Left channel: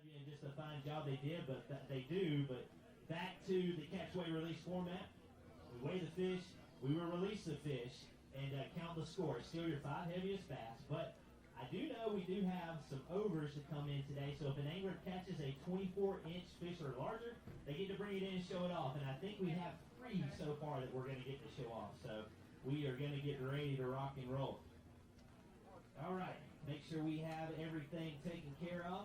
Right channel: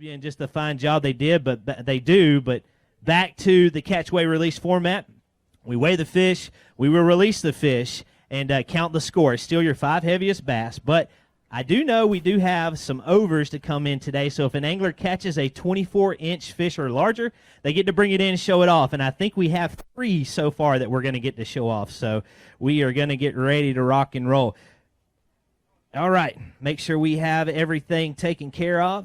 And just the fine job they did, but they do. But back to the catch, weigh, release format. We weigh the fish, we will release the fish, and count the score. It's still your 5 heaviest bass. But I do know we do have some overs to come in today. So if an angler catches a 24-inch fish or larger, they get to bring it in and show it off. And I think we have 3 so far that we're going to get to show off. So we are going to get ready to rock and roll. All right, make sure we have everything taken care of.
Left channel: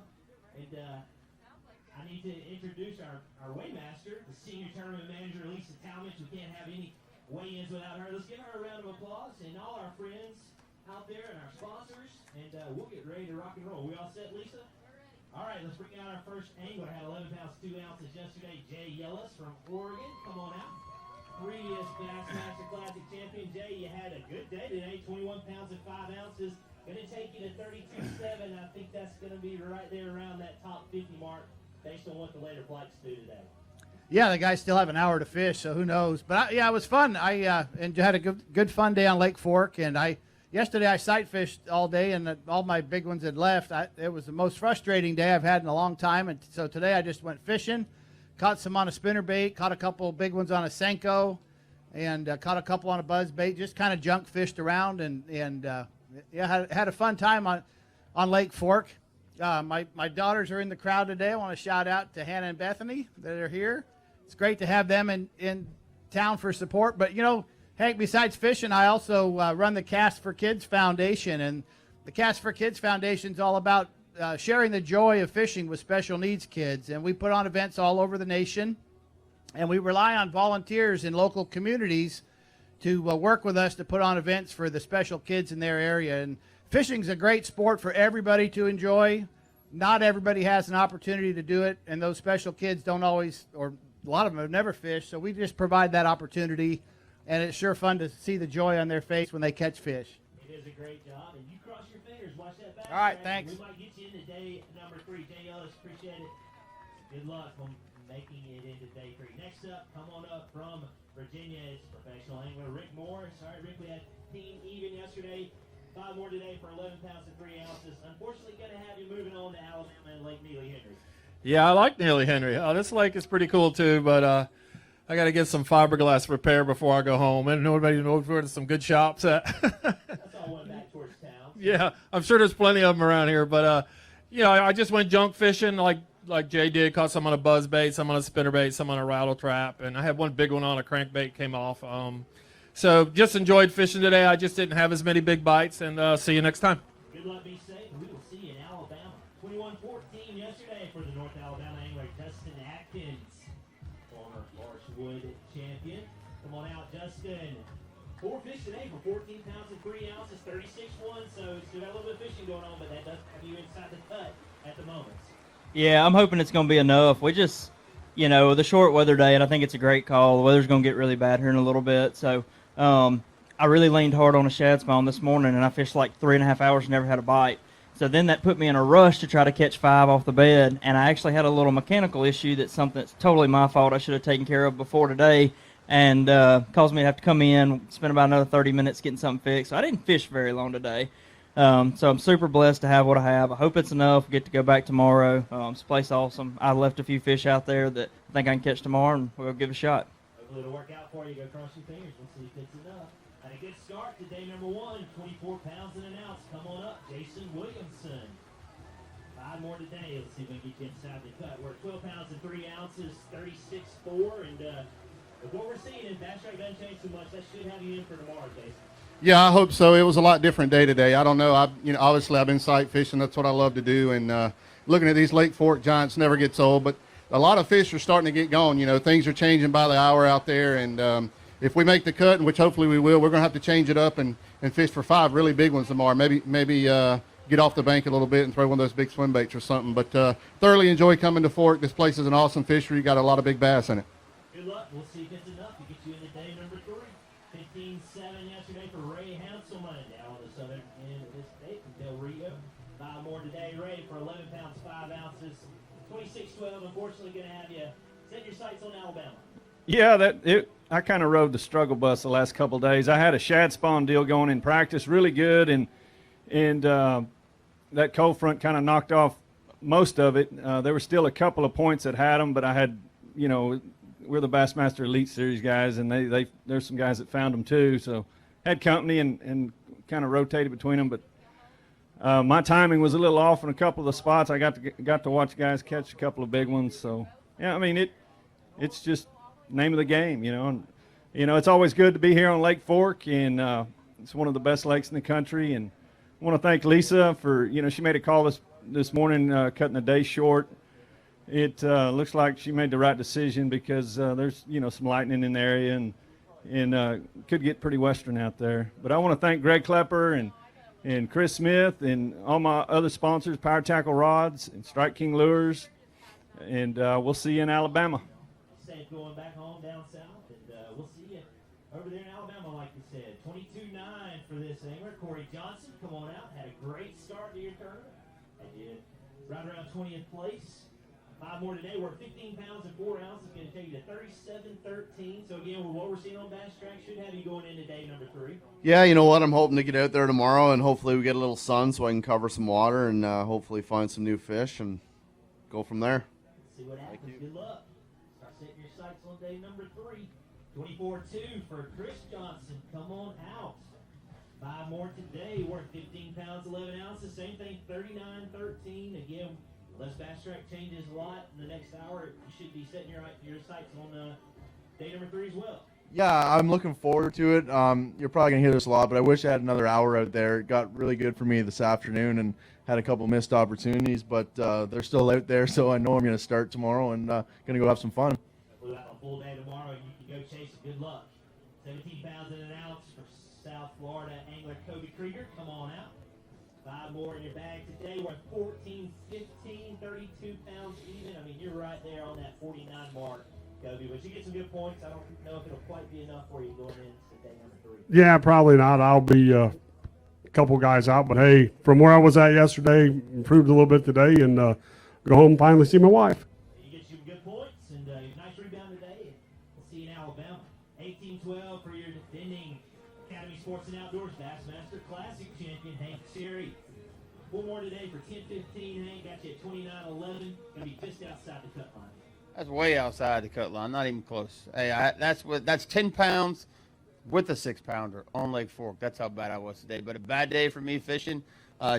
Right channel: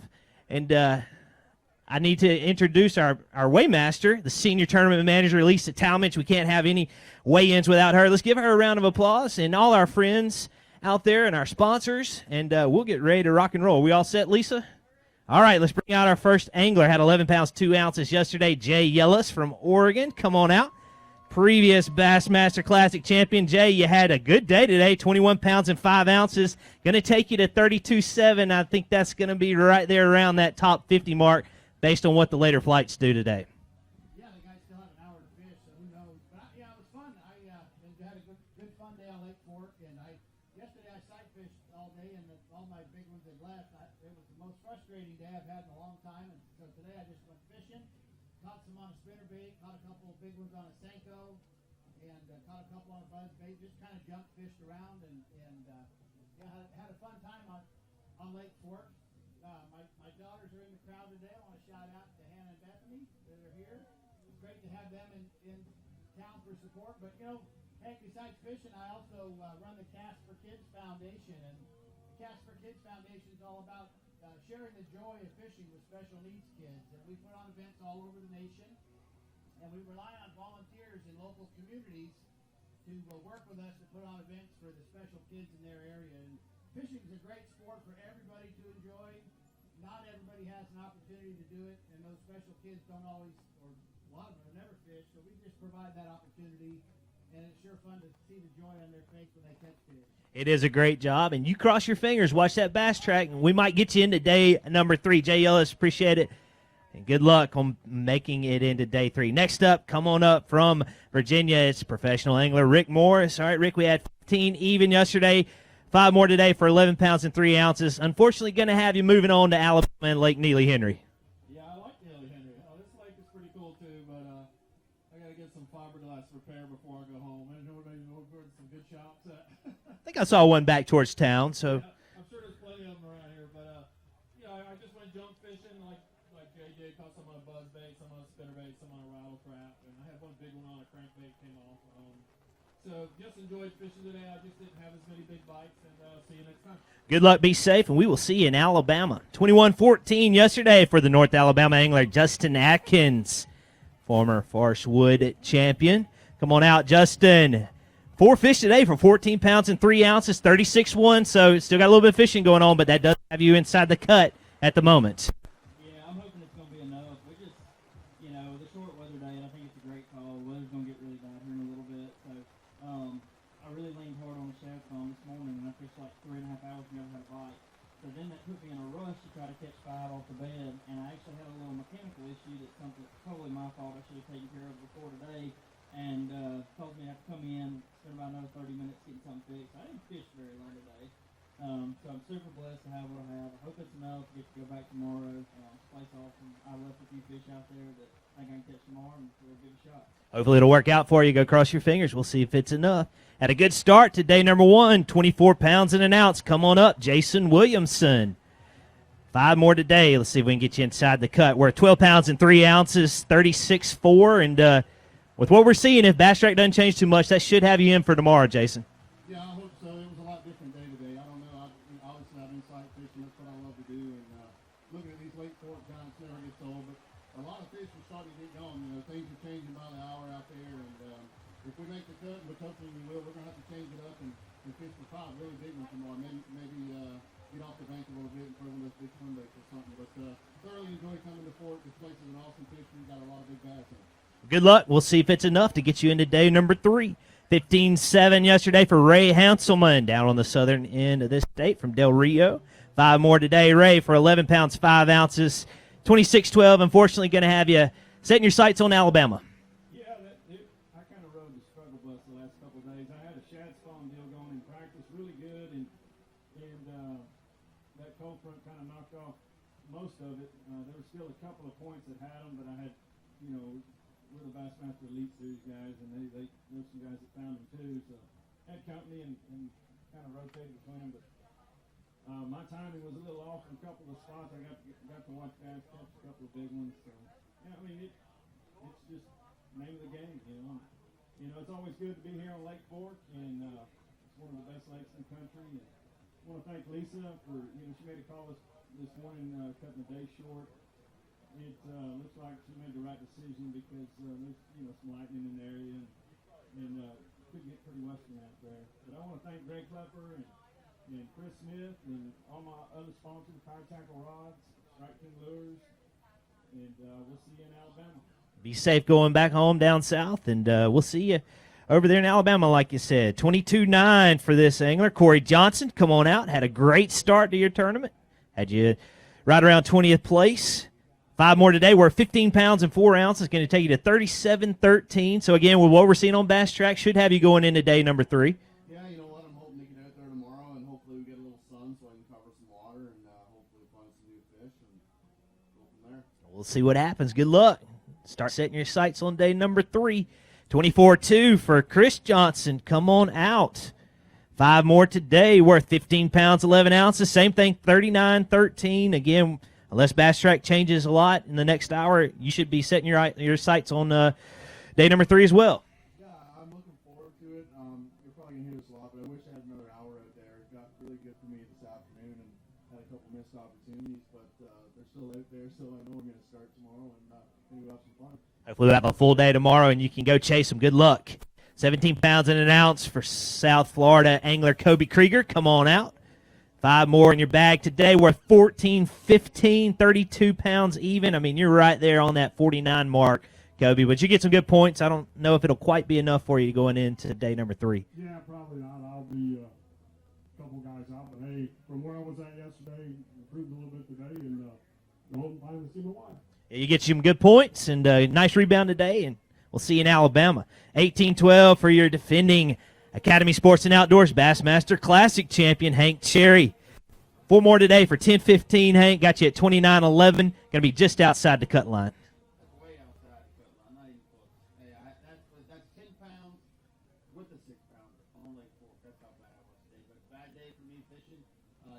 And I need to introduce our weighmaster, the senior tournament manager, Lisa Talmadge. We can't have any weigh-ins without her. Let's give her a round of applause, and all our friends out there and our sponsors, and we'll get ready to rock and roll. Are we all set, Lisa? All right, let's bring out our first angler. Had 11 pounds, 2 ounces yesterday, Jay Ellis from Oregon. Come on out. Previous Bassmaster Classic champion. Jay, you had a good day today, 21 pounds and 5 ounces. Going to take you to 32.7. I think that's going to be right there around that top 50 mark based on what the later flights do today. Yeah, the guys still have an hour to fish, so who knows. But, yeah, it was fun. I had a good fun day on Lake Fork, and yesterday I sight fished all day, and all my big ones had left. It was the most frustrating day I've had in a long time, and so today I just went fishing. Caught some on a spinnerbait, caught a couple big ones on a Senko, and caught a couple on a buzzbait. Just kind of junk fished around, and yeah, had a fun time on Lake Fork. My daughters are in the crowd today. I want to shout out to Hannah and Bethany that are here. It's great to have them in town for support. But, you know, Hank, besides fishing, I also run the Cast for Kids Foundation, and the Cast for Kids Foundation is all about sharing the joy of fishing with special needs kids. And we put on events all over the nation, and we rely on volunteers in local communities to work with us to put on events for the special kids in their area. And fishing's a great sport for everybody to enjoy. Not everybody has an opportunity to do it, and those special kids don't always, or a lot of them have never fished, so we just provide that opportunity, and it's sure fun to see the joy on their face when they catch fish. It is a great job, and you cross your fingers. Watch that bass All right, track. thanks. We might get you into day number 3. Jay Ellis, appreciate it. And good luck on making it into day 3. Next up, come on up from Virginia. It's professional angler Rick Morris. All right, Rick, we had 15 even yesterday. 5 more today for 11 pounds and 3 ounces. Unfortunately, going to have you moving on to Alabama and Lake Neely Henry. Yeah, I like Neely Henry. This lake is pretty cool, too, but I got to get some fiberglass repair before I go home. And nobody knows where there's some good shops at. I think I saw one back towards town. So. Yeah, I'm sure there's plenty of them around here. But, you know, I just went junk fishing like Jay did. Caught some on a buzzbait, some on a spinnerbait, some on a rattle trap. And I had one big one on a crankbait came off. So just enjoyed fishing today. I just didn't have as many big bites. And see you next time. Good luck, be safe, and we will see you in Alabama. 21-14 yesterday for the North Alabama angler Justin Atkins, former Forestwood champion. Come on out, Justin. 4 fish today for 14 pounds and 3 ounces, 36-1, so still got a little bit of fishing going on, but that does have you inside the cut at the moment. Yeah, I'm hoping it's going to be enough. We just, you know, the short weather day, and I think it's a great call. The weather's going to get really bad here in a little bit, so I really leaned hard on a shad spawn this morning, and I fished like 3.5 hours and never had a bite. So then that put me in a rush to try to catch 5 off the bed, and I actually had a little mechanical issue that's something that's totally my fault. I should have taken care of before today, and caused me to have to come in, spend about another 30 minutes getting something fixed. So I didn't fish very long today. So I'm super blessed to have what I have. I hope it's enough. Get to go back tomorrow. This place is awesome. I left a few fish out there that I think I can catch tomorrow, and we'll give it a shot. Hopefully it'll work out for you. Go cross your fingers. We'll see if it's enough. Had a good start to day number 1, 24 pounds and an ounce. Come on up, Jason Williamson. 5 more today. Let's see if we can get you inside the cut. We're at 12 pounds and 3 ounces, 36.4. And with what we're seeing, if bass track doesn't change too much, that should have you in for tomorrow, Jason. Yeah, I hope so. It was a lot different day today. I don't know. Obviously I've been sight fishing. That's what I love to do. And looking at these Lake Fork giants never gets old. But a lot of fish are starting to get going. You know, things are changing by the hour out there. And if we make the cut, which hopefully we will, we're going to have to change it up and fish for 5 really big ones tomorrow. Maybe get off the bank a little bit and throw one of those big swim baits or something. But thoroughly enjoy coming to Fork. This place is an awesome fishery. Got a lot of big bass in it. Good luck. We'll see if it's enough to get you into day number 3. 15-7 yesterday for Ray Hanselman down on the southern end of this state from Del Rio. 5 more today, Ray, for 11 pounds, 5 ounces, 26-12. Unfortunately, going to have you setting your sights on Alabama. Yeah, I kind of rode the struggle bus the last couple of days. I had a shad spawn deal going in practice, really good, and that cold front kind of knocked off most of it. There were still a couple of points that had them, but I had, we're the Bassmaster Elite Series guys, and there's some guys that found them too. So had company and kind of rotated between them, but my timing was a little off in a couple of the spots. I got to watch guys catch a couple of big ones. So yeah, I mean it's just name of the game, And, it's always good to be here on Lake Fork, and it's one of the best lakes in the country. And I want to thank Lisa for, she made a call this morning, cutting the day short. It looks like she made the right decision because there's, some lightning in the area and could get pretty western out there. But I want to thank Greg Klepper and Chris Smith and all my other sponsors, Power Tackle Rods and Strike King Lures. And we'll see you in Alabama. Be safe going back home down south, and we'll see you over there in Alabama, like you said. 22-9 for this angler. Corey Johnson, come on out. Had a great start to your tournament. Had you right around 20th place. 5 more today. We're 15 pounds and 4 ounces. Going to take you to 37-13. So, again, with what we're seeing on Bass Track, should have you going into day number 3. Yeah, you know what? I'm hoping to get out there tomorrow, and hopefully we get a little sun so I can cover some water and hopefully find some new fish and go from there. We'll see what happens. Good luck. Start setting your sights on day number 3. 24-2 for Chris Johnson. Come on out. 5 more today, worth 15 pounds, 11 ounces. Same thing, 39-13. Again, unless Bass Track changes a lot in the next hour, you should be setting your sights on day number 3 as well. Yeah, I'm looking forward to it. You're probably going to hear this a lot, but I wish I had another hour out there. It got really good for me this afternoon and had a couple missed opportunities, but they're still out there, so I know I'm going to start tomorrow and going to go have some fun. Hopefully we'll have a full day tomorrow, and you can go chase them. Good luck. 17 pounds and an ounce for South Florida angler Kobe Krieger. Come on out. 5 more in your bag today, worth 14-15, 32 pounds even. I mean, you're right there on that 49 mark, Kobe, but you get some good points. I don't know if it'll quite be enough for you going into day number 3. Yeah, probably not. I'll be a couple guys out, but hey, from where I was at yesterday, improved a little bit today, and go home and finally see my wife. Yeah, you get some good points and a nice rebound today, and we'll see you in Alabama. 18-12 for your defending Academy Sports and Outdoors Bassmaster Classic champion, Hank Cherry. 4 more today for 10-15, Hank. Got you at 29-11. Going to be just outside the cut line. That's way outside the cut line, not even close. Hey, that's 10 pounds with a 6-pounder on Lake Fork. That's how bad I was today. But a bad day for me fishing.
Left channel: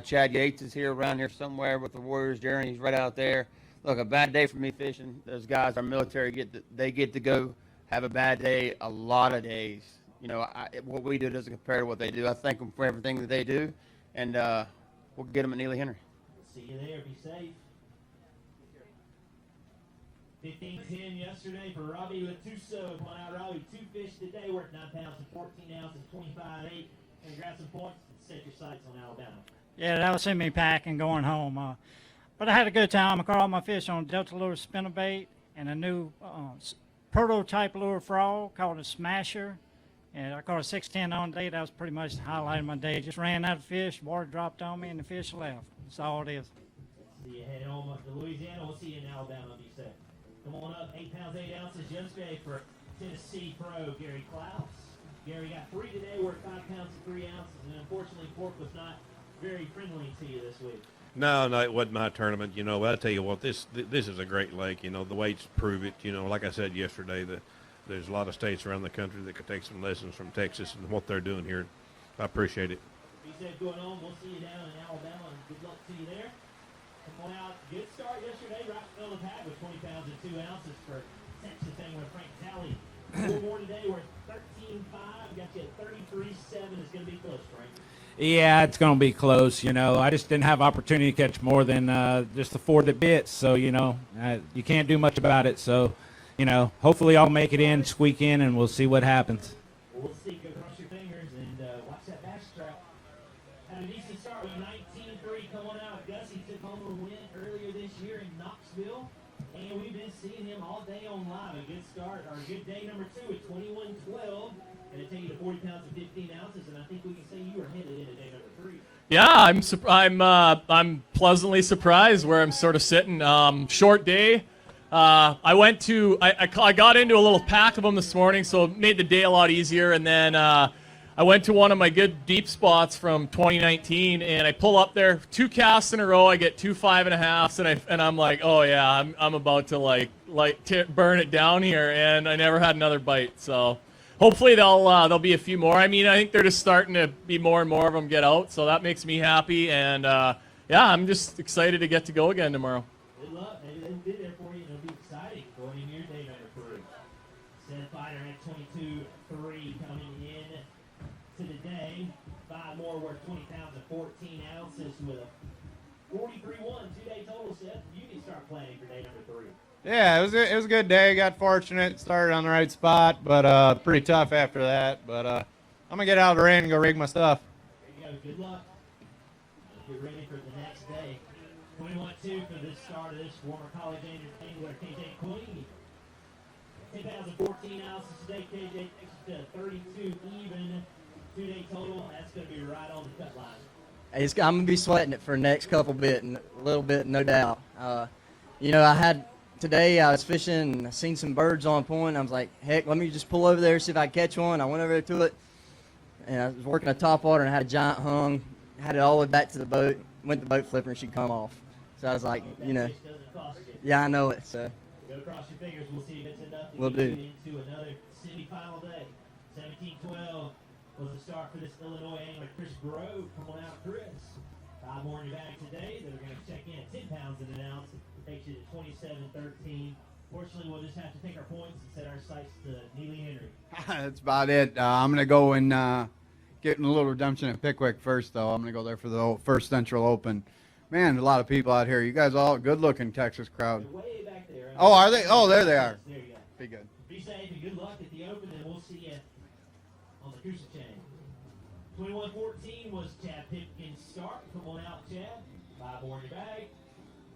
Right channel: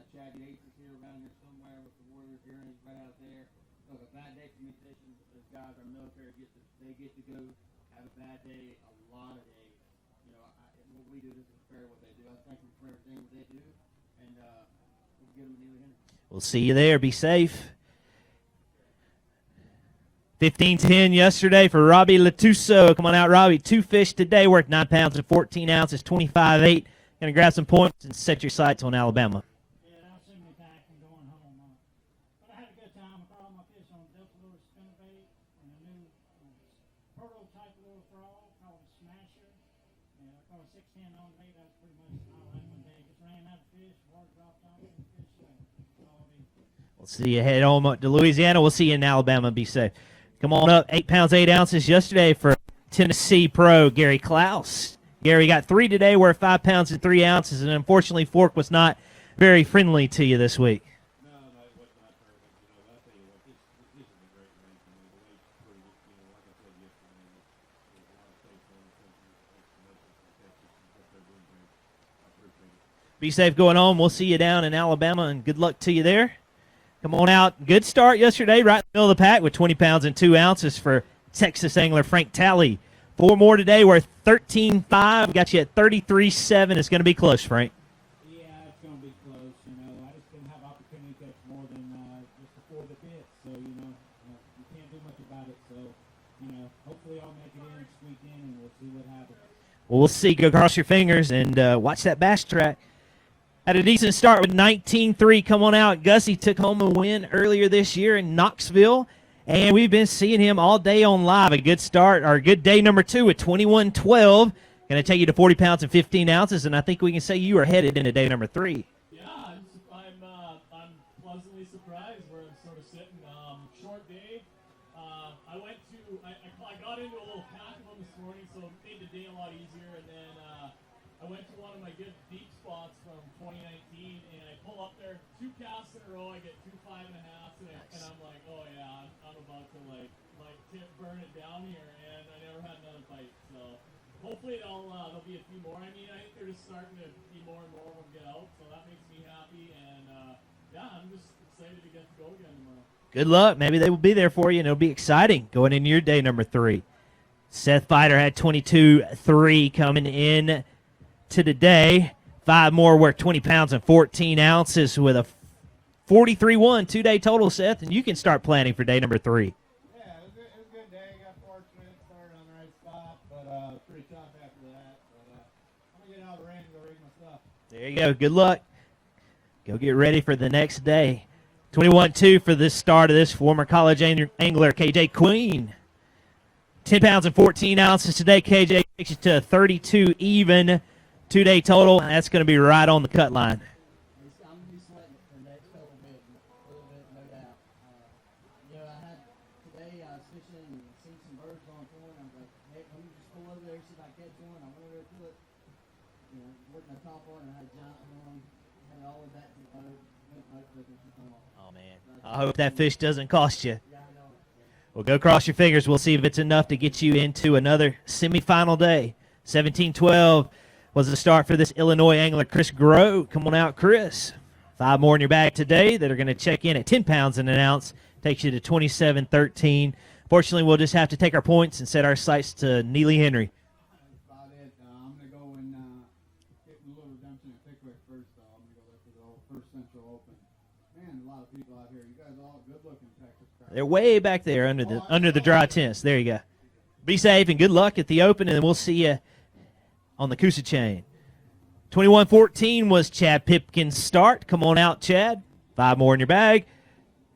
Chad Yates is here around here somewhere with the Warriors Journey. He's right out there. Look, a bad day for me fishing. Those guys, our military, get to go have a bad day a lot of days. What we do doesn't compare to what they do. I thank them for everything that they do, and we'll get them at Neely Henry. We'll see you there. Be safe. 15-10 yesterday for Robbie Latuso. Come on out, Robbie. 2 fish today worth 9 pounds and 14 ounces, 25-8. Going to grab some points and set your sights on Alabama. Yeah, that was in me packing going home. But I had a good time. I caught all my fish on Delta Lure spinnerbait and a new prototype lure frog called a Smasher. And I caught a 610 on today. That was pretty much the highlight of my day. Just ran out of fish, water dropped on me, and the fish left. That's all it is. We'll see you head home to Louisiana. We'll see you in Alabama. Be safe. Come on up. 8 pounds, 8 ounces yesterday for Tennessee pro Gary Klaus. Gary got 3 today, worth 5 pounds and 3 ounces, and unfortunately Fork was not very friendly to you this week. No, it wasn't my tournament. But I tell you what, this is a great lake. The weights prove it. Like I said yesterday, there's a lot of states around the country that could take some lessons from Texas and what they're doing here. I appreciate it. Be safe going home. We'll see you down in Alabama, and good luck to you there. Come on out. Good start yesterday, right in the middle of the pack with 20 pounds and 2 ounces for Texas angler Frank Talley. 4 more today, worth 13.5. We got you at 33.7. It's going to be close, Frank. Yeah, it's going to be close. I just didn't have opportunity to catch more than just the 4 that bit. So, you can't do much about it. So, hopefully I'll make it in, squeak in, and we'll see what happens. Well, we'll see. Go cross your fingers and watch that Bass Track. Had a decent start with 19-3. Come on out. Gussie took home a win earlier this year in Knoxville, and we've been seeing him all day on live. A good start, or a good day number 2 with 21-12. Going to take you to 40 pounds and 15 ounces, and I think we can say you are headed into day number 3. Yeah, I'm pleasantly surprised where I'm sort of sitting. Short day. I got into a little pack of them this morning, so it made the day a lot easier, and then I went to one of my good deep spots from 2019, and I pull up there, 2 casts in a row. I get 2 5.5s, and I'm like, oh yeah, I'm about to burn it down here, and I never had another bite. So hopefully there'll be a few more. I mean, I think they're just starting to be more and more of them get out, so that makes me happy. And yeah, I'm just excited to get to go again tomorrow. Good luck. Maybe they will be there for you, and it'll be exciting going into your day number 3. Seth Fighter had 22-3 coming in to today. 5 more work 20 pounds and 14 ounces with a 43-1 2-day total, Seth, and you can start planning for day number 3. Yeah, it was a good day. Got fortunate, started on the right spot, but pretty tough after that. But I'm going to get out of the rain and go rig my stuff. There you go. Good luck. Go get ready for the next day. 21-2 for this start of this former college angler, KJ Queen. 10 pounds and 14 ounces today. KJ takes you to 32 even. 2-day total. That's going to be right on the cut line. I'm going to be sweating it for the next a little bit, no doubt. Today I was fishing and I seen some birds on point. I was like, heck, let me just pull over there, see if I can catch one. I went over to it, and I was working a top water and I had a giant hung. Had it all the way back to the boat. Went to the boat flipper and she'd come off. So I was like, I hope that fish doesn't cost you. Yeah, I know it. So well, go cross your fingers. We'll see if it's enough to get you into another semifinal day. 17-12 was the start for this Illinois angler, Chris Groh. Come on out, Chris. 5 more in your bag today that are going to check in at 10 pounds and an ounce. Takes you to 27-13. Fortunately, we'll just have to take our points and set our sights to Neely Henry. That's about it. I'm going to go and get in a little redemption at Pickwick first, though. I'm going to go there for the first Central Open. Man, a lot of people out here. You guys all good-looking Texas crowd. They're way back there under the Oh, dry there tents. There you go. Be good. Be safe and good luck at the Open, and we'll see you on the Coosa chain. 21-14 was Chad Pipkin's start. Come on out, Chad. 5 more in your bag.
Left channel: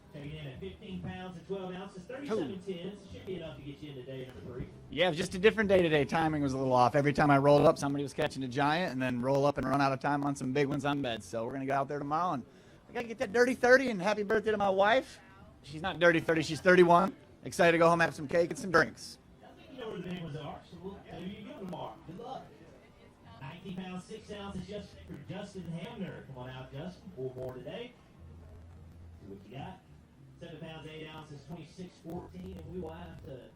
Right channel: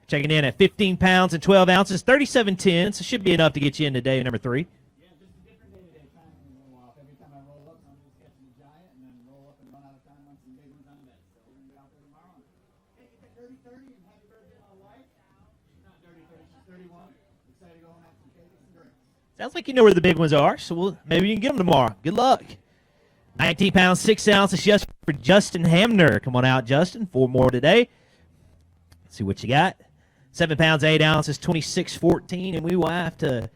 Checking in at 15 pounds and 12 ounces, 37.10, so should be enough to get you into day number 3. Yeah, it was just a different day today. Timing was a little off. Every time I rolled up, somebody was catching a giant, and then roll up and run out of time on some big ones on beds. So we're going to go out there tomorrow, and I got to get that dirty 30, and happy birthday to my wife. She's not dirty 30, she's 31. Excited to go home and have some cake and some drinks. Sounds like you know where the big ones are, so maybe you can get them tomorrow. Good luck. 19 pounds, 6 ounces just for Justin Hamner. Come on out, Justin. 4 more today. Let's see what you got. 7 pounds, 8 ounces, 26-14, and we will have to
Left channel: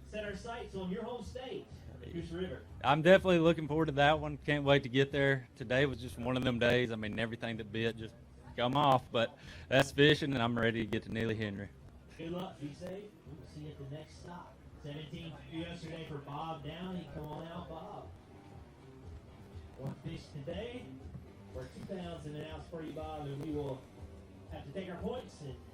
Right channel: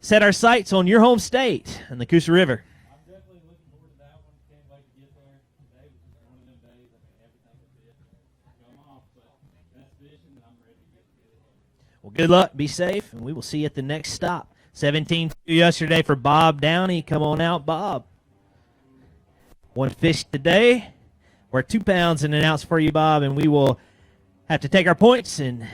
set our sights on your home state and the Coosa River. I'm definitely looking forward to that one. Can't wait to get there. Today was just one of them days. I mean, everything that bit just come off, but that's fishing, and I'm ready to get to Neely Henry. Well, good luck. Be safe, and we will see you at the next stop. 17 yesterday for Bob Downey. Come on out, Bob. 1 fish today. We're 2 pounds and an ounce for you, Bob, and we will have to take our points and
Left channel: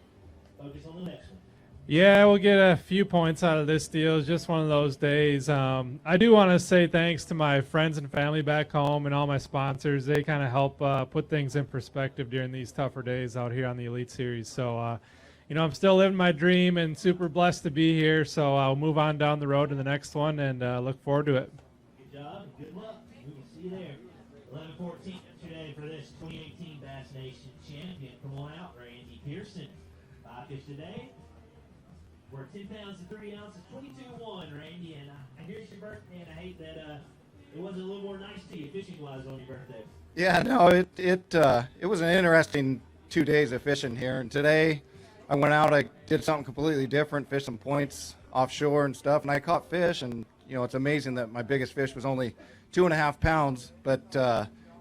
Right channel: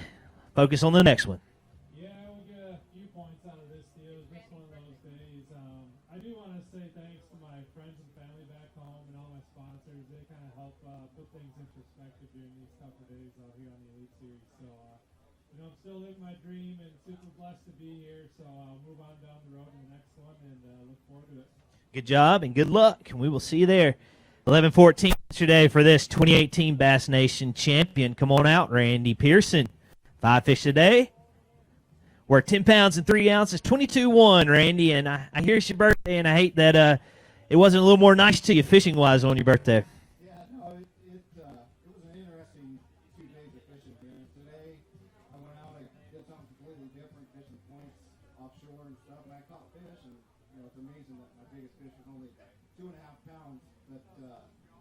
focus on the next one. Yeah, we'll get a few points out of this deal. It's just one of those days. I do want to say thanks to my friends and family back home and all my sponsors. They kind of help put things in perspective during these tougher days out here on the Elite Series. So, I'm still living my dream and super blessed to be here. So I'll move on down the road to the next one and look forward to it. Good job and good luck, and we will see you there. 11-14 today for this 2018 Bass Nation champion. Come on out, Randy Pearson. 5 fish today. We're 10 pounds and 3 ounces, 22-1, Randy. And I hear it's your birthday, and I hate that it wasn't a little more nice to you fishing-wise on your birthday. Yeah, no, it was an interesting 2 days of fishing here. And today I went out, I did something completely different, fished some points offshore and stuff, and I caught fish. And, it's amazing that my biggest fish was only 2.5 pounds, but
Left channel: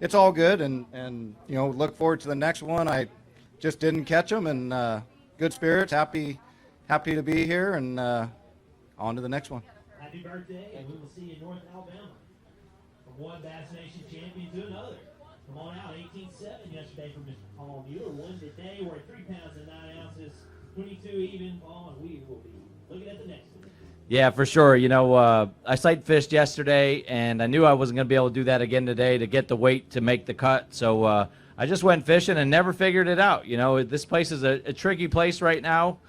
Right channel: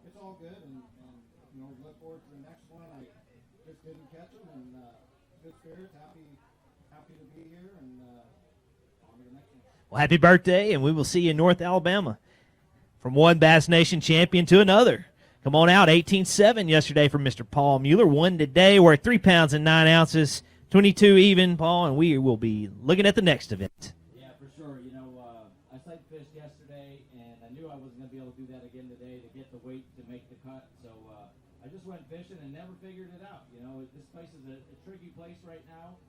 it's all good, and look forward to the next one. I just didn't catch them, and good spirits, happy to be here, and on to the next one. Well, happy birthday, and we will see you in North Alabama. From one Bass Nation champion to another. Come on out, 18-7 yesterday for Mr. Paul Mueller. 1 today, we're at 3 pounds and 9 ounces, 22 even, Paul, and we will be looking at the next event. Yeah, for sure. I sight fished yesterday, and I knew I wasn't going to be able to do that again today to get the weight to make the cut. So I just went fishing and never figured it out. This place is a tricky place right now.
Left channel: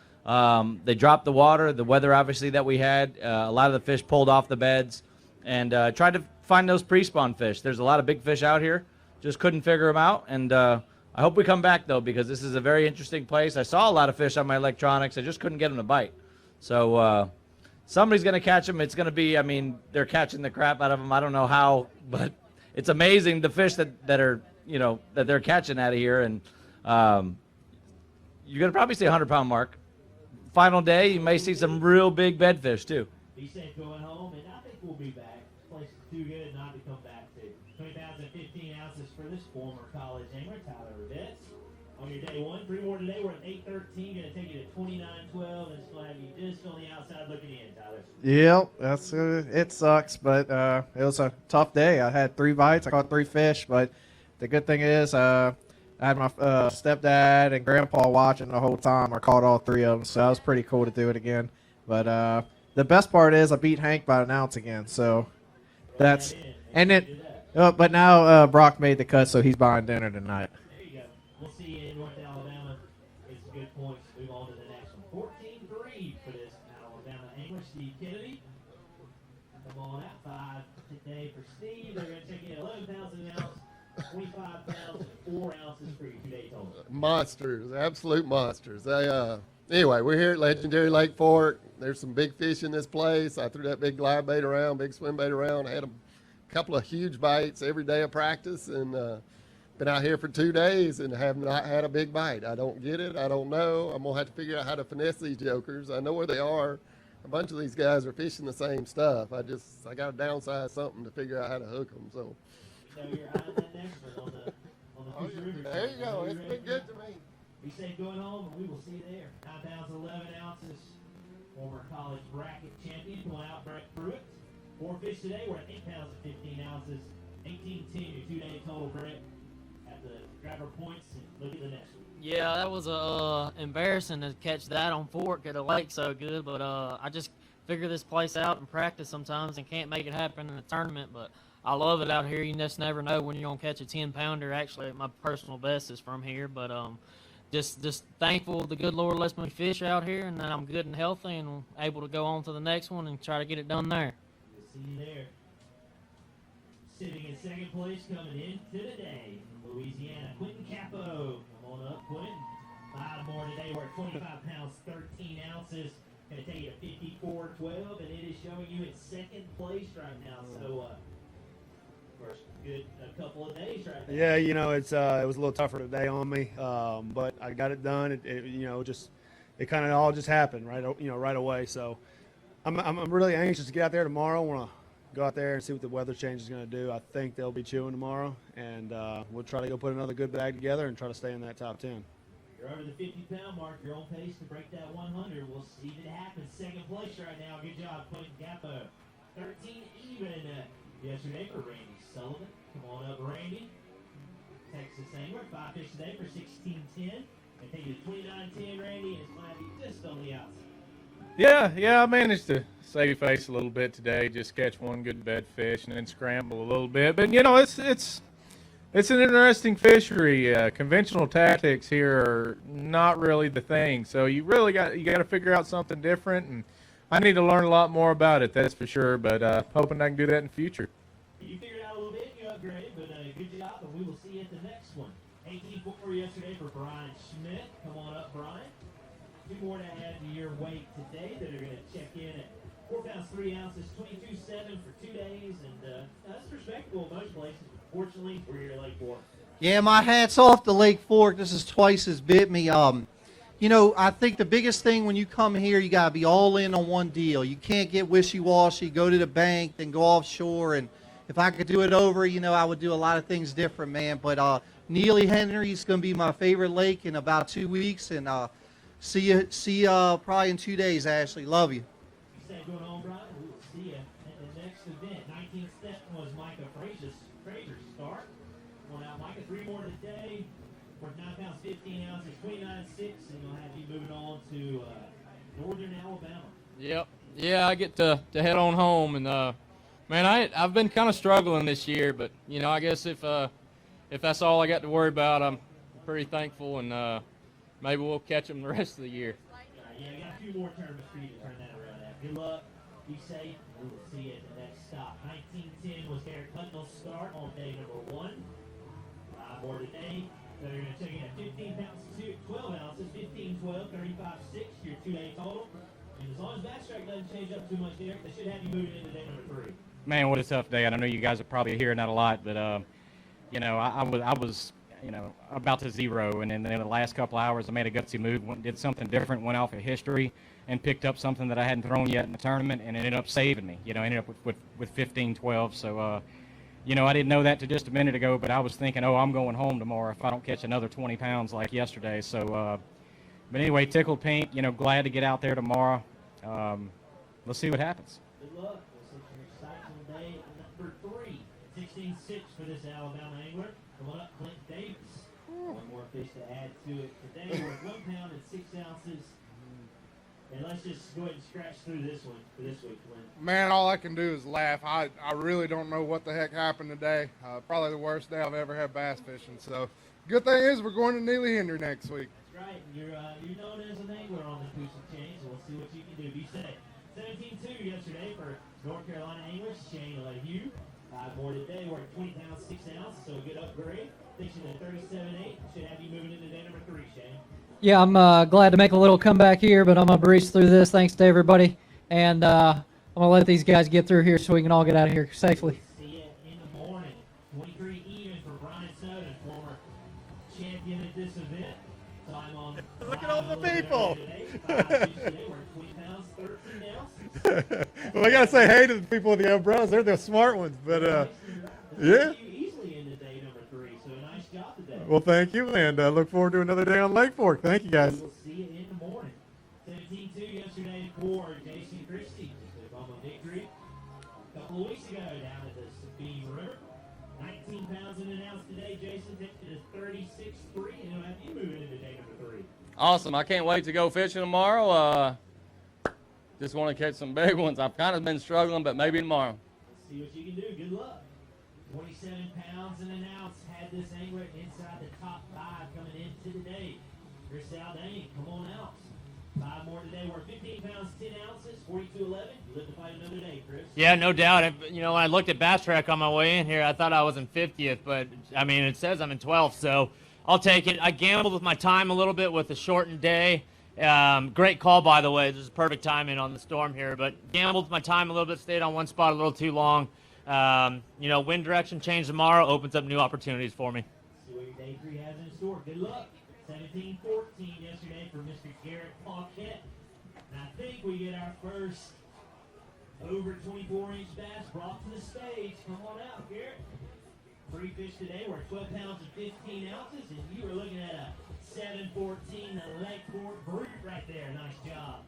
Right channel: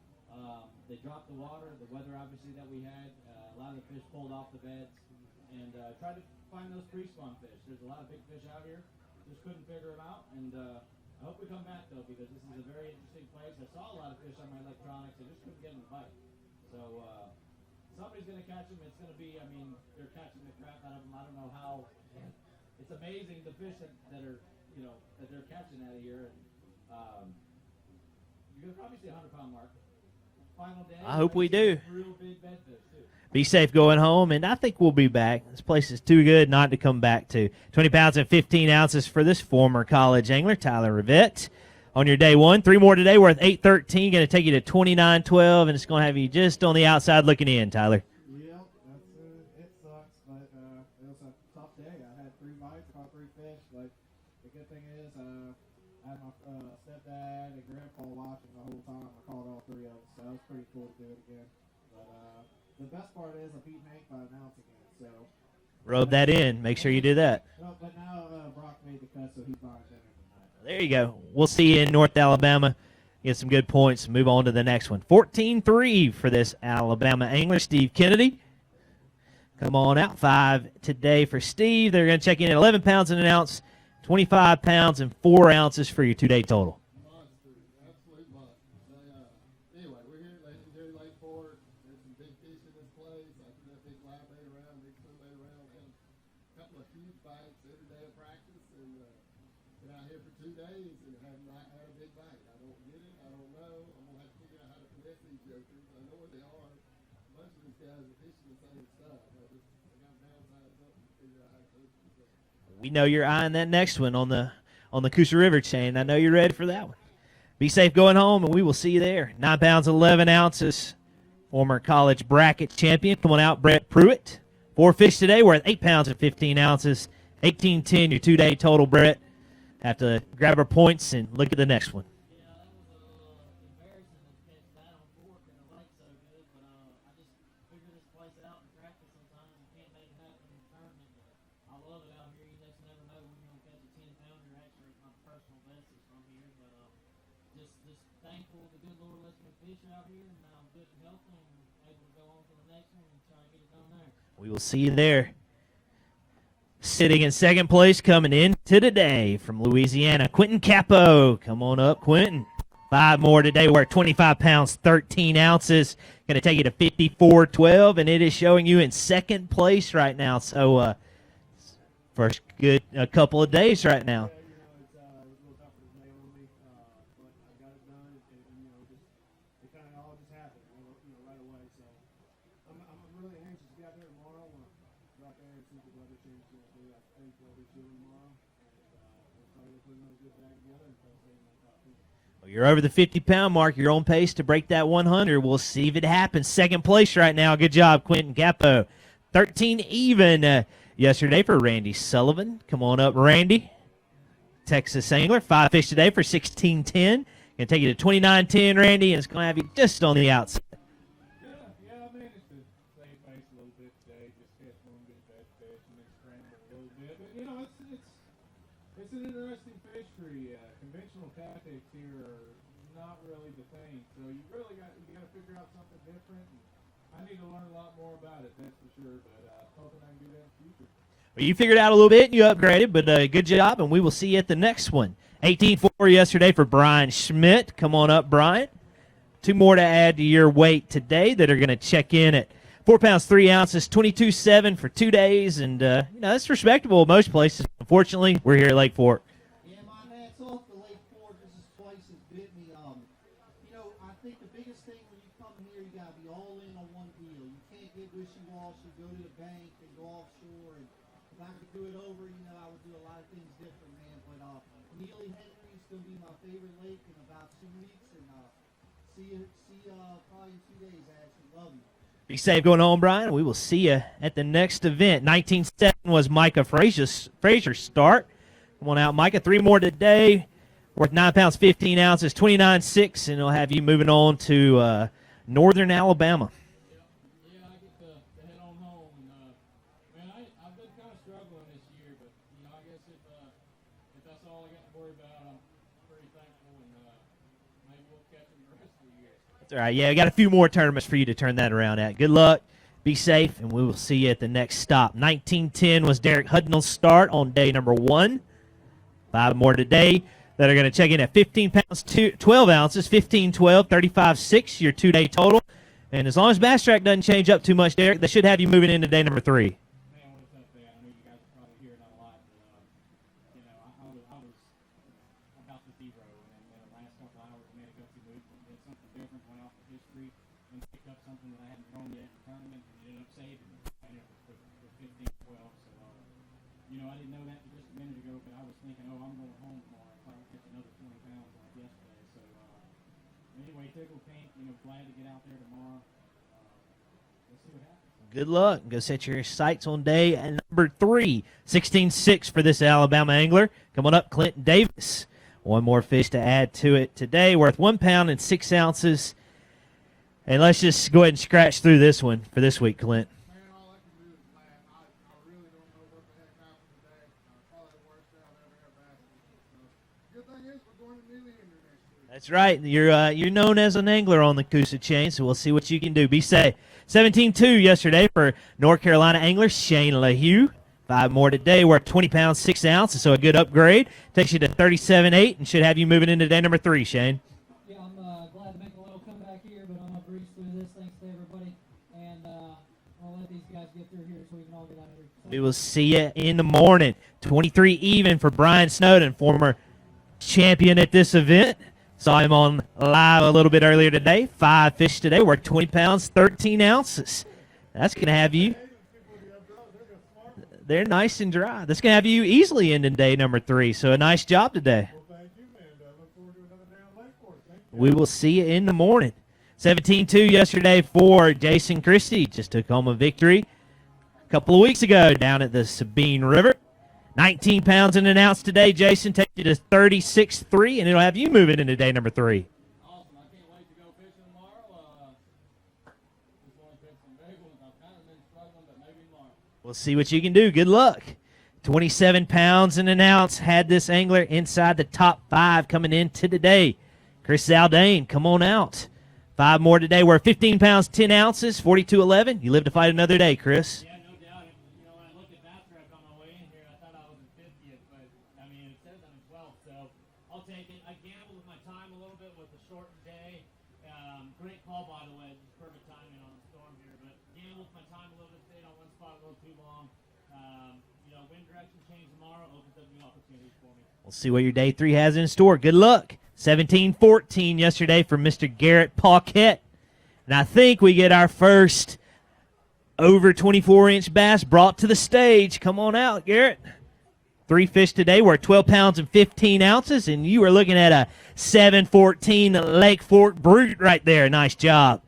They dropped the water, the weather obviously that we had. A lot of the fish pulled off the beds, and tried to find those pre-spawn fish. There's a lot of big fish out here. Just couldn't figure them out, and I hope we come back, though, because this is a very interesting place. I saw a lot of fish on my electronics. I just couldn't get them to bite. So somebody's going to catch them. It's going to be, they're catching the crap out of them. I don't know how, but it's amazing the fish that are that they're catching out of here, and you're gonna probably see 100-pound mark. Final day, you may see some real big bedfish too. Be safe going home, and I think we'll be back. This place is too good not to come back to. 20 pounds and 15 ounces for this former college angler, Tyler Rivette. On your day one, 3 more today worth $8.13, going to take you to $29.12, and it's going to have you just on the outside looking in, Tyler. Yep, that's it sucks, but it was a tough day. I had 3 bites, I caught 3 fish, but the good thing is I had my stepdad and grandpa watching the whole time. I caught all 3 of them, so that was pretty cool to do it again. But the best part is I beat Hank by an ounce again, so rub that in. Make sure you do that. But now Brock made the cut, so he's buying dinner tonight. There you go. We'll see you in North Alabama. Get some good points. Move on to the next one. 14-3 for this Alabama angler, Steve Kennedy. Come on out. 5 today for Steve. They're going to check in at 11 pounds and an ounce, 25 pounds and 4 ounces for your 2-day total. Monsters, absolute monsters. Anyway, we're here at legendary Lake Fork. There's some big fish in this place. I threw that big glide bait around, big swim bait around. I had a couple of huge bites every day of practice, and been out here for 2 days and have not had a big bite. I don't get it. I don't know. I'm going to have to figure out how to finesse these jokers. I know where they are. A bunch of these guys are fishing the same stuff. I got to downsize something to figure out how to hook them. So we know you're eyeing that next one on the Coosa River chain. I know you're ready for that one. Be safe going home, and we will see you there. 9 pounds, 11 ounces. Former college bracket champion. Come on out, Brett Pruitt. 4 fish today worth 8 pounds and 15 ounces. 18-10, your 2-day total, Brett. Have to grab our points and look at the next one. Yeah, that was embarrassing to catch that on Fork at a lake so good, but I just figure this place out and practice sometimes and can't make it happen in a tournament, but I love it out here. You just never know when you're going to catch a 10-pounder. Actually, my personal best is from here, but just thankful the good Lord lets me fish out here, and that I'm good and healthy and able to go on to the next one and try to get it done there. We will see you there. Sitting in second place coming into today from Louisiana, Quentin Capo. Come on up, Quentin. 5 more today. We're at 25 pounds, 13 ounces. Going to take you to 54.12, and it is showing you in second place right now. So first good couple of days right now. Yeah, it was a little tougher today on me, but I got it done. It kind of all just happened right away. So I'm really anxious to get out there tomorrow. I want to go out there and see what the weather change is going to do. I think they'll be chewing tomorrow, and we'll try to go put another good bag together and try to stay in that top 10. You're over the 50-pound mark. You're on pace to break that 100. We'll see if it happens. Second place right now. Good job, Quentin Capo. 13 even yesterday for Randy Sullivan. Come on up, Randy. Texas angler. 5 fish today for 16.10. Going to take you to 29.10, Randy, and it's going to have you just on the outside. Yeah, I managed to save face a little bit today. Just catch one good bed fish and then scramble a little bit. But it's an interesting fishery. Conventional tactics here are not really the thing. So you got to figure out something different, and I need to learn a lot more about it. That's for sure. But hoping I can do that in the future. Well, you figured out a little bit and you upgraded, but good job, and we will see you at the next one. 18.4 yesterday for Brian Schmidt. Come on up, Brian. 2 more to add to your weight today that are going to check in at 4 pounds, 3 ounces, 22.7 for 2 days, and that's respectable in most places. Unfortunately, we're here at Lake Fork. Yeah, my hat's off to Lake Fork. This is twice as bit me. I think the biggest thing when you come here, you got to be all in on one deal. You can't get wishy-washy, go to the bank, then go offshore. And if I could do it over, I would do a lot of things different, man. But Neely Henry is going to be my favorite lake in about 2 weeks, and see you probably in 2 days, Ashley. Love you. Be safe going home, Brian. We will see you at the next event. 19.7 was Micah Frazier's start. Come on out, Micah. 3 more today. Worth 9 pounds, 15 ounces, 29.6, and it'll have you moving on to northern Alabama. Yep. Yeah, I get to head on home, and man, I've been kind of struggling this year, but I guess if that's all I got to worry about, I'm pretty thankful, and maybe we'll catch them the rest of the year. All right, yeah, we got a few more tournaments for you to turn that around at. Good luck, be safe, and we will see you at the next stop. 19.10 was Derek Hudnall's start on day number 1. 5 more today that are going to check in at 15 pounds, 12 ounces, 15.12, 35.6, your 2-day total. And as long as Bass Track doesn't change up too much, Derek, they should have you moving into day number 3. Man, what a tough day. I know you guys are probably hearing that a lot, but I was about to zero, and in the last couple hours, I made a gutsy move, did something different, went off of history, and picked up something that I hadn't thrown yet in the tournament, and it ended up saving me. Ended up with 15-12. So, I didn't know that till just a minute ago, but I was thinking, I'm going home tomorrow if I don't catch another 20 pounds like yesterday. So, but anyway, tickled pink. Glad to get out there tomorrow. Let's see what happens. Good luck. Go set your sights on day number 3. 16-6 for this Alabama angler. Come on up, Clint Davis. One more fish to add to it today, worth 1 pound and 6 ounces. And let's just go ahead and scratch through this one for this week, Clint. Man, all I can do is laugh. I really don't know what the heck happened today. Probably the worst day I've ever had bass fishing. So, good thing is we're going to Neely Henry next week. That's right. You're known as an angler on the Coosa chain, so we'll see what you can do. Be safe. 17-2 yesterday for North Carolina angler Shane Lehu. 5 more today. We're at 20 pounds, 6 ounces, so a good upgrade. Takes you to 37.8 and should have you moving into day number 3, Shane. Yeah, I'm glad to make a little comeback here, but I'm going to breeze through this. Thanks to everybody. And I'm going to let these guys get through here so we can all get out of here safely. We will see you in the morning. 23 even for Brian Snowden, former champion at this event. Saw him on live a little bit earlier today. 5 fish today. Worked 20 pounds, 13 ounces. That's going to have say you. hey to the people with the umbrellas. They're the smart ones. But, They're nice and dry. That's going to have you easily ending day number 3. So a nice job today. Well, thank you, and look forward to another day on Lake Fork. Thank you, guys. We will see you in the morning. 17-2 yesterday for Jason Christie. Just took home a victory a couple of weeks ago down at the Sabine River. 19 pounds and an ounce today. Jason, take you to 36.3, and it'll have you moving into day number 3. Awesome. I can't wait to go fishing tomorrow. Just want to catch some big ones. I've kind of been struggling, but maybe tomorrow. We'll see what you can do. Good luck. 27 pounds and an ounce had this angler inside the top 5 coming into today. Chris Zaldane, come on out. 5 more today. We're 15 pounds, 10 ounces, 42.11. You live to fight another day, Chris. Yeah, no doubt. When I looked at Bass Track on my way in here, I thought I was in 50th, but, it says I'm in 12th, so I'll take it. I gambled with my time a little bit with the shortened day. Great call, by the way. This is perfect timing on the storm here, but gambled with my time a little bit, stayed on one spot a little too long. Wind direction change tomorrow opens up new opportunities for me. We'll see what your day 3 has in store. Good luck. 17-14 yesterday for Mr. Garrett Paquette. And I think we get our first over 24-inch bass brought to the stage. Come on out, Garrett. 3 fish today. We're at 12 pounds and 15 ounces, and you are looking at a 7-14 Lake Fork Brute right there. Nice job.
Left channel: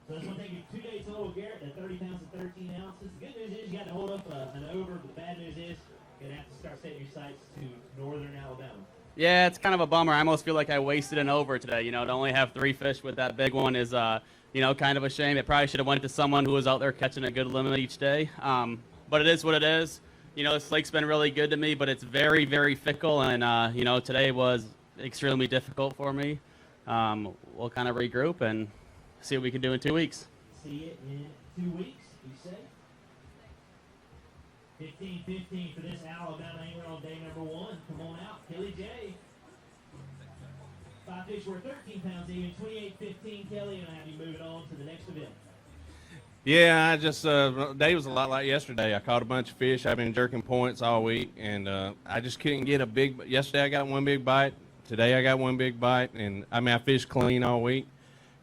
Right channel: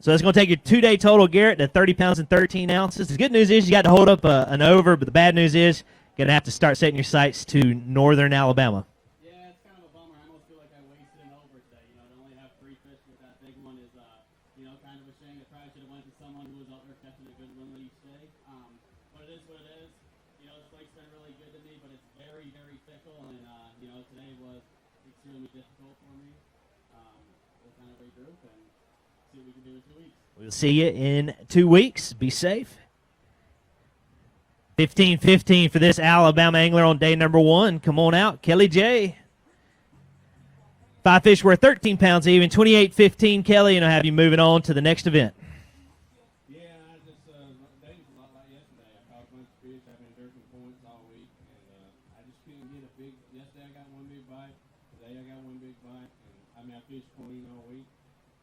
So it's going to take your 2-day total, Garrett, to 30 pounds and 13 ounces. The good news is you got to hold up an over, but the bad news is you're going to have to start setting your sights to northern Alabama. Yeah, it's kind of a bummer. I almost feel like I wasted an over today. To only have 3 fish with that big one is, kind of a shame. It probably should have went to someone who was out there catching a good limit each day. But it is what it is. This lake's been really good to me, but it's very, very fickle. And, today was extremely difficult for me. We'll kind of regroup and see what we can do in 2 weeks. We'll see you in 2 weeks. Be safe. 15-15 for this Alabama angler on day number 1. Come on out, Kelly J. 5 fish worth 13 pounds even, 28-15, Kelly, and I'll have you moving on to the next event. Yeah, I just day was a lot like yesterday. I caught a bunch of fish. I've been jerking points all week, and I just couldn't get a big. Yesterday I got one big bite. Today I got one big bite, and I fished clean all week.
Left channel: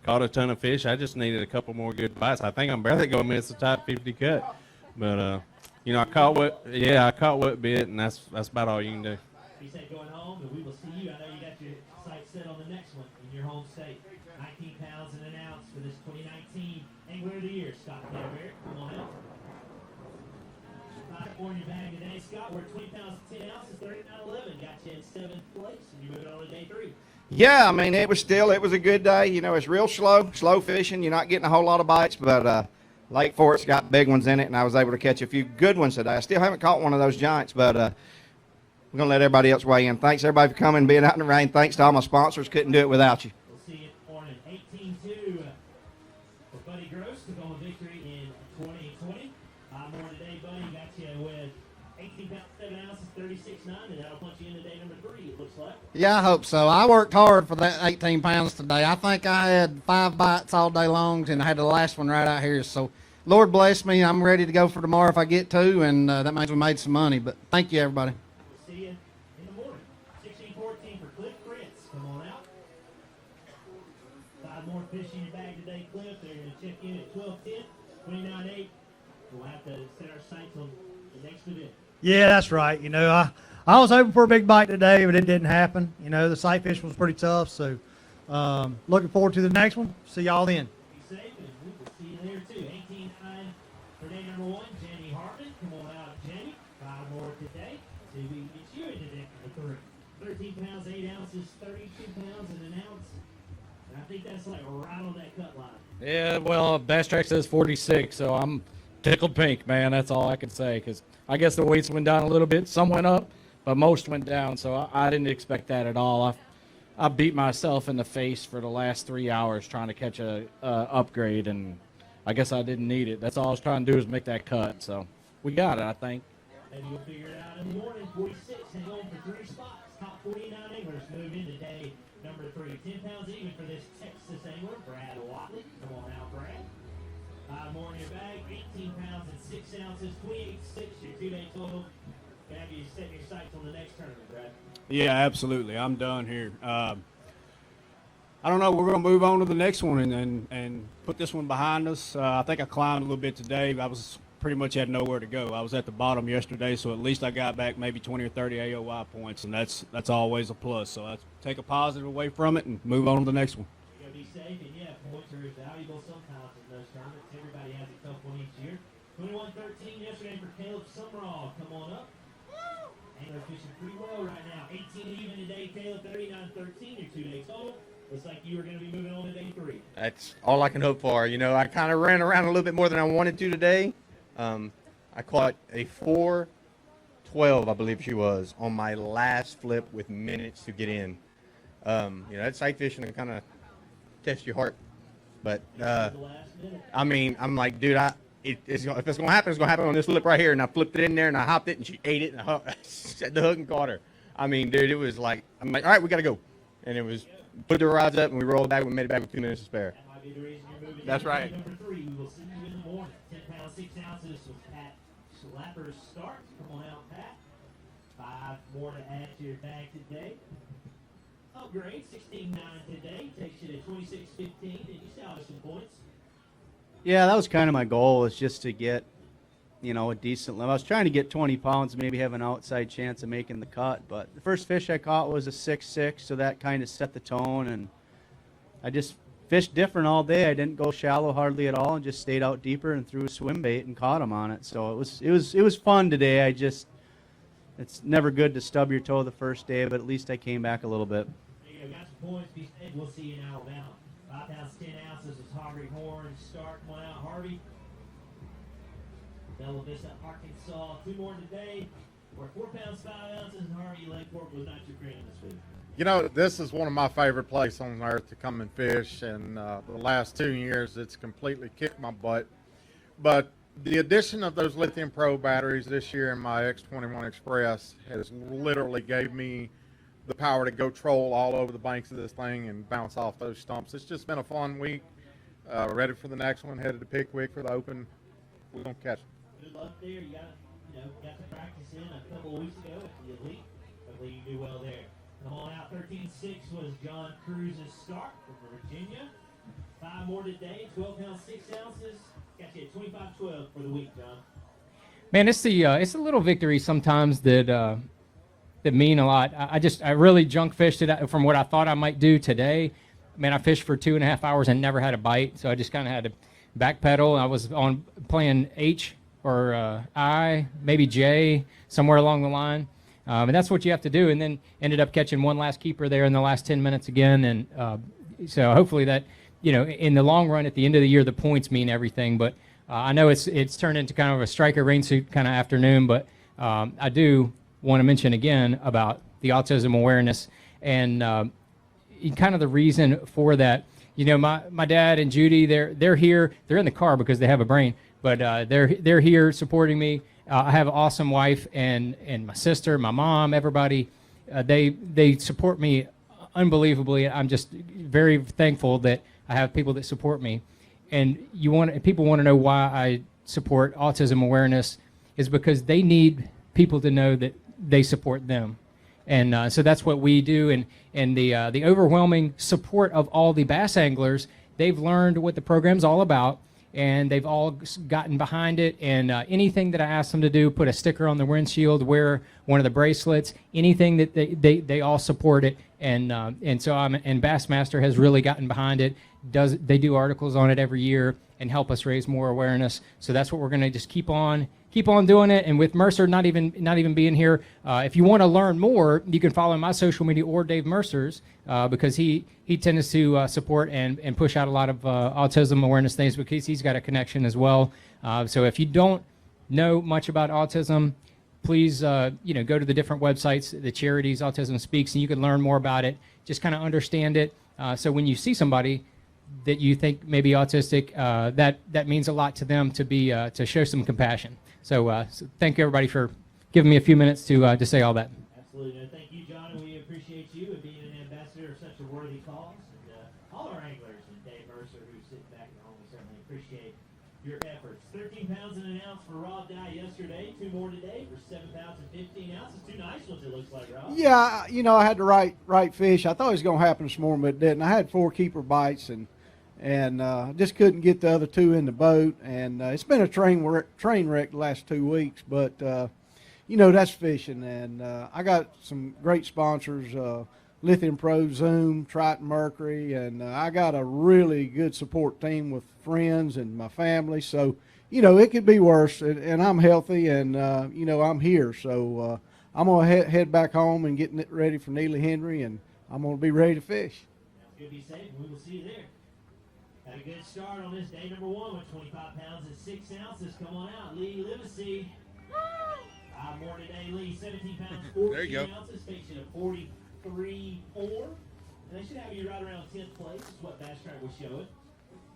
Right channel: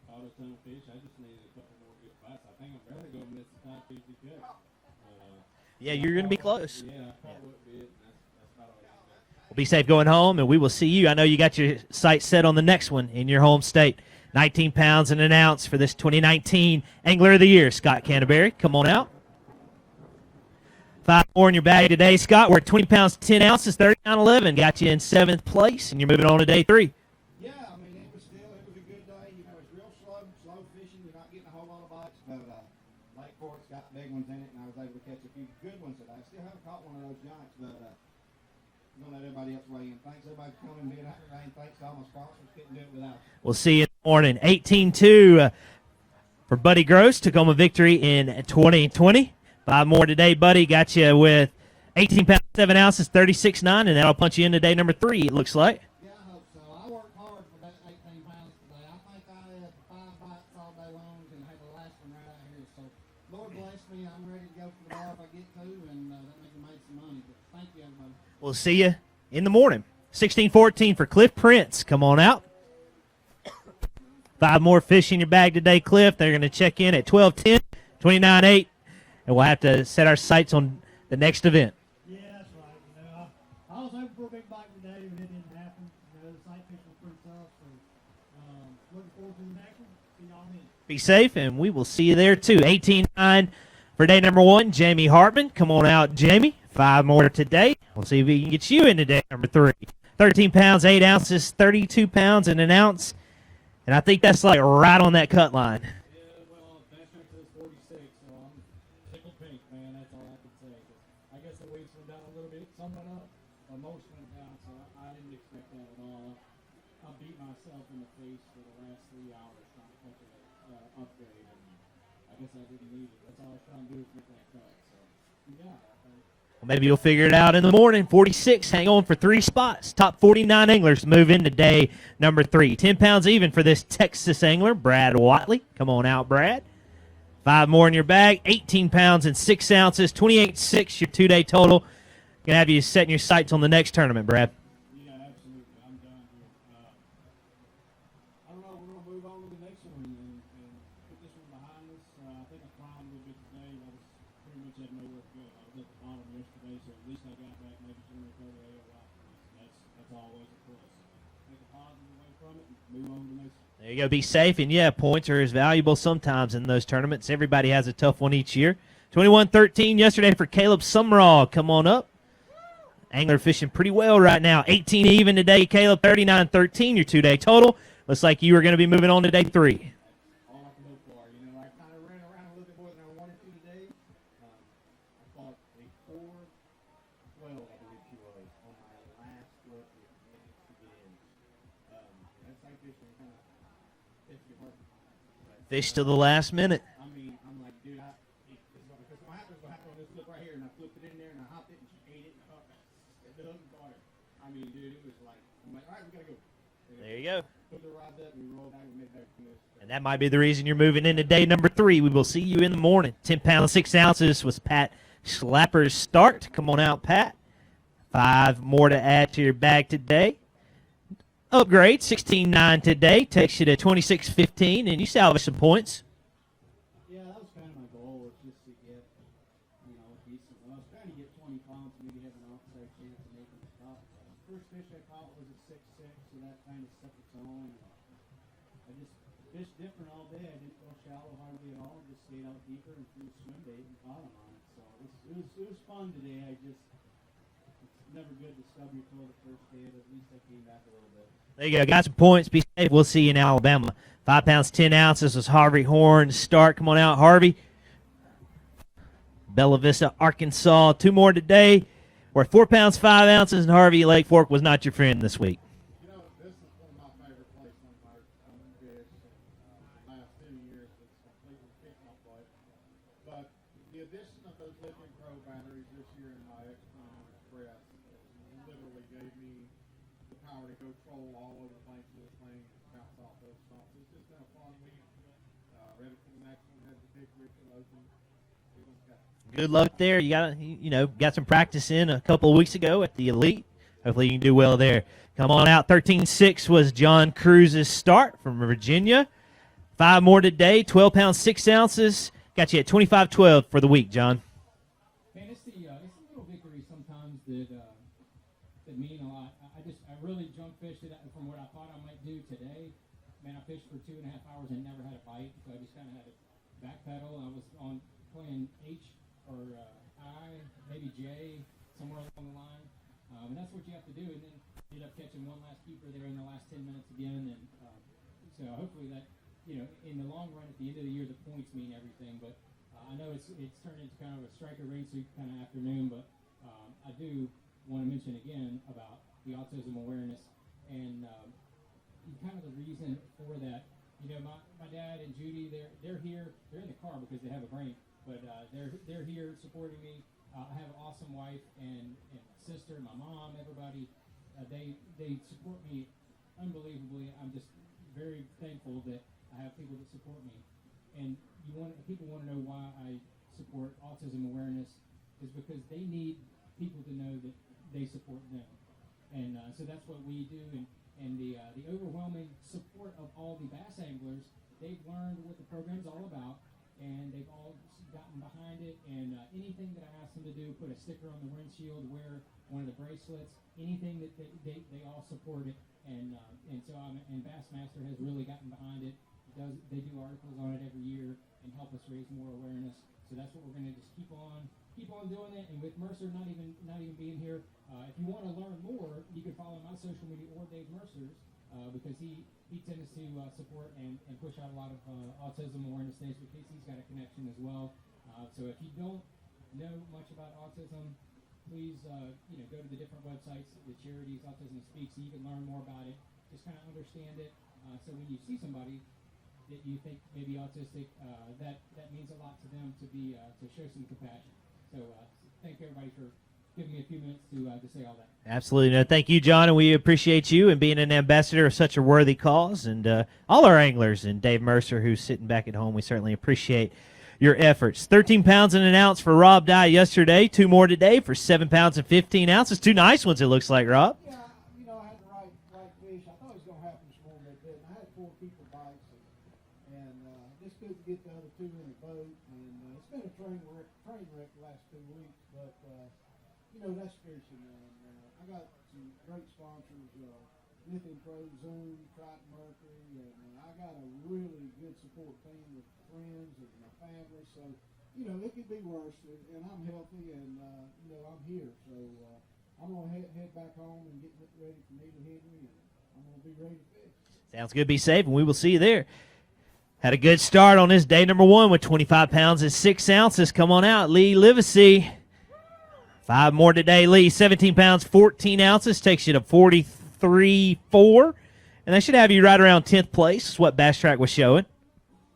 Caught a ton of fish. I just needed a couple more good bites. I think I'm barely going to miss the top 50 cut, but I caught what bit, and that's about all you can do. Be safe going home, and we will see you. I know you got your sights set on the next one in your home state. 19 pounds and an ounce for this 2019 Angler of the Year, Scott Canterbury. Come on out. 5 more in your bag today, Scott. We're at 20 pounds, 10 ounces, 39.11. Got you in 7th place, and you're moving on to day 3. Yeah, it was a good day. It's real slow fishing. You're not getting a whole lot of bites, but Lake Fork's got big ones in it, and I was able to catch a few good ones today. I still haven't caught one of those giants, but we're going to let everybody else weigh in. Thanks, everybody, for coming and being out in the rain. Thanks to all my sponsors. Couldn't do it without you. We'll see you in the morning. 18-2 for Buddy Gross. Took home a victory in 2020. 5 more today, Buddy. Got you with 18 pounds, 7 ounces, 36.9, and that'll punch you into day number 3, it looks like. Yeah, I hope so. I worked hard for that 18 pounds today. I think I had 5 bites all day long, and I had the last one right out here. So, Lord bless me. I'm ready to go for tomorrow if I get to, and that means we made some money. But thank you, everybody. We'll see you in the morning. 16-14 for Cliff Prince. Come on out. 5 more fish in your bag today, Cliff. They're going to check in at 12:10, 29.8, and we'll have to set our sights on the next event. Yeah, that's right. You know, I was hoping for a big bite today, but it didn't happen. You know, the sight fish was pretty tough, so looking forward to the next one. See y'all then. Be safe, and we will see you there, too. 18-9 for day number 1, Jamie Hartman. Come on out, Jamie. 5 more today. We'll see if we can get you into day number 3. 13 pounds, 8 ounces, 32 pounds and an ounce. And I think that's like right on that cut line. Yeah, well, Bass Track says 46, so I'm tickled pink, man. That's all I can say, because I guess the weights went down a little bit. Some went up, but most went down, so I didn't expect that at all. I beat myself in the face for the last 3 hours trying to catch a upgrade, and I guess I didn't need it. That's all I was trying to do is make that cut, so we got it, I think. Maybe you'll figure it out in the morning. 46, hang on for 3 spots. Top 49 anglers move into day number 3. 10 pounds even for this Texas angler, Brad Whiteley. Come on out, Brad. 5 more in your bag. 18 pounds and 6 ounces, 28.6 your 2-day total. Gonna have you setting your sights on the next tournament, Brad. Yeah, absolutely. I'm done here. I don't know. We're going to move on to the next one and put this one behind us. I think I climbed a little bit today. I was pretty much had nowhere to go. I was at the bottom yesterday, so at least I got back maybe 20 or 30 AOY points, and that's always a plus. So I take a positive away from it and move on to the next one. There you go. Be safe, and yeah, points are as valuable sometimes in those tournaments. Everybody has a tough one each year. 21-13 yesterday for Caleb Summerall. Come on up. Angler fishing pretty well right now. 18 even today, Caleb. 39-13 your 2-day total. Looks like you are going to be moving on to day 3. That's all I can hope for. You know, I kind of ran around a little bit more than I wanted to today. I caught a 4.12, I believe she was, on my last flip with minutes to get in. You know, that sight fishing can kind of test your heart. But Fish to the last minute. I mean, I'm like, dude, if it's going to happen, it's going to happen on this flip right here. And I flipped it in there, and I hopped it, and she ate it, and I set the hook and caught her. I mean, dude, it was like, I'm like, all right, we got to go. And it was, put the rods up, and we rolled back. We made it back with 2 minutes to spare. That might be the reason you're moving into That's day right. number 3. We will see you in the morning. 10 pounds, 6 ounces was Pat Schlapper's start. Come on out, Pat. 5 more to add to your bag today. Upgrade, 16.9 today. Takes you to 26.15, and you salvage some points. Yeah, that was kind of my goal, was just to get, you know, a decent limit. I was trying to get 20 pounds, maybe have an outside chance of making the cut. But the first fish I caught was a 6.6, so that kind of set the tone. And I just fished different all day. I didn't go shallow hardly at all, and just stayed out deeper and threw a swim bait and caught them on it. So it was fun today. It's never good to stub your toe the first day, but at least I came back a little bit. There you go. Got some points. Be safe. We'll see you in Alabama. 5 pounds, 10 ounces was Harvey Horn's start. Come on out, Harvey. Bella Vista, Arkansas. 2 more today. We're at 4 pounds, 5 ounces, and Harvey Lake Fork was not your friend this week. You know, this is one of my favorite places on earth to come and fish, and the last 2 years it's completely kicked my butt. But the addition of those lithium pro batteries this year in my X21 Express has literally gave me the power to go troll all over the banks of this thing and bounce off those stumps. It's just been a fun week. Ready for the next one. Headed to Pickwick for the Open. We're gonna catch it. Good luck there. You got some practice in a couple of weeks ago at the Elite. Hopefully you can do well there. Come on out. 13.6 was John Cruz's start from Virginia. 5 more today. 12 pounds, 6 ounces. Got you at 25.12 for the week, John. Man, it's the little victories sometimes that mean a lot. I really junk fished it from what I thought I might do today. Man, I fished for 2.5 hours and never had a bite, so I just kind of had to backpedal. I was on playing H or I, maybe J, somewhere along the line. And that's what you have to do. And then ended up catching one last keeper there in the last 10 minutes again. And so hopefully that, in the long run, at the end of the year, the points mean everything. But I know it's turned into kind of a striker rain suit kind of afternoon. But I do want to mention again about the autism awareness and kind of the reason for that. My dad and Judy, they're here. They're in the car because they have a brain. But they're here supporting me, I have an awesome wife and my sister, my mom, everybody. They support me unbelievably. I'm just very thankful that I have people that support me. And people want to know why I support autism awareness is because they need people to know that they support them. And so that's what we do. And the overwhelming support of all the bass anglers, they've learned what the program's all about, and they've all gotten behind it. And anything that I ask them to do, put a sticker on the windshield, wear one of the bracelets, anything that they all support it. And so and Bassmaster has really gotten behind it. They do articles on it every year and help us raise more awareness. So that's what we're going to just keep on doing it. And with Mercer not even being here, if you want to learn more, you can follow my social media or Dave Mercer's because he tends to support and push out a lot of autism awareness things because he's got a connection as well. So if you don't know much about autism, please go to the different websites, the charities Autism Speaks, and you can learn more about it. Just kind of understand it. So when you see somebody that you think may be autistic, that means a lot to them to show some compassion. So thank you everybody for giving me a few minutes to say all that. Absolutely. No, thank you, John, and we appreciate you and being an ambassador of such a worthy cause. And all our anglers and Dave Mercer, who's sitting back at home, we certainly appreciate your efforts. 13 pounds and an ounce for Rob Dye yesterday. 2 more today for 7 pounds and 15 ounces. 2 nice ones, it looks like, Rob. Yeah, I had the right fish. I thought it was going to happen this morning, but it didn't. I had 4 keeper bites and just couldn't get the other 2 in the boat. And it's been a train wreck the last 2 weeks, but that's fishing. And I got some great sponsors, Lithium Pro, Zoom, Triton Mercury, and I got a really good support team with friends and my family. So, it could be worse, and I'm healthy, and, I'm here. So I'm going to head back home and getting it ready for Neely Henry, and I'm going to be ready to fish. Sounds good. Be safe, and we will see you there. Had a good start on this day number 1 with 25 pounds and 6 ounces. Come on out, Lee Livesey. 5 more today, Lee. 17 pounds, 14 ounces. Takes you to 43.4. And that should have you right around 10th place. That's what Bass Track was showing.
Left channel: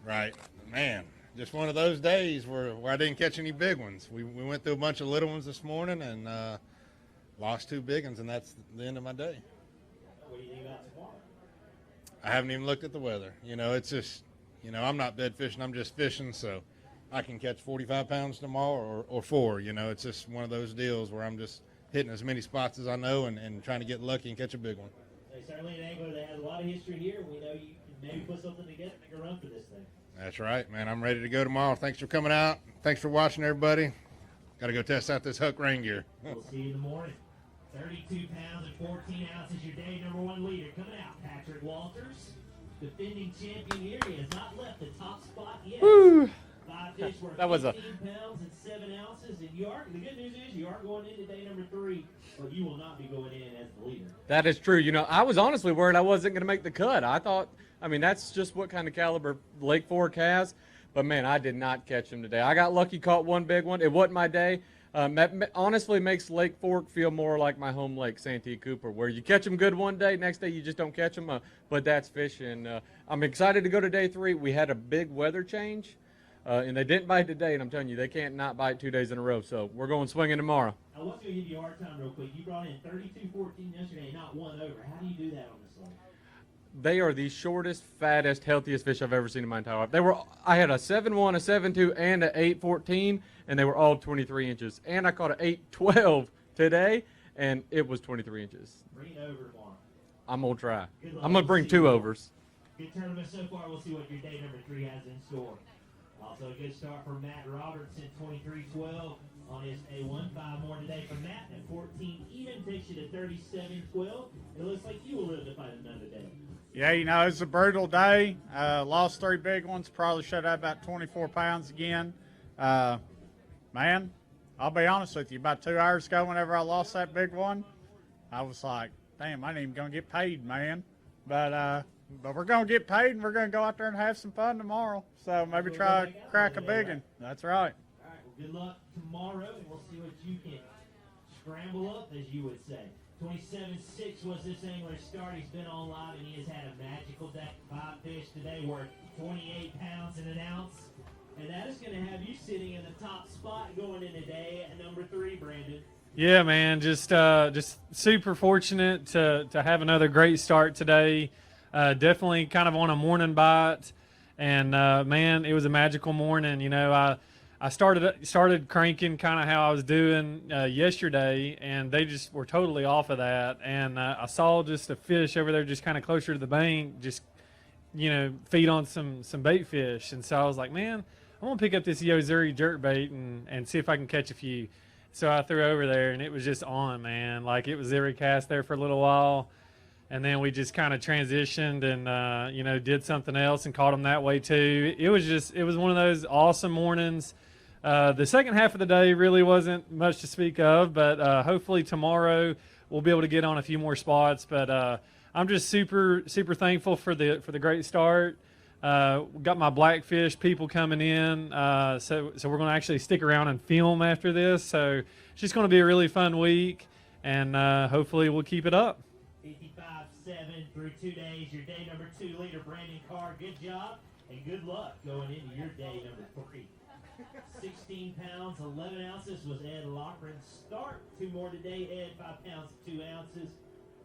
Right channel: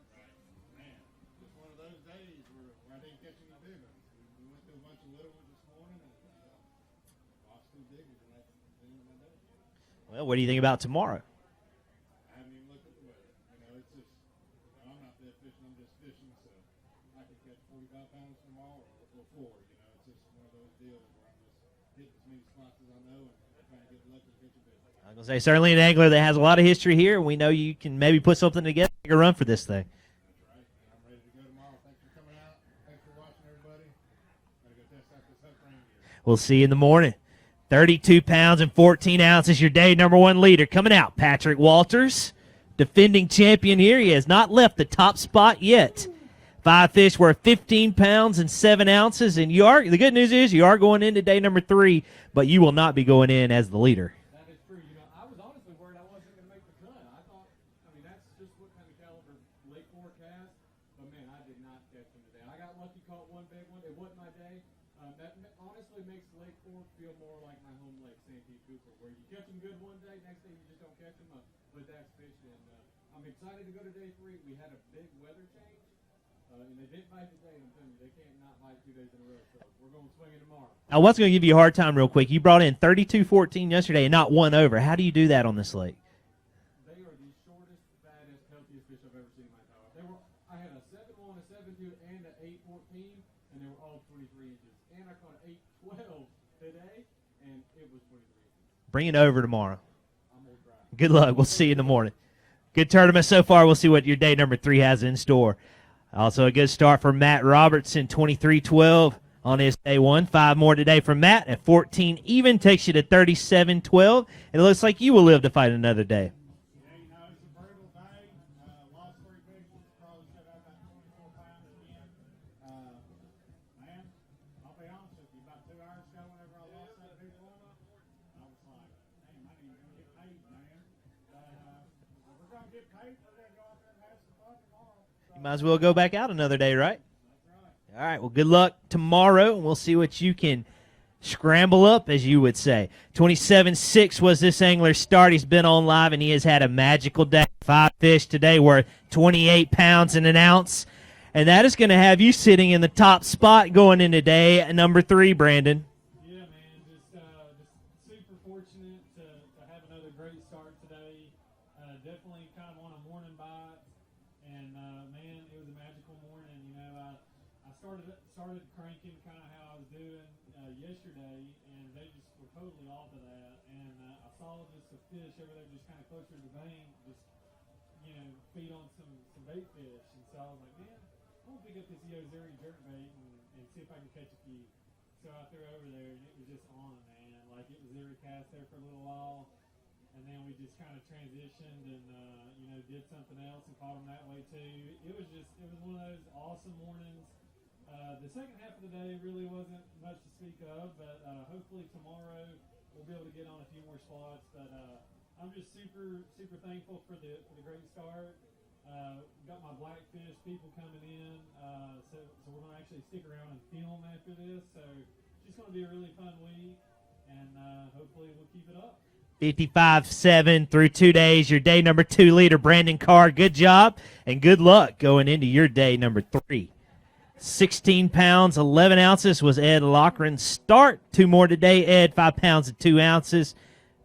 Right. Man, just one of those days where I didn't catch any big ones. We went through a bunch of little ones this morning and lost 2 big ones, and that's the end of my day. Well, what do you think about tomorrow? I haven't even looked at the weather. It's just, I'm not bed fishing. I'm just fishing, so I can catch 45 pounds tomorrow or 4. It's just one of those deals where I'm just hitting as many spots as I know and trying to get lucky and catch a big one. I was going to say, certainly an angler that has a lot of history here, and we know you can maybe put something together, make a run for this thing. That's right, man. I'm ready to go tomorrow. Thanks for coming out. Thanks for watching, everybody. Got to go test out this hook rain gear. We'll see you in the morning. 32 pounds and 14 ounces, your day number 1 leader. Coming out, Patrick Walters, defending champion here. He has not left the top spot yet. Woo. 5 fish worth 15 pounds and 7 ounces. And the good news is you are going into day number 3, but you will not be going in as the leader. That is true. I was honestly worried I wasn't going to make the cut. I thought, that's just what kind of caliber Lake Fork has. But, man, I did not catch him today. I got lucky, caught 1 big one. It wasn't my day. That honestly makes Lake Fork feel more like my home lake, Santee Cooper, where you catch them good one day, next day you just don't catch them. But that's fishing. I'm excited to go to day 3. We had a big weather change. And they didn't bite today, and I'm telling you, they can't not bite 2 days in a row. So we're going swinging tomorrow. I was going to give you a hard time real quick. You brought in 32-14 yesterday and not 1 over. How do you do that on this lake? They are the shortest, fattest, healthiest fish I've ever seen in my entire life. I had a 7-1, a 7-2, and an 8-14, and they were all 23 inches. And I caught an 8-12 today, and it was 23 inches. Bring it over tomorrow. I'm going to try. Good luck. I'm going we'll to bring see you in 2 the morning. overs. Good tournament so far. We'll see what your day number 3 has in store. Also a good start for Matt Robertson, 23-12 on his day 1. 5 more today from Matt at 14 even, takes you to 37-12. And it looks like you will live to fight another day. Yeah, it's a brutal day. Lost 3 big ones, probably should have about 24 pounds again. Man, I'll be honest with you, about 2 hours ago whenever I lost that big one, I was like, damn, I ain't even going to get paid, man. But we're going to get paid, and we're going to go out there and have some fun tomorrow. So might as well go back out another day, right? That's right. All right, well, good luck tomorrow, and we'll see what you can scramble up, as you would say. 27-6 was this angler's start. He's been on live, and he has had a magical day. 5 fish today worth 28 pounds and an ounce. and that is going to have you sitting in the top spot going into day number 3, Brandon. Yeah, man, just super fortunate to have another great start today. Definitely kind of on a morning bite, and man, it was a magical morning. You know, I started cranking kind of how I was doing yesterday, and they just were totally off of that. And I saw just a fish over there, just kind of closer to the bank, just feed on some bait fish. And so I was like, man, I want to pick up this Yozuri jerkbait and see if I can catch a few. So I threw over there, and it was just on, man. Like, it was every cast there for a little while, and then we just kind of transitioned and did something else and caught them that way too. It was one of those awesome mornings. The second half of the day really wasn't much to speak of, but hopefully tomorrow we'll be able to get on a few more spots. But I'm just super thankful for the great start. Got my blackfish people coming in, so we're going to actually stick around and film after this. So it's just going to be a really fun week, and hopefully we'll keep it up. 55-7 through 2 days. Your day number 2 leader, Brandon Carr. Good job and good luck going into your day number 3. 16 pounds, 11 ounces was Ed Loughran's start. 2 more today, Ed, 5 pounds and 2 ounces.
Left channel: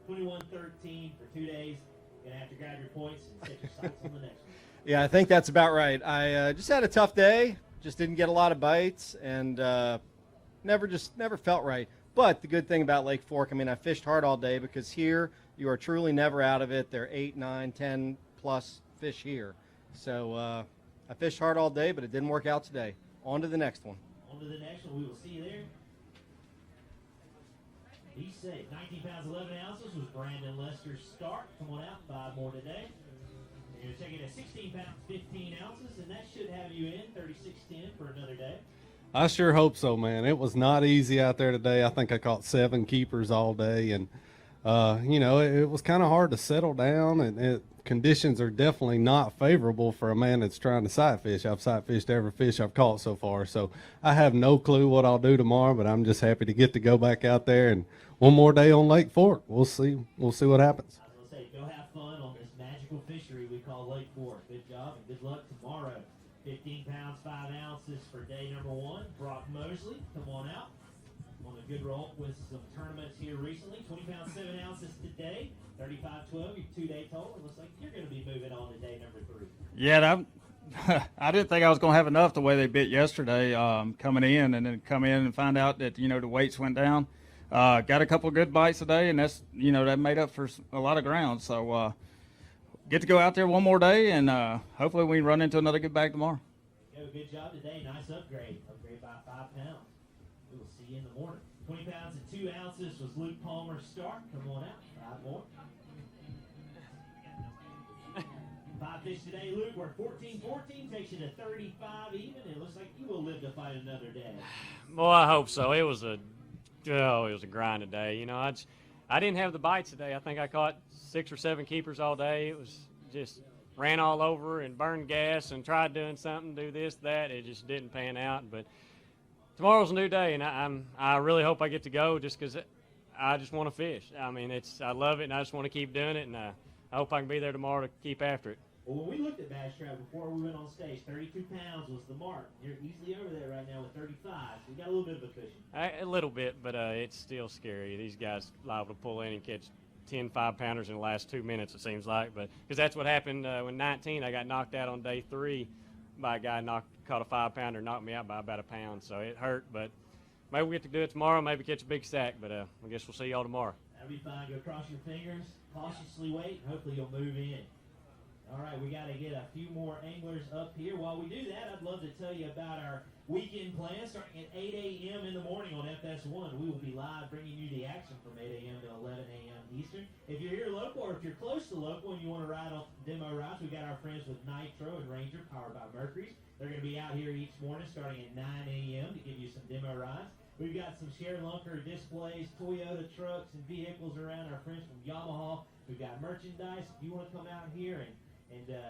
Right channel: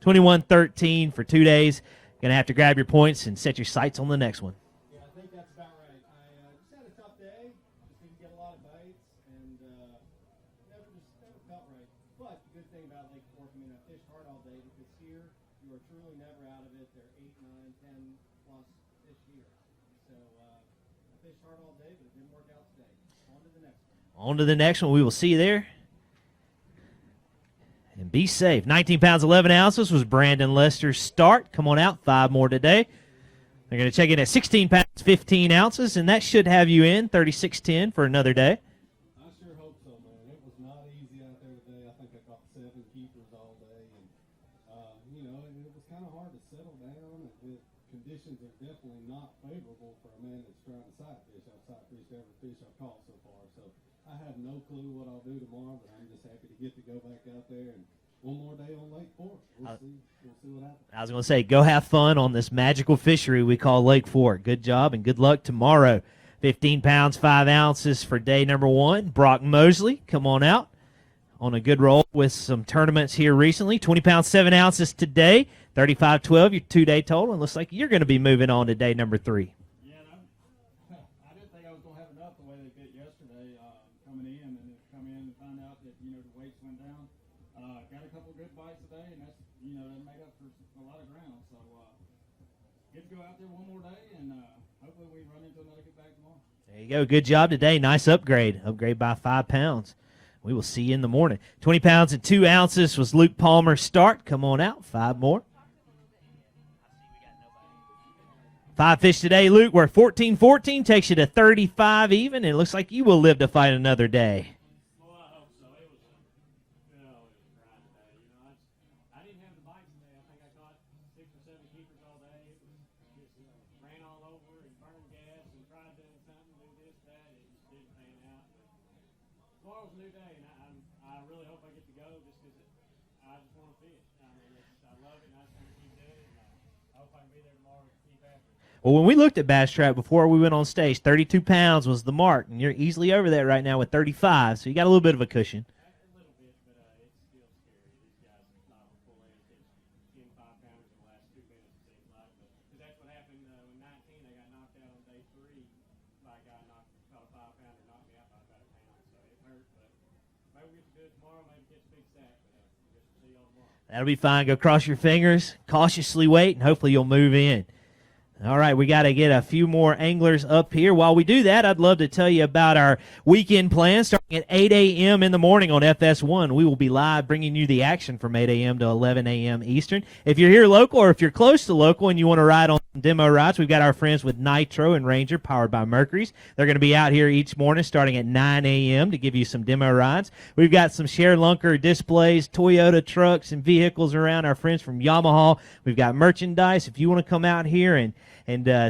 21-13 for 2 days. Going to have to grab your points and set your sights on the next one. Yeah, I think that's about right. I just had a tough day. Just didn't get a lot of bites, and never felt right. But the good thing about Lake Fork, I mean, I fished hard all day because here you are truly never out of it. There are 8, 9, 10 plus fish here. So I fished hard all day, but it didn't work out today. On to the next one. On to the next one. We will see you there. And be safe. 19 pounds, 11 ounces was Brandon Lester's start. Come on out. 5 more today. They're going to check in at 16 pounds, 15 ounces, and that should have you in 36-10 for another day. I sure hope so, man. It was not easy out there today. I think I caught 7 keepers all day, and, it was kind of hard to settle down, and conditions are definitely not favorable for a man that's trying to sight fish. I've sight fished every fish I've caught so far, so I have no clue what I'll do tomorrow, but I'm just happy to go back out there and one more day on Lake Fork. We'll see what happens. I was going to say, go have fun on this magical fishery we call Lake Fork. Good job and good luck tomorrow. 15 pounds, 5 ounces for day number 1. Brock Mosley, come on out on a good roll with some tournaments here recently. 20 pounds, 7 ounces today. 35-12, your 2-day total. And looks like you're going to be moving on to day number 3. Yeah, I didn't think I was going to have enough the way they bit yesterday coming in, and then come in and find out that, the weights went down. Got a couple of good bites today, and that's, that made up for a lot of ground. So get to go out there one more day, and hopefully we can run into another good bag tomorrow. There you go. Good job today. Nice upgrade. Upgrade by 5 pounds. We will see you in the morning. 20 pounds and 2 ounces was Luke Palmer's start. Come on out. 5 more. 5 fish today, Luke. We're 14-14. Takes you to 35 even. And it looks like you will live to fight another day. Well, I hope so. It was a grind today. I didn't have the bites today. I think I caught 6 or 7 keepers all day. It was just ran all over and burned gas and tried doing something, do this, that. It just didn't pan out. But tomorrow's a new day, and I really hope I get to go just because I just want to fish. I mean, I love it, and I just want to keep doing it, and I hope I can be there tomorrow to keep after it. Well, when we looked at Bass Trap before we went on stage, 32 pounds was the mark, and you're easily over that right now with 35, so you got a little bit of a cushion. A little bit, but it's still scary. These guys liable to pull in and catch 10 5-pounders in the last 2 minutes, it seems like. But because that's what happened when 19, I got knocked out on day 3 by a guy caught a 5-pounder, knocked me out by about a pound, so it hurt. But maybe we get to do it tomorrow, maybe catch a big sack, but I guess we'll see y'all tomorrow. That'll be fine. Go cross your fingers, cautiously wait, and hopefully you'll move in. All right, we got to get a few more anglers up here. While we do that, I'd love to tell you about our weekend plans starting at 8 a.m. in the morning on FS1. We will be live bringing you the action from 8 a.m. to 11 a.m. Eastern. If you're here local or if you're close to local and you want to ride on demo rides, we've got our friends with Nitro and Ranger powered by Mercury's. They're going to be out here each morning starting at 9 a.m. to give you some demo rides. We've got some Share Lunker displays, Toyota trucks, and vehicles around. Our friends from Yamaha. We've got merchandise. If you want to come out here and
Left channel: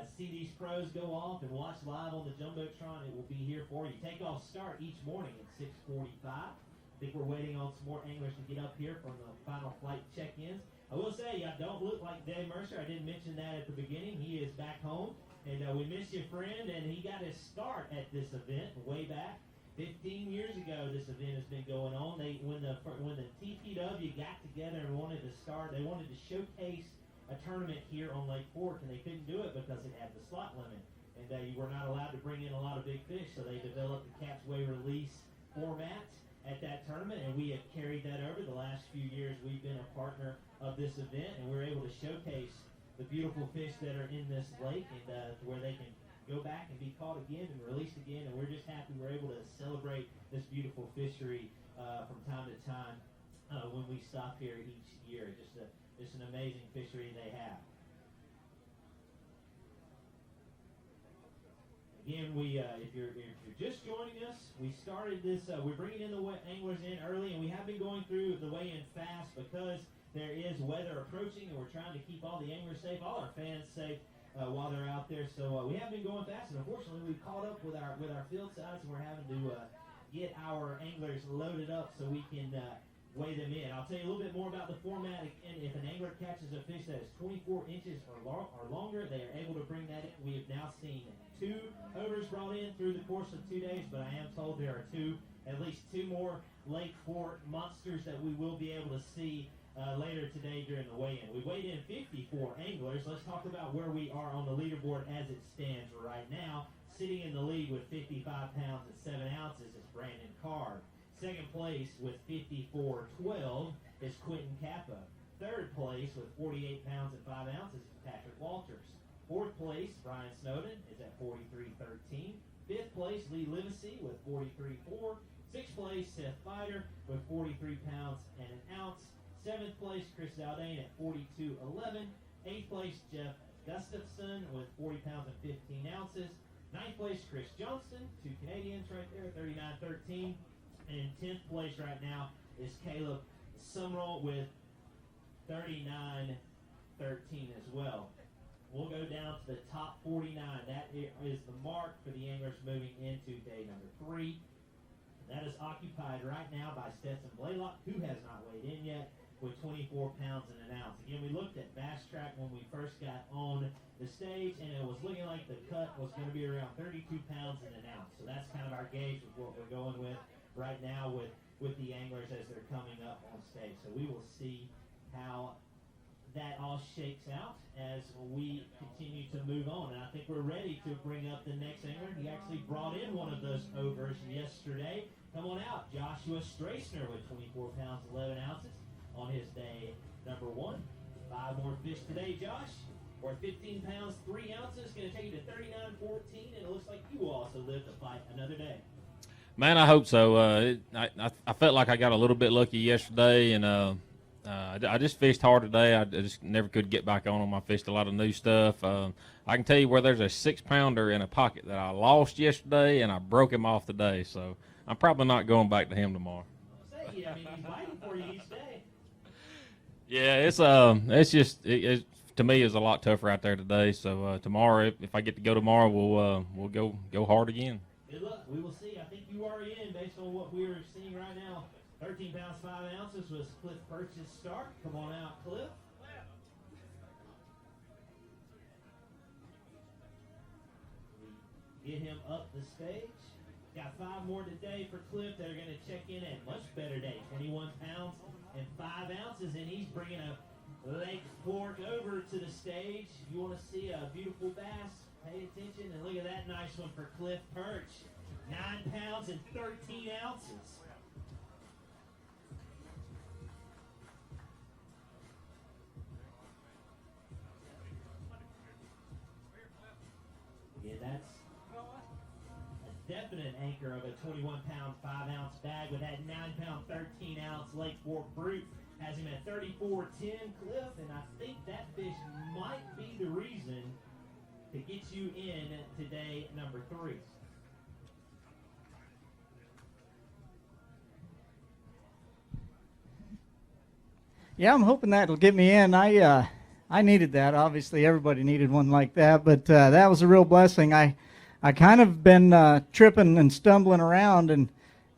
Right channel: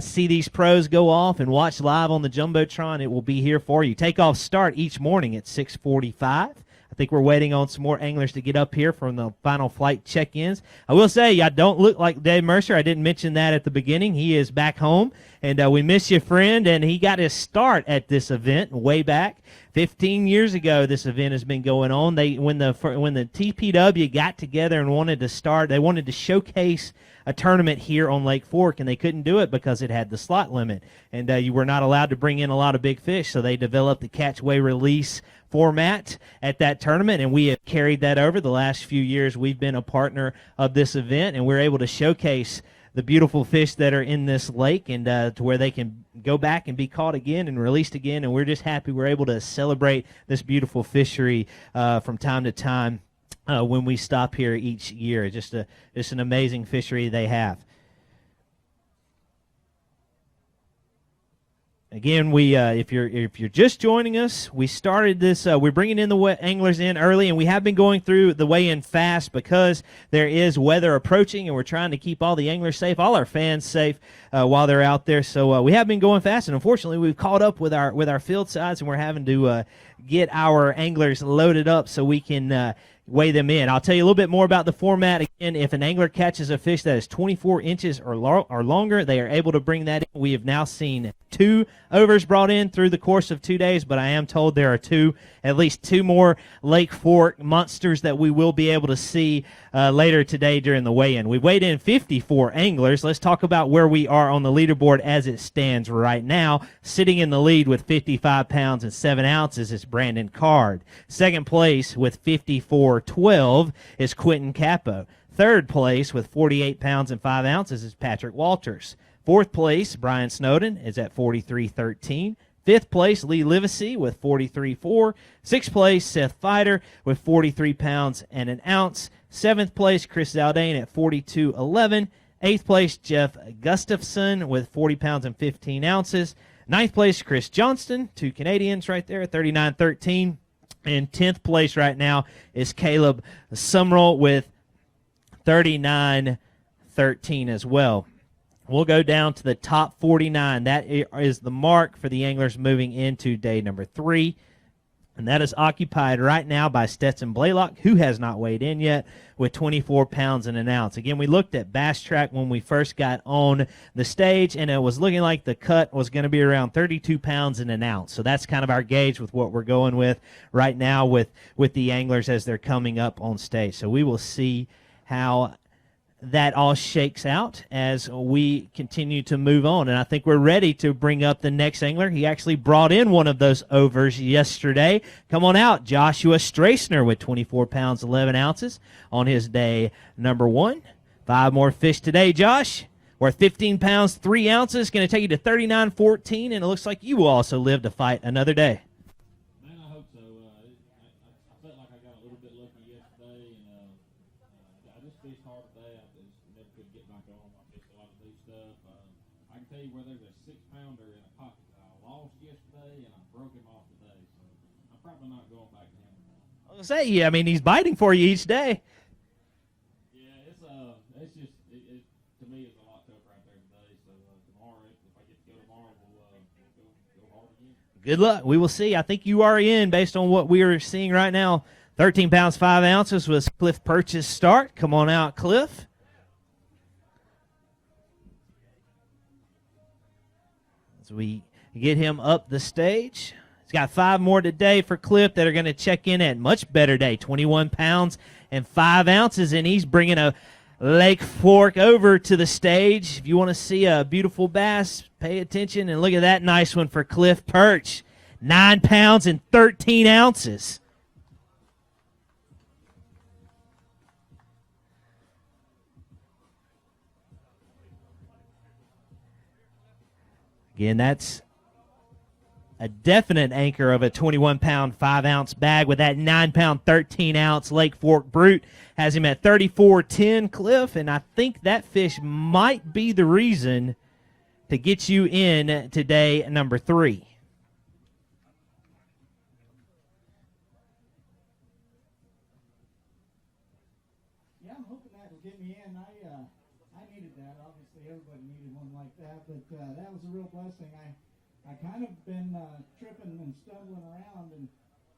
see these pros go off and watch live on the Jumbotron, it will be here for you. Takeoffs start each morning at 6:45. I I think we're waiting on some more anglers to get up here from the final flight check-ins. I will say, I don't look like Dave Mercer. I didn't mention that at the beginning. He is back home, and we miss you, friend. And he got his start at this event way back 15 years ago. This event has been going on. When the TPW got together and wanted to start, they wanted to showcase a tournament here on Lake Fork, and they couldn't do it because it had the slot limit, and you were not allowed to bring in a lot of big fish. So they developed the catch, weigh, release format at that tournament, and we have carried that over the last few years. We've been a partner of this event, and we're able to showcase the beautiful fish that are in this lake, and to where they can go back and be caught again and released again. And we're just happy we're able to celebrate this beautiful fishery from time to time when we stop here each year. Just an amazing fishery they have. Again, if you're just joining us, we started this. We're bringing in the anglers in early, and we have been going through the weigh-in fast because there is weather approaching, and we're trying to keep all the anglers safe, all our fans safe while they're out there. So we have been going fast, and unfortunately, we've caught up with our field size, and we're having to get our anglers loaded up so we can weigh them in. I'll tell you a little bit more about the format. Again, if an angler catches a fish that is 24 inches or longer, they are able to bring that in. We have now seen 2 overs brought in through the course of 2 days, but I am told there are at least two more Lake Fork monsters that we will be able to see later today during the weigh-in. We weighed in 54 anglers. Let's talk about where we are on the leaderboard as it stands right now. Sitting in the lead with 55 pounds and 7 ounces is Brandon Card. Second place with 54.12 is Quentin Capo. Third place with 48 pounds and 5 ounces is Patrick Walters. Fourth place, Brian Snowden, is at 43.13. Fifth place, Lee Livesey with 43.4. Sixth place, Seth Fighter with 43 pounds and an ounce. Seventh place, Chris Zaldane at 42.11. Eighth place, Jeff Gustafson with 40 pounds and 15 ounces. Ninth place, Chris Johnston, 2 Canadians right there, 39.13. And 10th place right now is Caleb Sumrall with 39.13 as well. We'll go down to the top 49. That is the mark for the anglers moving into day number 3. And that is occupied right now by Stetson Blaylock, who has not weighed in yet, with 24 pounds and an ounce. Again, we looked at Bass Track when we first got on the stage, and it was looking like the cut was going to be around 32 pounds and an ounce. So that's kind of our gauge with what we're going with right now with the anglers as they're coming up on stage. So we will see how that all shakes out as we continue to move on. And I think we're ready to bring up the next angler. He actually brought in one of those overs yesterday. Come on out, Joshua Strasner with 24 pounds, 11 ounces on his day number 1. 5 more fish today, Josh. Worth 15 pounds, 3 ounces. Going to take you to 39.14, and it looks like you will also live to fight another day. Man, I hope so. I felt like I got a little bit lucky yesterday, and I just fished hard today. I just never could get back on them. I fished a lot of new stuff. I can tell you where there's a 6-pounder in a pocket that I lost yesterday, and I broke him off today. So I'm probably not going back to him tomorrow. I was say, yeah, I mean, he's biting for you each day. Yeah, it's just to me it's a lot tougher out there today. So tomorrow, if I get to go tomorrow, we'll go hard again. Good luck. We will see. I think you are in based on what we are seeing right now. 13 pounds, 5 ounces was Cliff Purchase start. Come on out, Cliff. As we get him up the stage. He's got 5 more today for Cliff that are going to check in at much better day. 21 pounds and 5 ounces, and he's bringing a Lake Fork over to the stage. If you want to see a beautiful bass, pay attention and look at that nice one for Cliff Perch. 9 pounds and 13 ounces. Again, that's a definite anchor of a 21-pound, 5-ounce bag with that 9-pound, 13-ounce Lake Fork Brute. Has him at 34.10, Cliff, and I think that fish might be the reason to get you in today, number 3. Yeah, I'm hoping that'll get me in. I needed that. Obviously, everybody needed one like that, but that was a real blessing. I kind of been tripping and stumbling around, and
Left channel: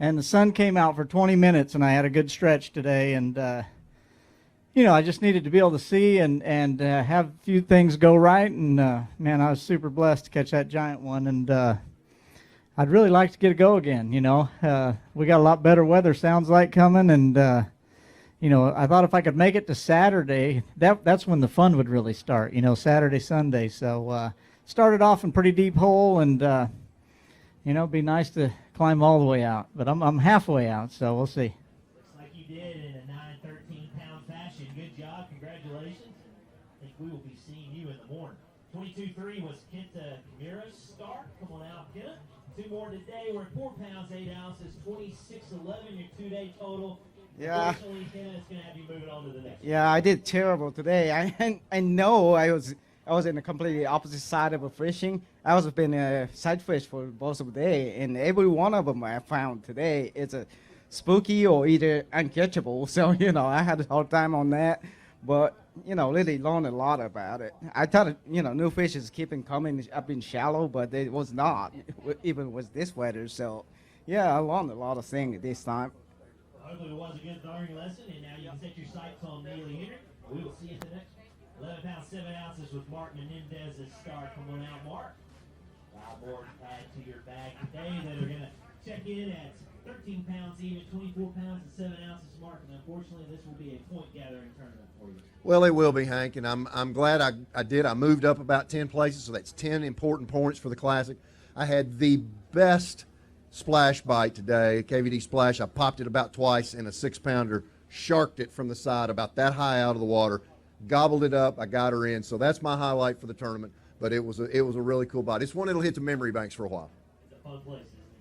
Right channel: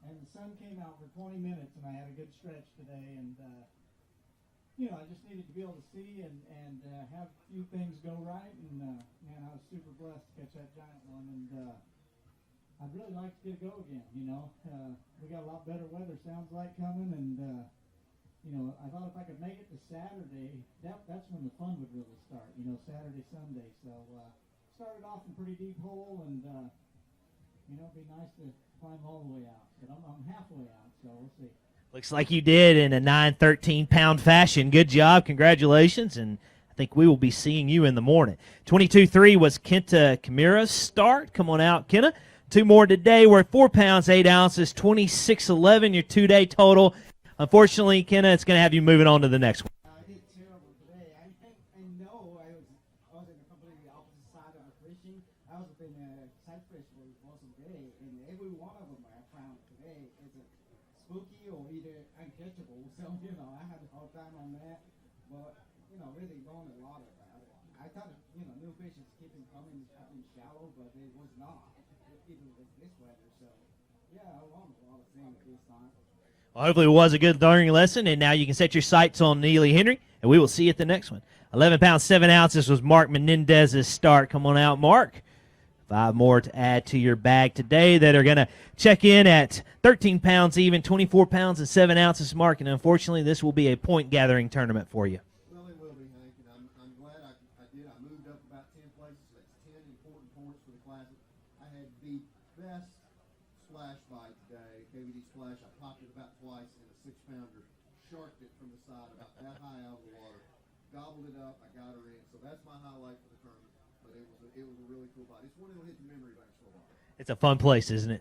and the sun came out for 20 minutes, and I had a good stretch today, and I just needed to be able to see and have a few things go right, and man, I was super blessed to catch that giant one, and I'd really like to get a go again. We got a lot better weather, sounds like, coming, and I thought if I could make it to Saturday, that's when the fun would really start. Saturday, Sunday. So started off in pretty deep hole, and it'd be nice to climb all the way out, but I'm halfway out, so we'll see. Looks like you did in a 9-13-pound fashion. Good job. Congratulations. And I think we will be seeing you in the morning. 22-3 was Kenta Kamira's start. Come on out, Kenta. 2 more today. We're at 4 pounds, 8 ounces, 26-11, your 2-day total. Unfortunately, Kenta, it's going to have you moving on to the next one. Yeah, I did terrible today. I know I was in the completely opposite side of a fishing. I was been a side fish for most of the day, and every one of them I found today is a spooky or either uncatchable. So, I had a hard time on that. But, really learned a lot about it. I thought, new fish is keeping coming up in shallow, but it was not, even with this weather. So, yeah, I learned a lot of things this time. Well, hopefully it was a good learning lesson, and now you can set your sights on Neely Henry, and we will see you at the next one. 11 pounds, 7 ounces was Mark Menendez's start. Come on out, Mark. 5 more to add to your bag today that are going to check in at 13 pounds even, 24 pounds and 7 ounces, Mark, and unfortunately this will be a point-gathering tournament for you. Well, it will be, Hank, and I'm glad I did. I moved up about 10 places, so that's 10 important points for the Classic. I had the best splash bite today, KVD splash. I popped it about twice in a 6-pounder, sharked it from the side about that high out of the water, gobbled it up. I got her in, so that's my highlight for the tournament. But it was a really cool bite. It's one that'll hit the memory banks for a while. It's a fun place, isn't it?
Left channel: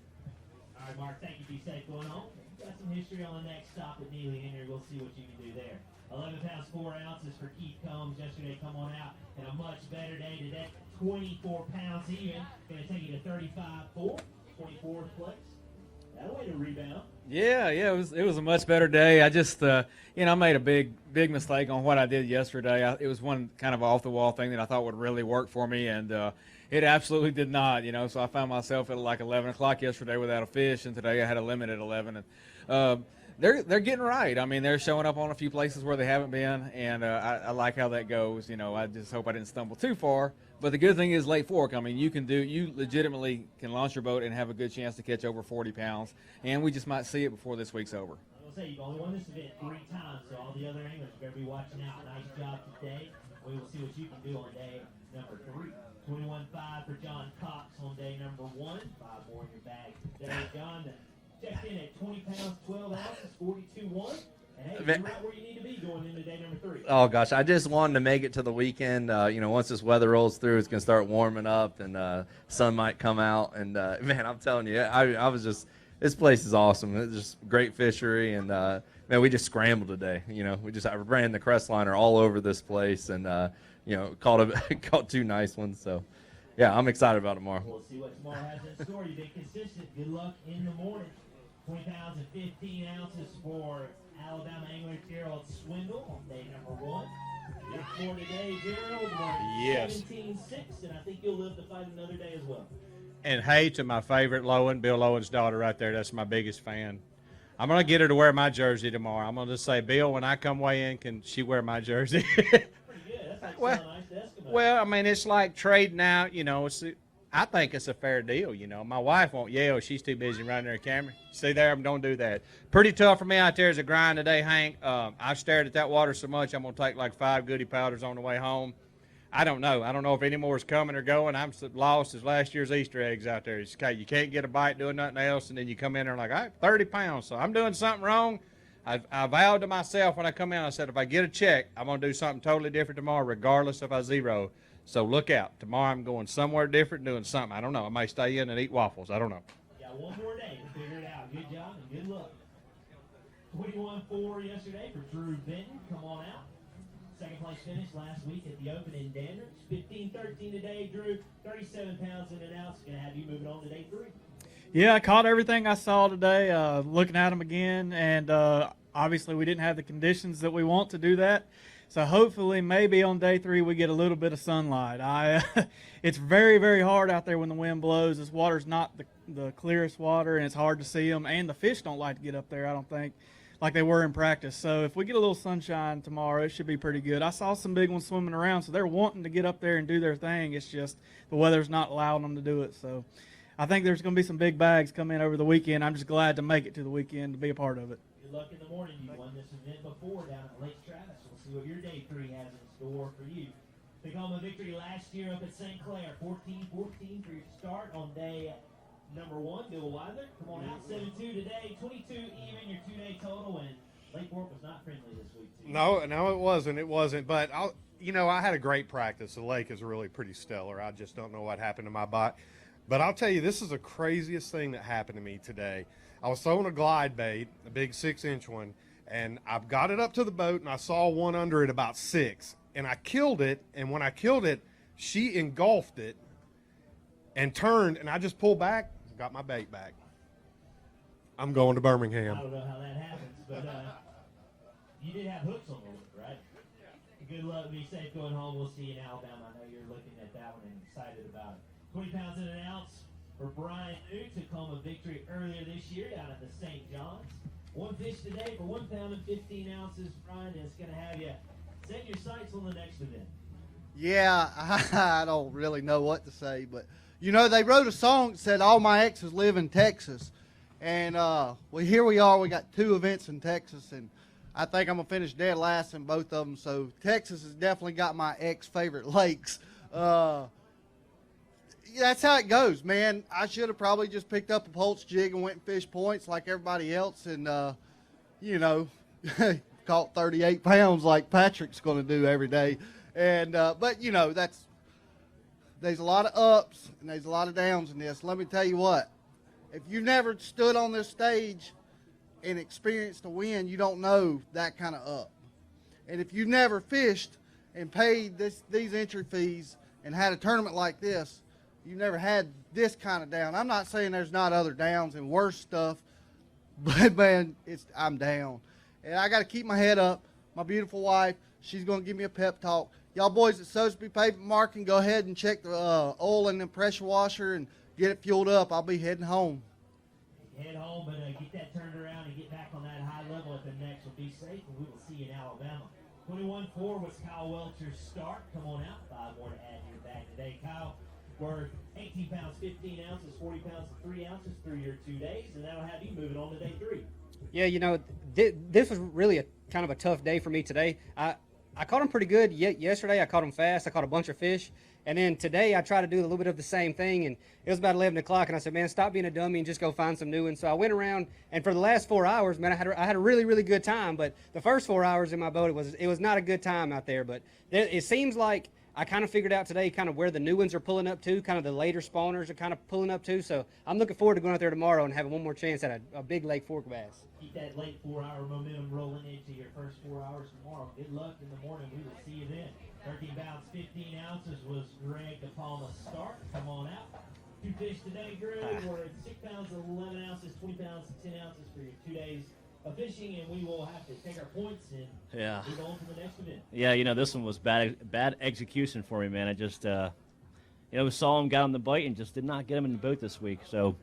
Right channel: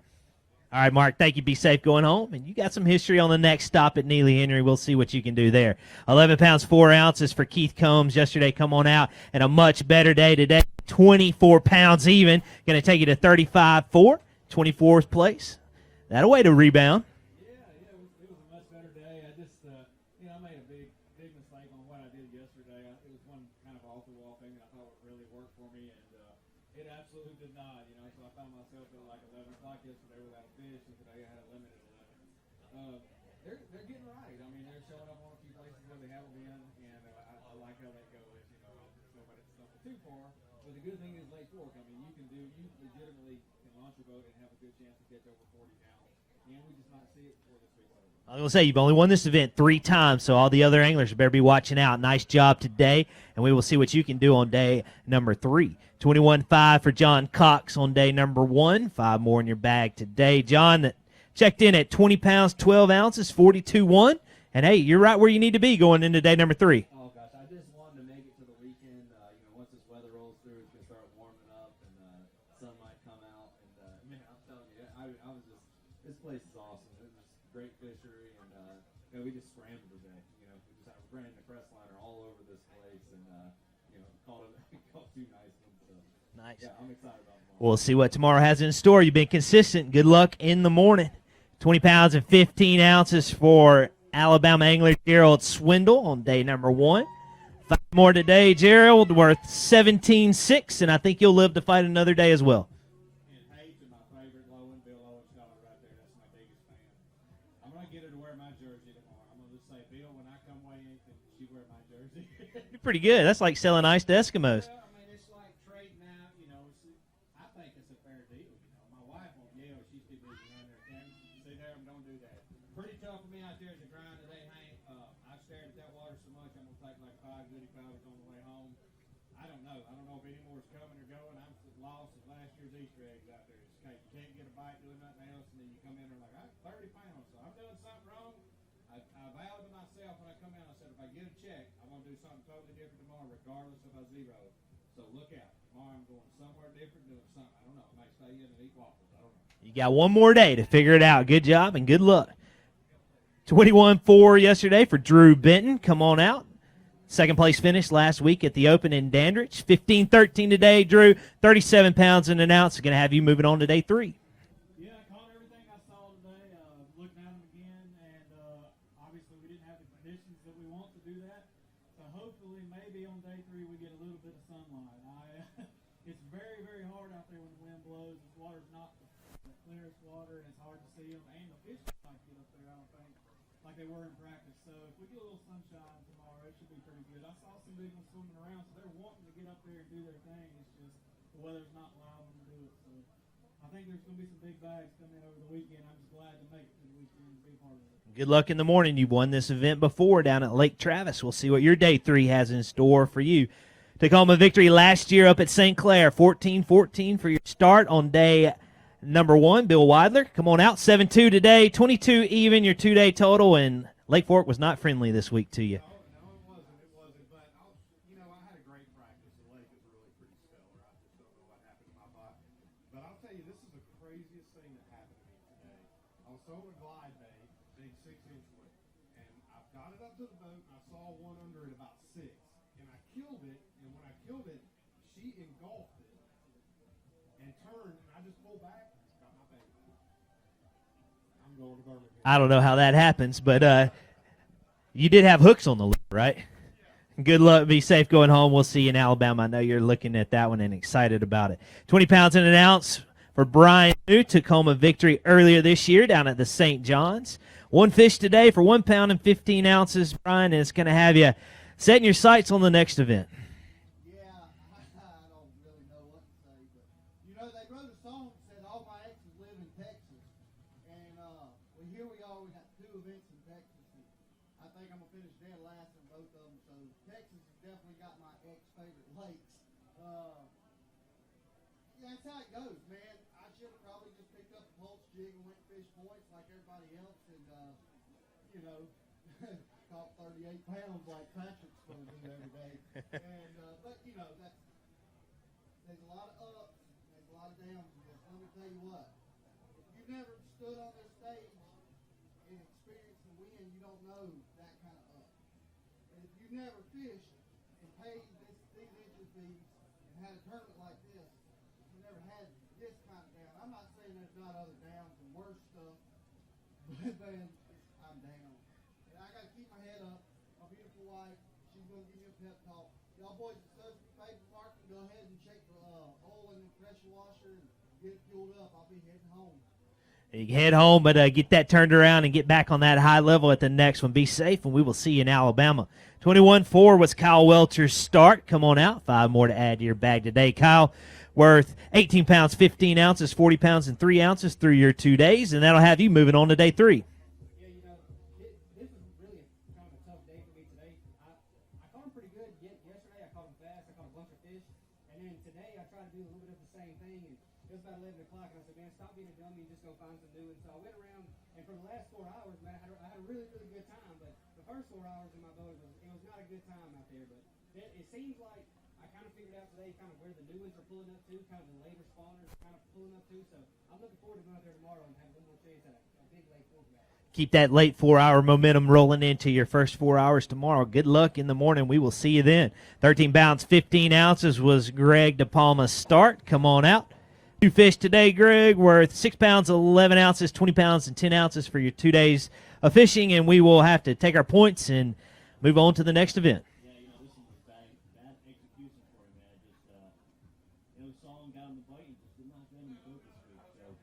All right, Mark, thank you. Be safe going home. And you got some history on the next stop at Neely Henry. We'll see what you can do there. 11 pounds, 4 ounces for Keith Combs yesterday. Come on out. And a much better day today. 24 pounds even. Going to take you to 35-4, 24th place. That'll way to rebound. Yeah, it was a much better day. I just, I made a big mistake on what I did yesterday. It was one kind of off-the-wall thing that I thought would really work for me, and it absolutely did not, So I found myself at like 11 o'clock yesterday without a fish, and today I had a limit at 11. And they're getting right. I mean, they're showing up on a few places where they haven't been, and I like how that goes. I just hope I didn't stumble too far. But the good thing is Lake Fork. I mean, you legitimately can launch your boat and have a good chance to catch over 40 pounds, and we just might see it before this week's over. I was going to say, you've only won this event 3 times, so all the other anglers better be watching out. Nice job today, and we will see what you can do on day number 3. 21-5 for John Cox on day number 1. 5 more in your bag today. John that checked in at 20 pounds, 12 ounces, 42-1. And, hey, you're right where you need to be going into day number 3. Oh, gosh, I just wanted to make it to the weekend. Once this weather rolls through, it's going to start warming up, and sun might come out. And, man, I'm telling you, I was just – this place is awesome. It's just great fishery, and, man, we just scrambled today. I ran the crest liner all over this place and, caught 2 nice ones. So, yeah, I'm excited about tomorrow. We'll see what tomorrow has in store. You've been consistent. Good luck in the morning. 20 pounds and 15 ounces for Alabama angler Gerald Swindle on day number 1. 5 more today, Gerald, worth 17-6, and I think you'll live to fight another day as well. And hey to my favorite Lowen, Bill Lowen's daughter right there. That's my biggest fan. I'm going to get her to wear my jersey tomorrow. I'm going to say, Bill, when I come weigh in, can she wear my jersey? Pretty good. That's like selling ice to Eskimos. Well, I mean, it's like trading out, I think it's a fair deal, My wife won't yell. She's too busy running her camera. See there, don't do that. Pretty tough for me out there as a grind today, Hank. I've stared at that water so much, I'm going to take like 5 goody powders on the way home. I don't know. I don't know if any more is coming or going. I'm lost as last year's Easter eggs out there. It's okay. You can't get a bite doing nothing else, and then you come in there and like, all right, 30 pounds. So I'm doing something wrong. I vowed to myself when I come in, I said, if I get a check, I'm going to do something totally different tomorrow, regardless if I zero. So look out. Tomorrow I'm going somewhere different, doing something. I don't know. I may stay in and eat waffles. I don't know. You got one more day to figure it out. Good job and good luck. 21-4 yesterday for Drew Benton. Come on out. Second place finish last week at the Open in Dandridge. 15-13 today, Drew. 37 pounds and an ounce. Going to have you moving on to day 3. Yeah, I caught everything I saw today, looking at them again, and obviously we didn't have the conditions that we want to do that. So hopefully, maybe on day 3 we get a little bit of sunlight. It's very, very hard out there when the wind blows. This water's not the clearest water, and it's hard to see them. And the fish don't like to get up there, I don't think, like they were in practice. So if we get a little sunshine tomorrow, it should be pretty good. I saw some big ones swimming around, so they're wanting to get up there and do their thing. It's just the weather's not allowing them to do it. So I think there's going to be some big bags come in over the weekend. I'm just glad to make it to the weekend to be a part of it. Good luck in the morning. You won this event before down at Lake Travis. We'll see what your day 3 has in store for you. Tacoma victory last year up at St. Clair, 14-14 for your start on day number 1. Bill Weidler, come on out. 7-2 today, 22 even, your 2-day total, and Lake Fork was not friendly this week to you. No, it wasn't. It wasn't. But, I had a great practice. The lake is really pretty stellar. I just don't know what happened to my bike. But I'll tell you, this is the craziest thing that happened to me today. I was throwing a glide bait, a big 6-inch one, and I got it up to the boat, and I saw one under it about 6. And I killed it, and when I killed it, she engulfed it and turned, and I just pulled back, got my bait back. I'm going to Birmingham. I don't know how that happens, but you did have hooks on the lip, right? Good luck. Be safe going home. We'll see you in Alabama. I know you're looking at that one and excited about it. 20 pounds and an ounce for Brian New. Tacoma victory earlier this year down at the St. John's. 1 fish today for 1 pound and 15 ounces, Brian, and it's going to have you setting your sights on the next event. Yeah, I don't really know what to say, but, they wrote a song that said all my exes live in Texas. And here we are. We got 2 events in Texas, and I think I'm going to finish dead last in both of them. So Texas has definitely got my ex-favorite lakes. That's how it goes, man. I should have probably just picked up a pulse jig and went and fished points like everybody else and, caught 38 pounds like Patrick's going to do every day. And but, there's a lot of ups and there's a lot of downs in this. Let me tell you what. If you've never stood on this stage and experienced a win, you don't know that kind of up. And if you've never fished and paid these entry fees and had a tournament like this, you never had this kind of down. I'm not saying there's not other downs and worse stuff, but, man, I'm down. And I got to keep my head up. My beautiful wife, she's going to give me a pep talk. Y'all boys at Sotheby Pavement Marking, go ahead and check the oil in the pressure washer and get it fueled up. I'll be heading home. You can head home, but get that turned around and get back on that high level at the next one. Be safe, and we will see you in Alabama. 21-4 was Kyle Welcher's start. Come on out. 5 more to add to your bag today. Kyle, worth 18 pounds, 15 ounces, 40 pounds, and 3 ounces through your 2 days, and that'll have you moving on to day 3. Yeah, this was really a kind of a tough day for me today. I caught them pretty good yesterday. I caught them fast. I caught a bunch of fish. And then today I tried to do a little bit of the same thing, and it was about 11 o'clock, and I said, man, stop being a dummy and just go find some new ones. So I went around, and for the last 4 hours, man, I had a really, really good time. But the first 4 hours in my boat, it was not a good time out there. But it seems like I kind of figured out today kind of where the new ones are pulling up to, kind of the later spawners are kind of pulling up to. So I'm looking forward to going out there tomorrow and having one more chance at a big Lake Fork bass. Keep that late 4-hour momentum rolling into your first 4 hours tomorrow. Good luck in the morning. We will see you then. 13 pounds, 15 ounces was Greg DePalma's start. Come on out. 2 fish today, Greg, worth 6 pounds, 11 ounces, 20 pounds, and 10 ounces for your 2 days of fishing, and we will have to take our points and move on to the next event. Yeah, this one was bad execution for me, man. I just, saw him, got him the bite, and just did not get him in the boat this week. So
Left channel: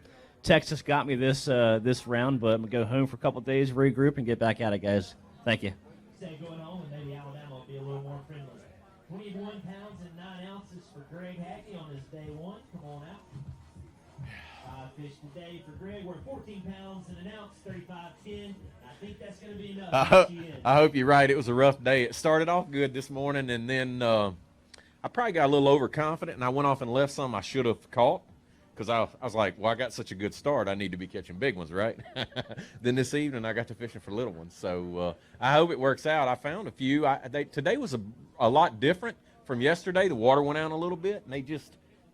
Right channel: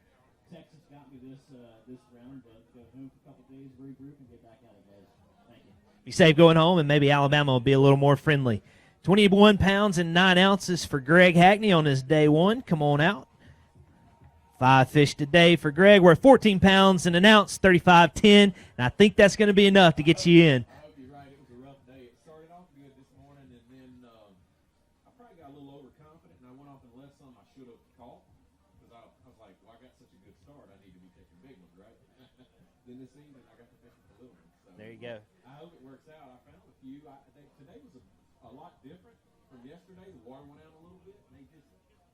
Texas got me this round, but I'm going to go home for a couple of days, regroup, and get back at it, guys. Thank you. Be safe going home, and maybe Alabama will be a little more friendly. 21 pounds and 9 ounces for Greg Hackney on his day 1. Come on out. 5 fish today for Greg. We're 14 pounds and an ounce, 35.10, and I think that's going to be enough to get you in. I hope you're right. It was a rough day. It started off good this morning, and then I probably got a little overconfident, and I went off and left some I should have caught because I was like, well, I got such a good start. I need to be catching big ones, right? Then this evening I got to fishing for little ones. So I hope it works out. I found a few. Today was a lot different from yesterday. The water went out a little bit, and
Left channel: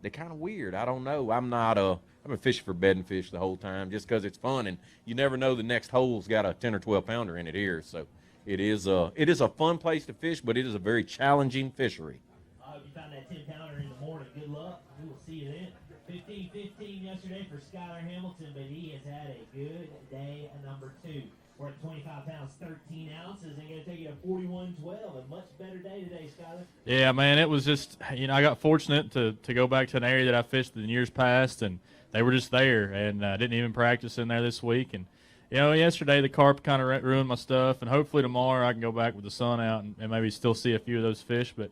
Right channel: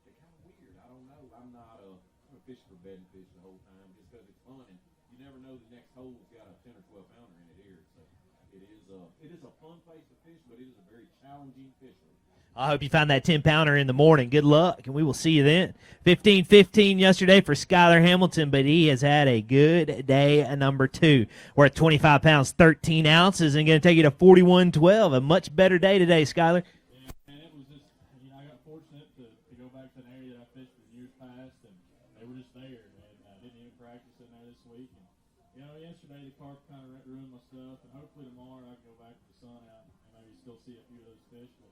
they're kind of weird. I don't know. I've been fishing for bedding fish the whole time just because it's fun, and you never know the next hole's got a 10 or 12 pounder in it here. So it is a fun place to fish, but it is a very challenging fishery. I hope you find that 10-pounder in the morning. Good luck, and we will see you then. 15-15 yesterday for Skyler Hamilton, but he has had a good day at number 2. We're at 25 pounds, 13 ounces, and going to take you to 41-12. A much better day today, Skyler. Yeah, man, it was just, I got fortunate to go back to an area that I fished in years past, and they were just there, and I didn't even practice in there this week. And, yesterday the carp kind of ruined my stuff, and hopefully tomorrow I can go back with the sun out and maybe still see a few of those fish. But,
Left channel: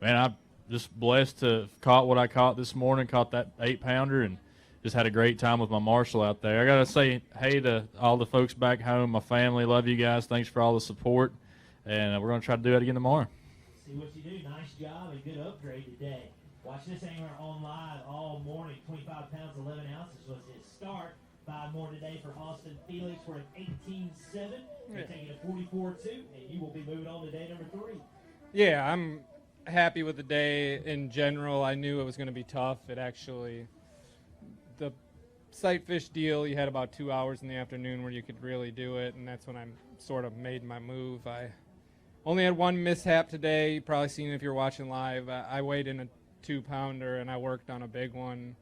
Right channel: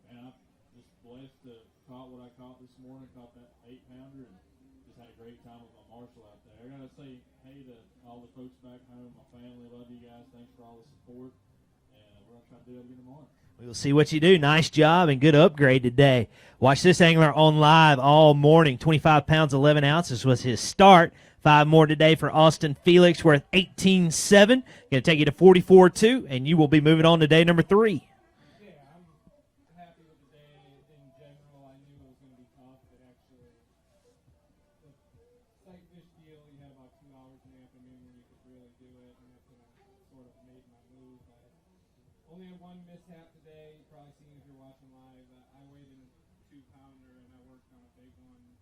man, I'm just blessed to have caught what I caught this morning, caught that 8-pounder, and just had a great time with my marshal out there. I got to say hey to all the folks back home, my family. Love you guys. Thanks for all the support, and we're going to try to do it again tomorrow. We'll see what you do. Nice job and good upgrade today. Watch this angler on live all morning. 25 pounds, 11 ounces was his start. 5 more today for Austin Felix, worth 18.7. Going to take you to 44.2, and you will be moving on to day number 3. Yeah, I'm happy with the day in general. I knew it was going to be tough. The sight fish deal, you had about 2 hours in the afternoon where you could really do it, and that's when I sort of made my move. I only had one mishap today. You've probably seen it if you're watching live. I weighed in a 2-pounder, and I worked on a big one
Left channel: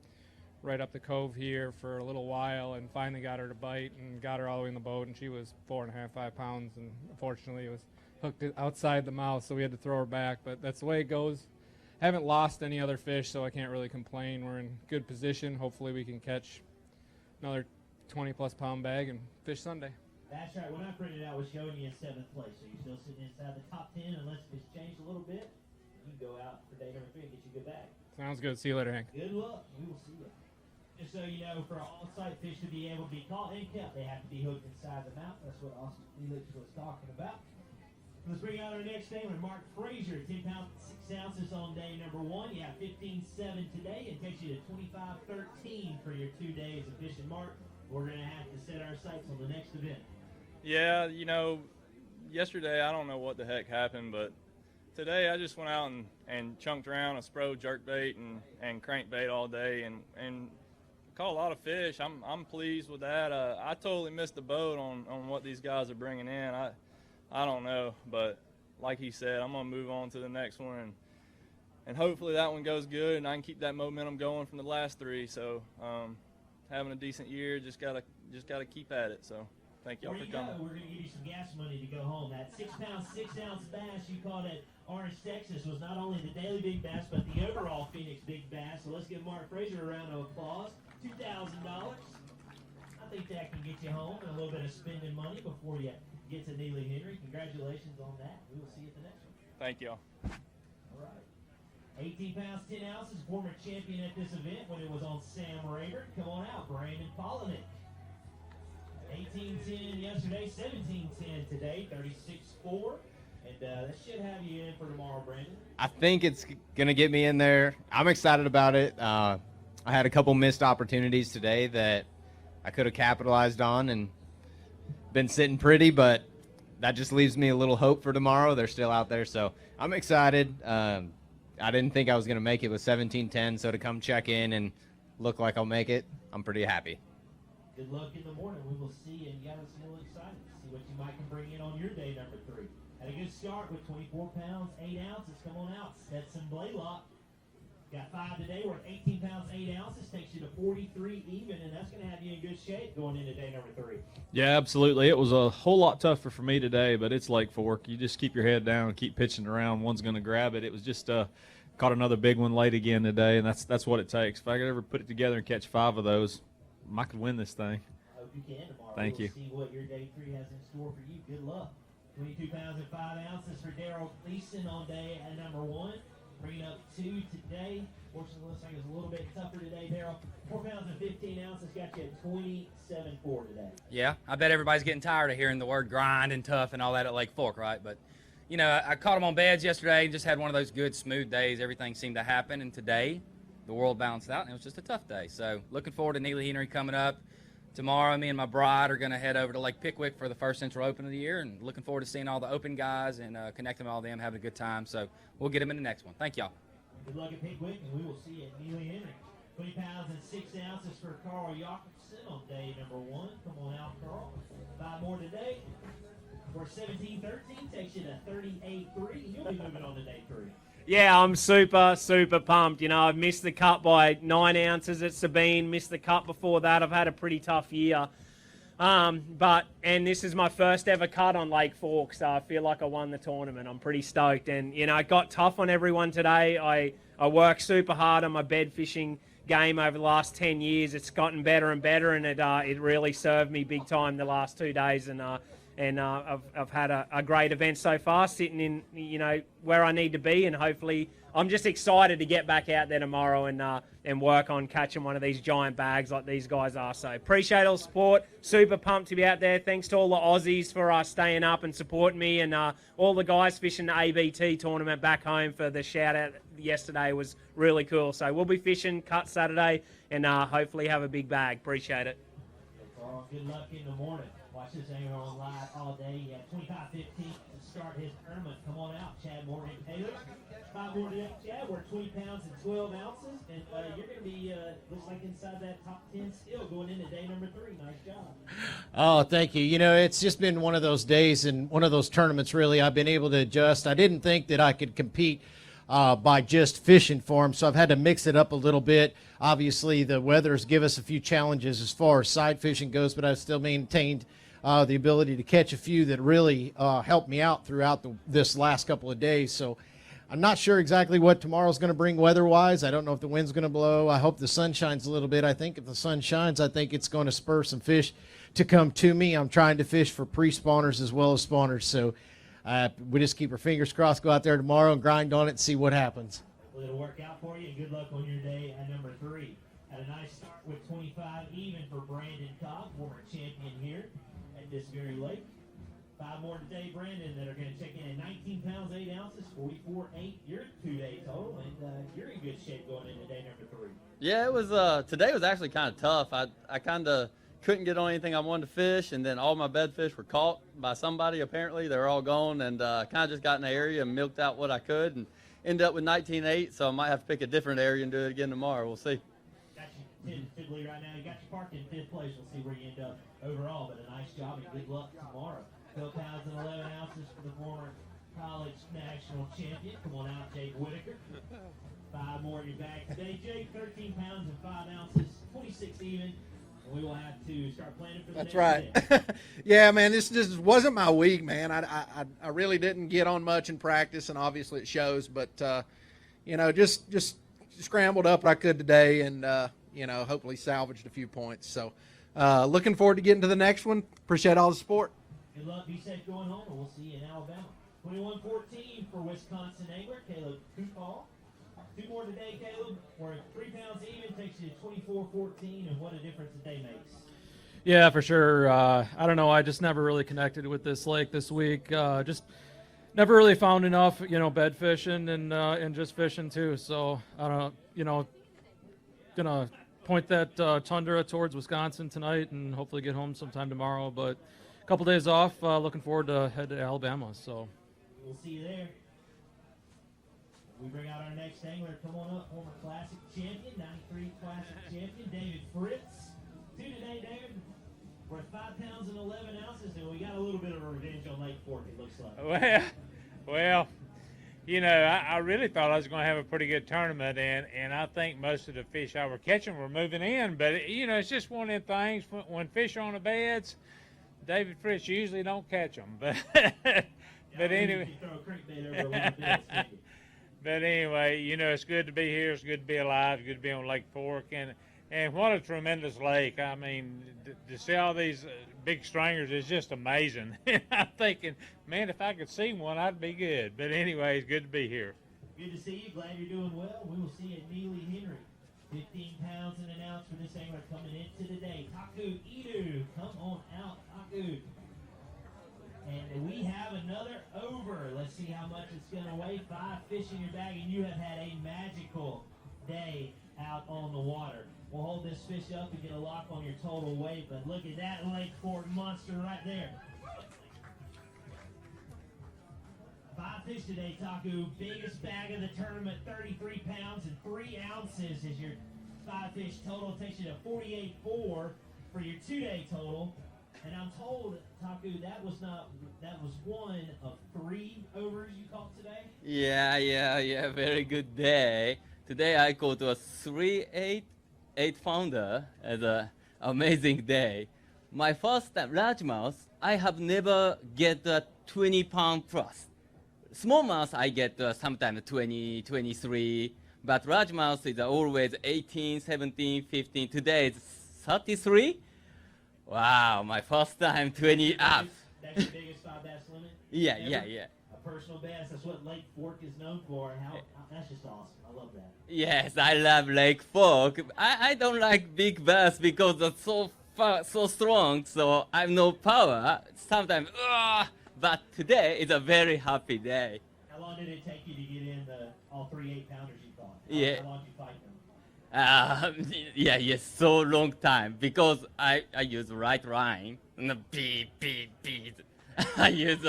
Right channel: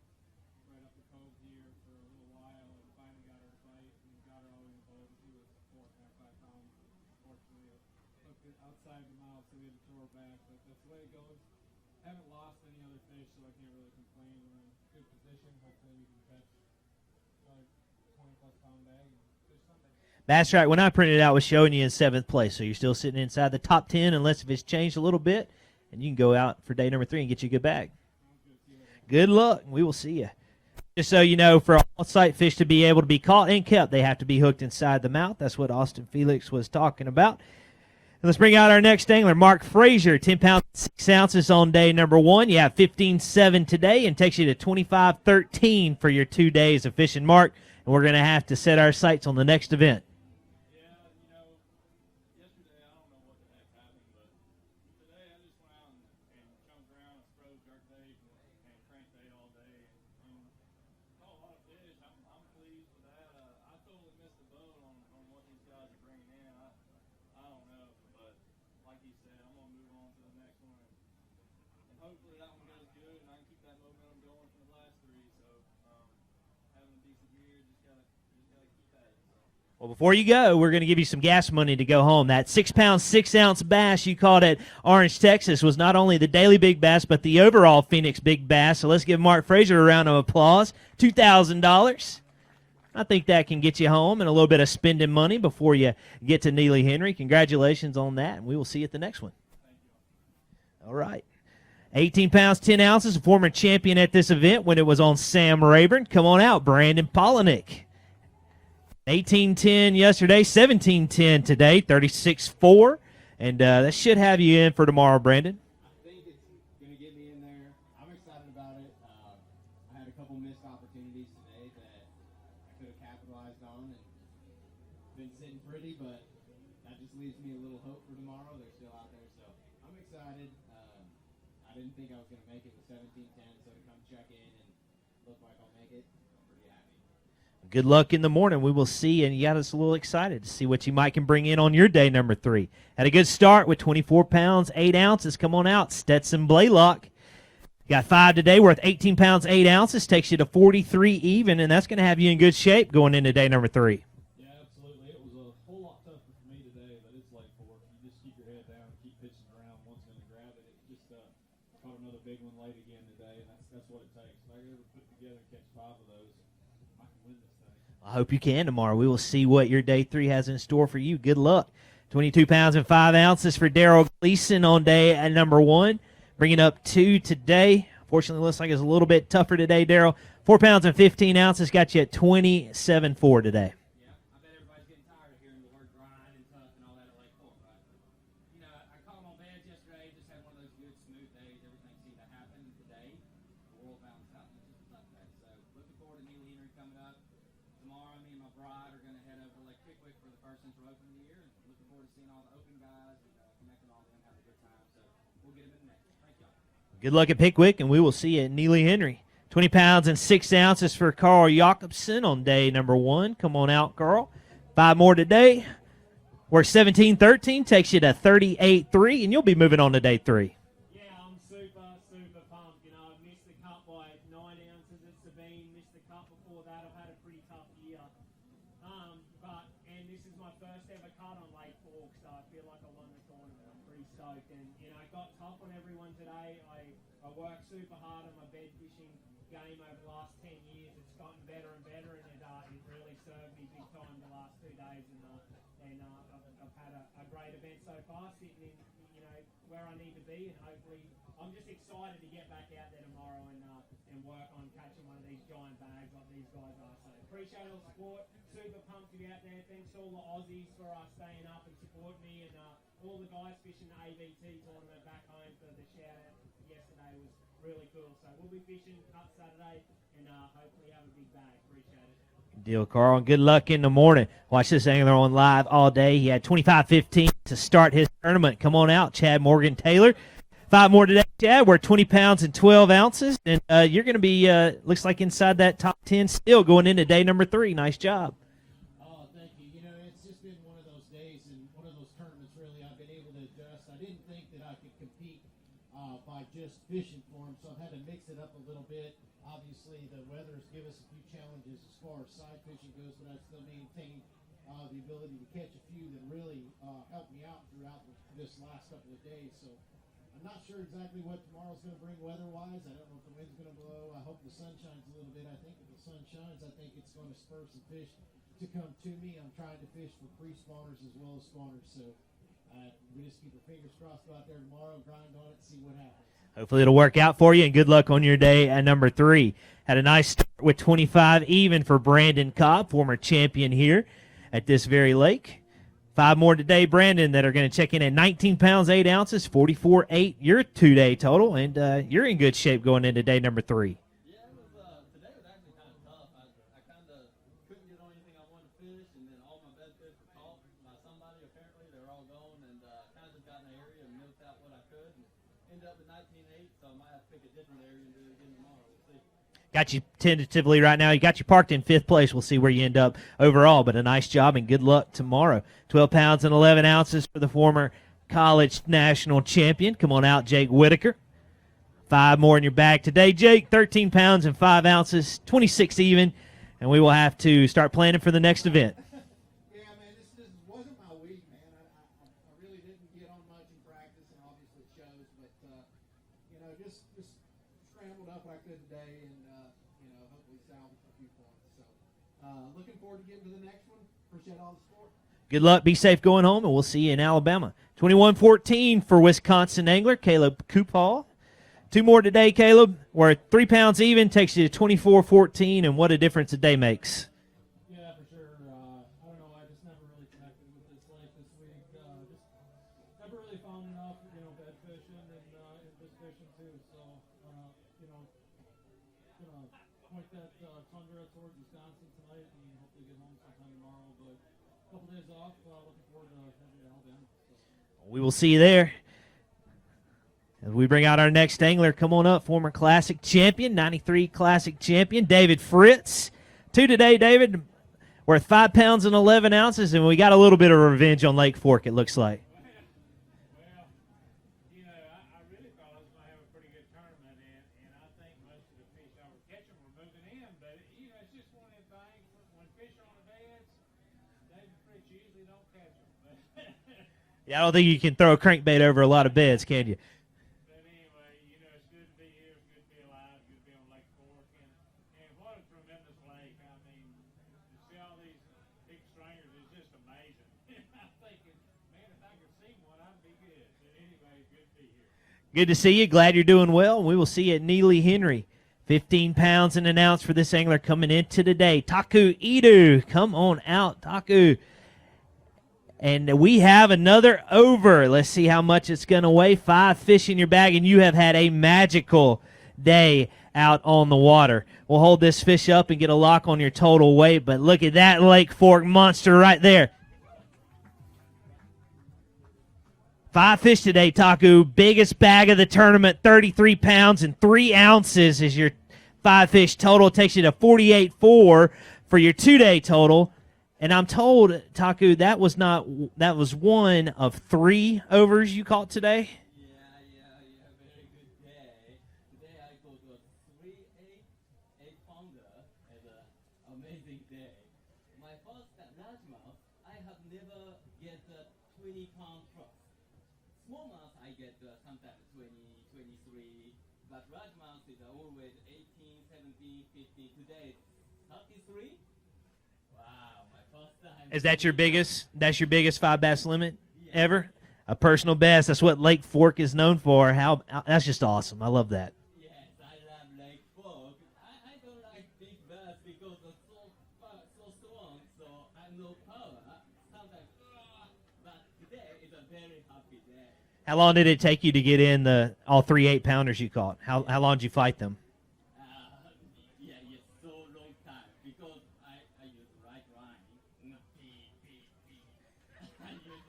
right up the cove here for a little while and finally got her to bite and got her all the way in the boat, and she was 4.5, 5 pounds, and unfortunately it was hooked outside the mouth, so we had to throw her back. But that's the way it goes. Haven't lost any other fish, so I can't really complain. We're in good position. Hopefully we can catch another 20-plus pound bag and fish Sunday. That's right. When I printed it out, it was showing you in 7th place, so you're still sitting inside the top 10 unless if it's changed a little bit, and you can go out for day number 3 and get you a good bag. Sounds good. See you later, Hank. Good luck. We will see you. Just so you know, for all sight fish to be able to be caught and kept, they have to be hooked inside the mouth. That's what Austin Felix was talking about. And let's bring out our next angler, Mark Frazier, 10 pounds, 6 ounces on day number 1. You have 15.7 today and takes you to 25.13 for your 2 days of fishing, Mark. And we're going to have to set our sights on the next event. Yeah, yesterday I don't know what the heck happened, but today I just went out and chunked around a spro jerkbait and crankbait all day and caught a lot of fish. I'm pleased with that. I totally missed the boat on what these guys are bringing in. I don't know, but like he said, I'm gonna move on to the next one and hopefully that one goes good and I can keep that momentum going from the last 3. So having a decent year, just gotta keep at it. So. Well, before you go, we're going to give you some gas money to go home. That 6-pound, 6-ounce bass you caught at Orange, Texas was not only the daily big bass, but the overall Phoenix big bass. So let's give Mark Frazier a round of applause. $2,000. I think that can get you home and a little bit of spending money before you get to Neely Henry. Congratulations on that, and we will see you at the next one. Thank you. All right. 18 pounds, 10 ounces, a former champion at this event when it was on Sam Rayburn. Come on out, Brandon Polinick. 18-10 yesterday, 17-10 today, 36-4. And that should have you in for tomorrow, Brandon. I think it's going to get me in there. I'm excited about it. I had a couple missed opportunities today that I could have capitalized on and been sitting pretty, but that just leaves me a little hope for tomorrow. They're still out there, so I'm excited. I didn't think I was going to make it with 17-10, so to come check in and look like I'll make it, I'm pretty happy. Good luck in the morning. We will see, and you got us a little excited to see what you might can bring in on your day number 3. Had a good start with 24 pounds, 8 ounces. Come on out, Stetson Blaylock. Got 5 today worth 18 pounds, 8 ounces. Takes you to 43 even, and that's going to have you in good shape going into day number 3. Yeah, absolutely. It was a whole lot tougher for me today, but it's Lake Fork. You just keep your head down and keep pitching around. One's going to grab it. It was just caught another big one late again today, and that's what it takes. If I could ever put it together and catch 5 of those, I could win this thing. I hope you can tomorrow. Thank we will you. see what your day 3 has in store for you. Good luck. 22 pounds and 5 ounces for Daryl Gleason on day at number 1. Bringing up 2 today. Fortunately, looks like it's a little bit tougher today, Daryl. 4 pounds and 15 ounces got you at 27.4 today. Yeah, I bet everybody's getting tired of hearing the word grind and tough and all that at Lake Fork, right? But, I caught them on beds yesterday and just had one of those good, smooth days. Everything seemed to happen, and today the world balanced out, and it was just a tough day. So looking forward to Neely Henry coming up. Tomorrow, me and my bride are going to head over to Lake Pickwick for the first Central Open of the year, and looking forward to seeing all the Open guys and connecting with all of them, having a good time. So we'll get them in the next one. Thank y'all. Good luck at Pickwick, and we will see you at Neely Henry. 20 pounds and 6 ounces for Carl Jacobson on day number 1. Come on out, Carl. 5 more today. We're 17-13, takes you to 38.3, and you'll be moving on to day 3. Yeah, I'm super pumped. You know, I've missed the cut by 9 ounces at Sabine, missed the cut before that. I've had a pretty tough year. And this is my first ever cut on Lake Fork, so I feel like I won the tournament. I'm pretty stoked. And, you know, it got tough on everyone today. I worked super hard on my bed fishing game over the last 10 years. It's gotten better and better, and it really served me big time the last 2 days. And I've had a great event so far, sitting in, you know, where I need to be, and hopefully I'm just excited to get back out there tomorrow and work on catching one of these giant bags like these guys are. So appreciate all the support. Super pumped to be out there. Thanks to all the Aussies for staying up and supporting me, and all the guys fishing the ABT tournament back home for the shout out yesterday was really cool. So we'll be fishing cut Saturday and hopefully have a big bag. Appreciate it. Deal, Carl. Good luck in the morning. Watch this angler on live all day. He had 25-15 to start his tournament. Come on out, Chad Morgan Taylor. 5 more today, Chad. We're 20 pounds and 12 ounces. And you're going to be, looks like inside that top 10 still going into day number 3. Nice job. Oh, thank you. You know, it's just been one of those days and one of those tournaments, really. I've been able to adjust. I didn't think that I could compete by just fishing for them, so I've had to mix it up a little bit. Obviously, the weather's give us a few challenges as far as side fishing goes, but I've still maintained the ability to catch a few that really helped me out throughout this last couple of days. So I'm not sure exactly what tomorrow's going to bring weather-wise. I don't know if the wind's going to blow. I hope the sun shines a little bit. I think if the sun shines, I think it's going to spur some fish to come to me. I'm trying to fish for pre-spawners as well as spawners, so we just keep our fingers crossed, go out there tomorrow and grind on it and see what happens. Hopefully it'll work out for you, and good luck on your day at number 3. Had a nice start with 25 even for Brandon Cobb, former champion here at this very lake. 5 more today, Brandon, that are going to check in at 19 pounds, 8 ounces, 44.8, your 2-day total, and you're in good shape going into day number 3. Yeah, it was. Today was actually kind of tough. I kind of couldn't get on anything I wanted to fish, and then all my bed fish were caught by somebody. Apparently, they were all gone, and kind of just got in the area and milked out what I could, and ended up with 19.8. So I might have to pick a different area and do it again tomorrow. We'll see. Got you tentatively right now. You got you parked in 5th place. We'll see where you end up overall, but a nice job and good luck tomorrow. 12 pounds and 11 ounces for the former college national champion. Come on out, Jake Whitaker. 5 more in your bag today, Jake. 13 pounds and 5 ounces, 26 even, and we will have to start planning for the next event. Yeah, man, this just wasn't my week, man. I really didn't get on much in practice, and obviously it shows. But you know, just scrambled up what I could today, and you know, hopefully salvaged a few points. So looking forward to getting to the next one. Appreciate all the support. Good luck. Be safe going home, and we'll see you in Alabama. 21-14 for Wisconsin angler Caleb Coupal. 2 more today, Caleb. We're 3 pounds even, takes you to 24-14, and what a difference a day makes. Yeah, for sure. I don't know. I just never really connected with this lake this week. Just never really found enough, you know, bed fishing and just fishing too. So I don't know, you know, gonna point that Tundra towards Wisconsin tonight and hopefully get home sometime tomorrow. But a couple days off. Looking forward to head to Alabama. So we will see you there. As we bring out our next angler, come on up, former Classic champion, 93 Classic champion, David Fritz. 2 today, David. We're at 5 pounds and 11 ounces, and we got a little bit of revenge on Lake Fork, it looks like. Well, you know, I really thought I was going to have a pretty good tournament, and I think most of the fish I were catching were moving in. But, you know, it's just one of them things. When fish are on the beds, David Fritz usually don't catch them. But yeah, I don't think you can throw a crankbait over a lot of beds, can you? But anyway, you know, it's good to be here. It's good to be alive. It's good to be on Lake Fork. And what a tremendous lake. I mean, to see all these big stringers is just amazing. I'm thinking, man, if I could see one, I'd be good. But anyway, it's good to be here. Good to see you. Glad you're doing well. We will see you at Neely Henry. 15 pounds and an ounce for this angler coming into today. Taku Idu, come on out, Taku. And we have another over. Let's see how much it's going to weigh. 5 fish in your bag, and you have had a magical day out on the water. We'll hold this fish up and get a lock on your total weight, but look at that Lake Fork monster right there. 5 fish today, Taku. Biggest bag of the tournament, 33 pounds and 3 ounces is your 5 fish total. Takes you to 48.4 for your 2-day total. And I'm told, Taku, that was one of 3 overs you caught today. Yeah. Very good day. Today I caught a 3.8 8-pounder as an amazing day. My first time largemouth, I have never get a 20-pound plus. Smallmouth I get sometimes 20, 23, but largemouth is always 18, 17, 15. Today it's 33. Wow, my first time. Is that your biggest? That's your biggest 5 bass limit ever? Yeah. A personal best. That's what Lake Fork is known for. That's just awesome. I love that. Yes, I love Lake Fork. I don't like big bass because they're so strong, so I have no power. Sometimes, but today is a very happy day. How long did it take you to get in all 3 8-pounders you caught? How long did you fight them? So long time because I use right line and the beat. I use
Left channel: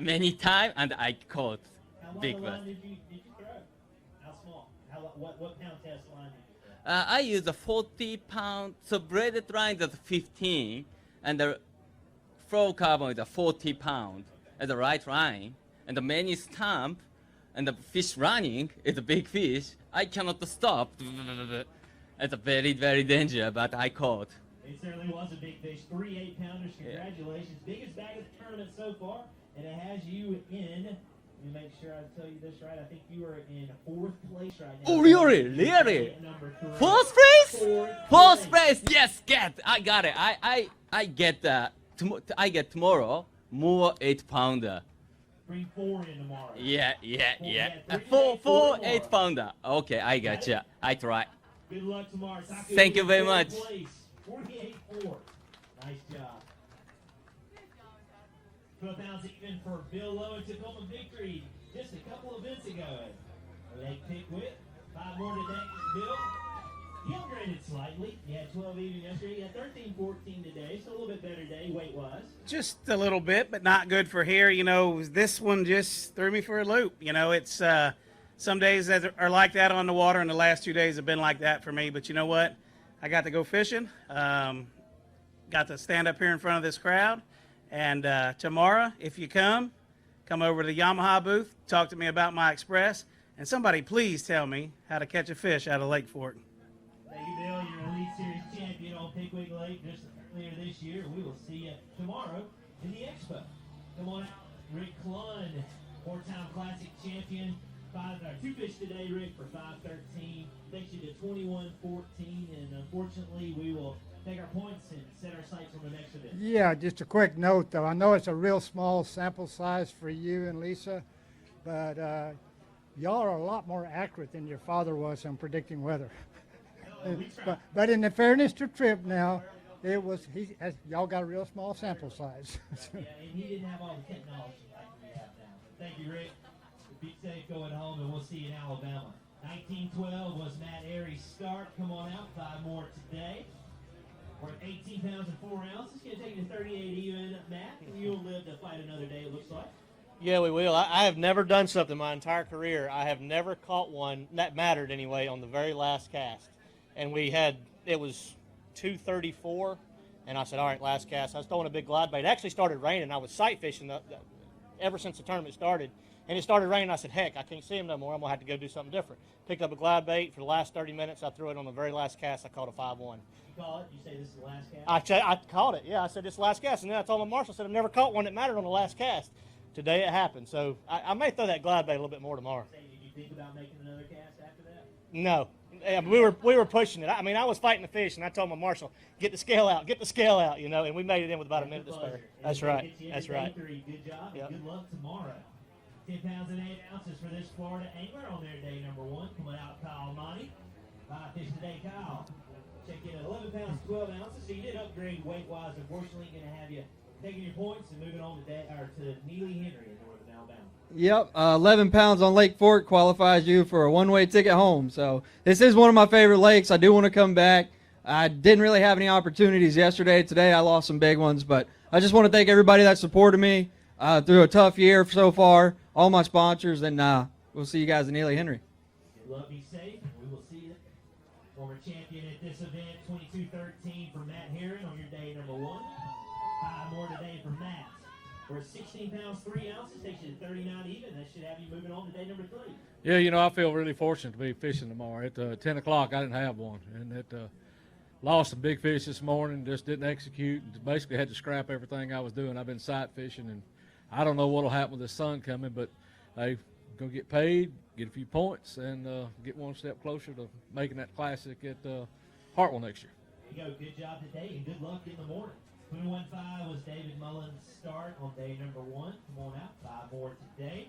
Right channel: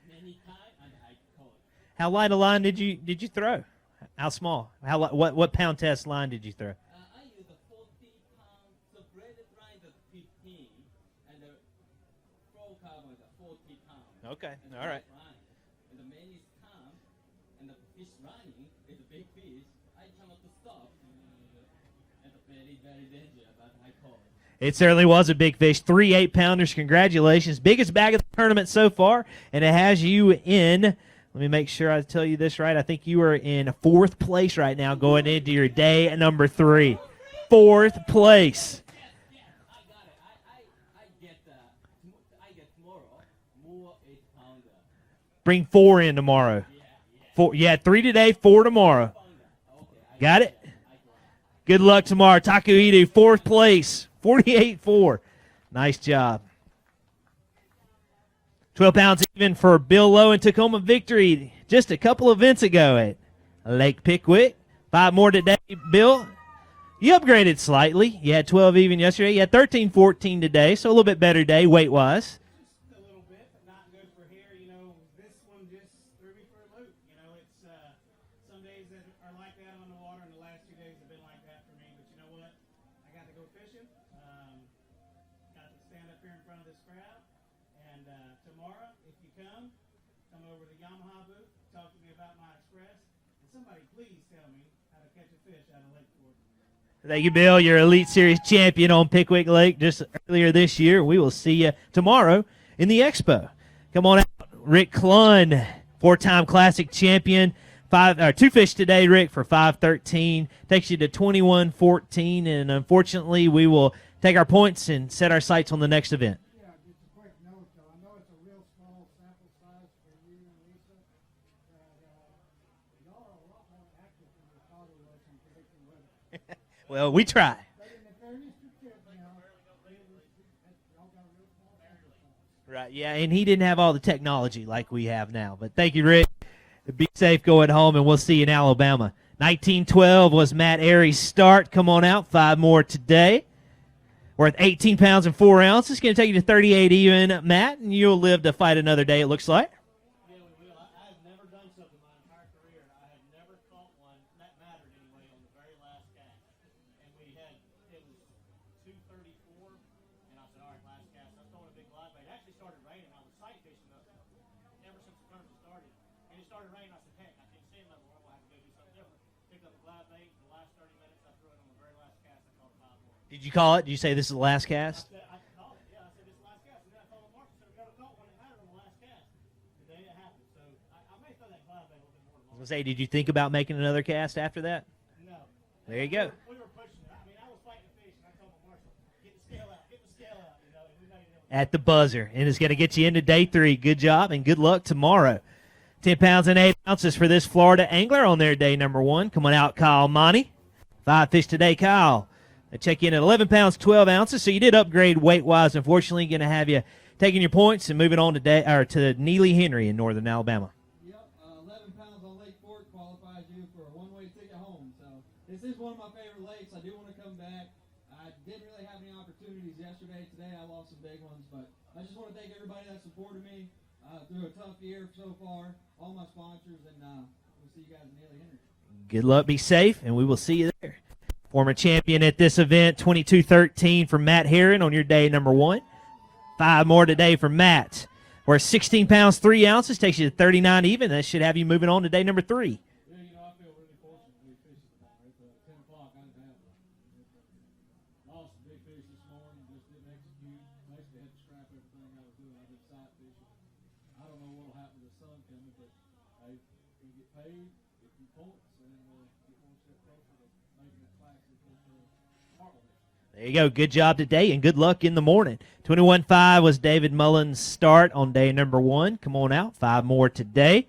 many times and I caught. How light a line did you throw? How small? What pound test line did you throw? I use a 40-pound. So braided line is 15, and the fluorocarbon is a 40 pound. Okay. As a right line, and the many stamp, and the fish running is a big fish. I cannot stop. It's a very, very dangerous, but I caught. It certainly was a big fish. 3 8-pounders. Congratulations. Biggest bag of the tournament so far, and it has you in. Let me make sure I tell you this right. I think you are in 4th place right now, going into your day at number 3. 4th place? 4th place. 4th place. Yes, I got it. I get tomorrow more 8-pounder. Bring 4 in tomorrow. Yeah. 3 today, 4 tomorrow. 8-pounder. Okay, I got it. I try. Good luck tomorrow. Taku Thank you Idu, very 4th much. place, 48-4. Nice job. 12 pounds even for Bill Lowe in Tacoma victory just a couple events ago at Lake Pickwick. 5 more today, Bill. You upgraded slightly. You had 12 even yesterday. You had 13-14 today, so a little bit better day weight-wise. Just a little bit, but not good for here. This one just threw me for a loop. It's some days that are like that on the water, and the last 2 days have been like that for me. But you know what? I got to go fishing. Got to stand up here in front of this crowd. And tomorrow, if you come over to the Yamaha booth, talk to me about my Express, and somebody please tell me how to catch a fish out of Lake Fork. Thank you, Bill. You're Elite Series champion on Pickwick Lake just earlier this year. We will see you tomorrow in the Expo. Come on out, Rick Klun, 4-time Classic champion. 2 fish today, Rick, for 5-13. Takes you to 21-14, and unfortunately, we will take our points and set our sights on the next event. Yeah, just a quick note, though. I know it's a real small sample size for you and Lisa, but y'all are a lot more accurate than your father was on predicting weather. Well, we try. But in the fairness to Tripp now, y'all got a real small sample size. Right, yeah, and he didn't have all the technology like we have now. But thank you, Rick. Be safe going home, and we'll see you in Alabama. 1912 was Matt Airy's start. Come on out, 5 more today. Worth 18 pounds and 4 ounces. Going to take you to 38 even, Matt, and you'll live to fight another day, it looks like. Yeah, we will. I have never done something my entire career. I have never caught one that mattered anyway on the very last cast. And it was 2:34, and I said, all right, last cast. I was throwing a big glide bait. It actually started raining. I was sight fishing ever since the tournament started. And it started raining. I said, heck, I can't see him no more. I'm going to have to go do something different. Picked up a glide bait. For the last 30 minutes, I threw it on the very last cast. I caught a 5-1. Did you call it? Did you say this is the last cast? I caught it, yeah. I said, this is the last cast. And then I told my marshal, I said, I've never caught one that mattered on the last cast. Today it happened. So I may throw that glide bait a little bit more tomorrow. Say, did you think about making another cast after that? No. There We were pushing it. I was fighting the fish, and I told my marshal, get the scale out, and we made it in with about At the buzzer. And it's going to get you into day 3. Good job, and good luck tomorrow. 10 pounds and 8 ounces for this Florida angler on their day number 1. Come on out, Kyle Monty. 5 fish today, Kyle. I check you in at 11 pounds, 12 ounces. So you did upgrade weight-wise. Unfortunately, going to have you taking your points and moving on to Neely Henry in northern Alabama. Yep, 11 pounds on Lake Fork qualifies you for a one-way ticket home. So this is one of my favorite lakes. I do want to come back. I didn't really have any opportunities yesterday. Today I lost some big ones, but I just want to thank everybody that supported me through a tough year so far, all my sponsors, and we'll see you guys in Neely Henry. Good luck, be safe, and we will see you there. Former champion at this event, 22-13 for Matt Herron on your day number 1. 5 more today for Matt. Where 16 pounds, 3 ounces takes you to 39 even. That should have you moving on to day number 3. Yeah, you know, I feel really fortunate to be fishing tomorrow. At 10 o'clock, I didn't have one. And lost some big fish this morning, just didn't execute. Basically had to scrap everything I was doing. I've been sight fishing, and I don't know what will happen with the sun coming, but hey, going to get paid, get a few points, and get one step closer to making that classic at Hartwell next year. There you go. Good job today, and good luck in the morning. 21.5 was David Mullen's start on day number 1. Come on out. 5 more today.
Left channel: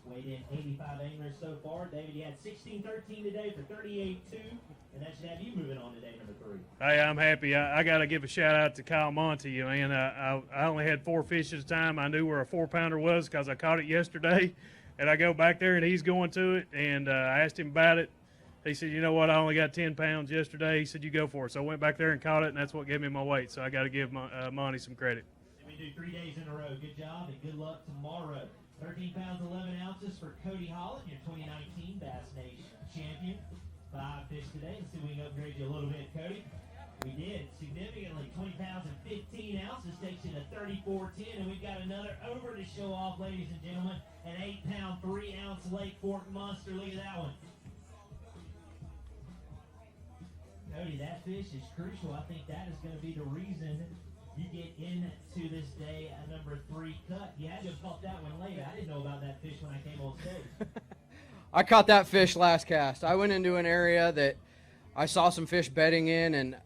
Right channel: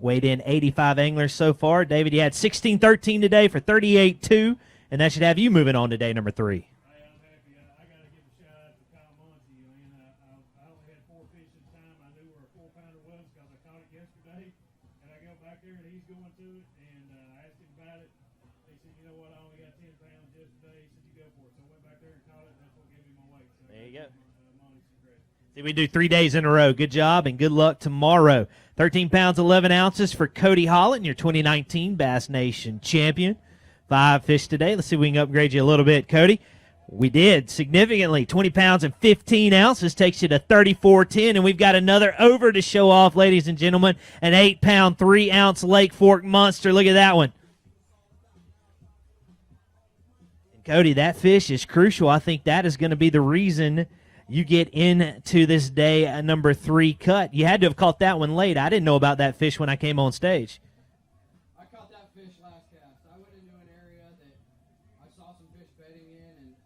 Weighed in 85 anglers so far. David, you had 16-13 today for 38.2, and that should have you moving on to day number 3. Hey, I'm happy. I got to give a shout-out to Kyle Monty. Man, I only had 4 fish at a time. I knew where a 4-pounder was because I caught it yesterday, and I go back there, and he's going to it, and I asked him about it. He said, you know what, I only got 10 pounds yesterday. He said, you go for it. So I went back there and caught it, and that's what gave me my weight. So I got to give Monty some credit. We do 3 days in a row. Good job, and good luck tomorrow. 13 pounds, 11 ounces for Cody Holland, your 2019 Bass Nation champion. 5 fish today. Let's see if we can upgrade you a little bit, Cody. We did significantly. 20 pounds and 15 ounces takes you to 34.10, and we've got another over to show off, ladies and gentlemen. An 8-pound, 3-ounce Lake Fork monster. Look at that one. Cody, that fish is crucial. I think that is going to be the reason you get into this day number 3 cut. You had to have caught that one late. I didn't know about that fish when I came on stage. I caught that fish last cast. I went into an area that I saw some fish bedding in, and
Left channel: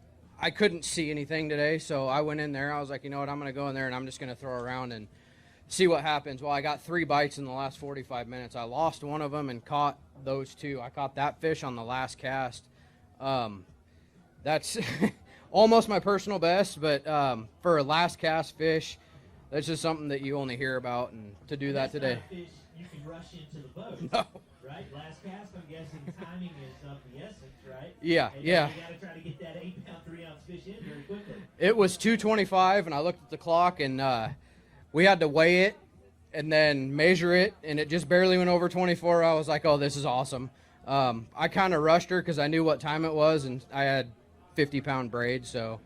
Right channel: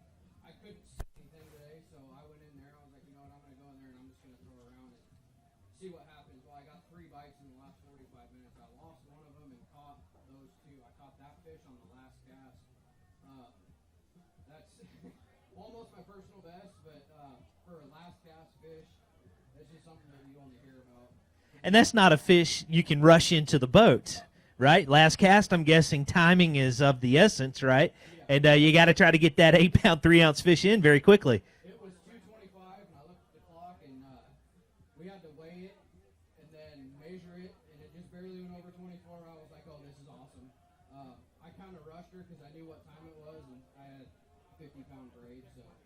I couldn't see anything today, so I went in there. I was like, you know what, I'm going to go in there, and I'm just going to throw around and see what happens. Well, I got 3 bites in the last 45 minutes. I lost one of them and caught those 2. I caught that fish on the last cast. That's almost my personal best, but for a last cast fish, that's just something that you only hear about. And that's not a fish you can rush into the boat, right? Last cast, I'm guessing timing is of the essence, right? Yeah. And you got to try to get that 8-pound, 3-ounce fish in very quickly. It was 2:25, and I looked at the clock, and we had to weigh it and then measure it, and it just barely went over 24. I was like, oh, this is awesome. I kind of rushed her because I knew what time it was, and I had 50-pound braid, so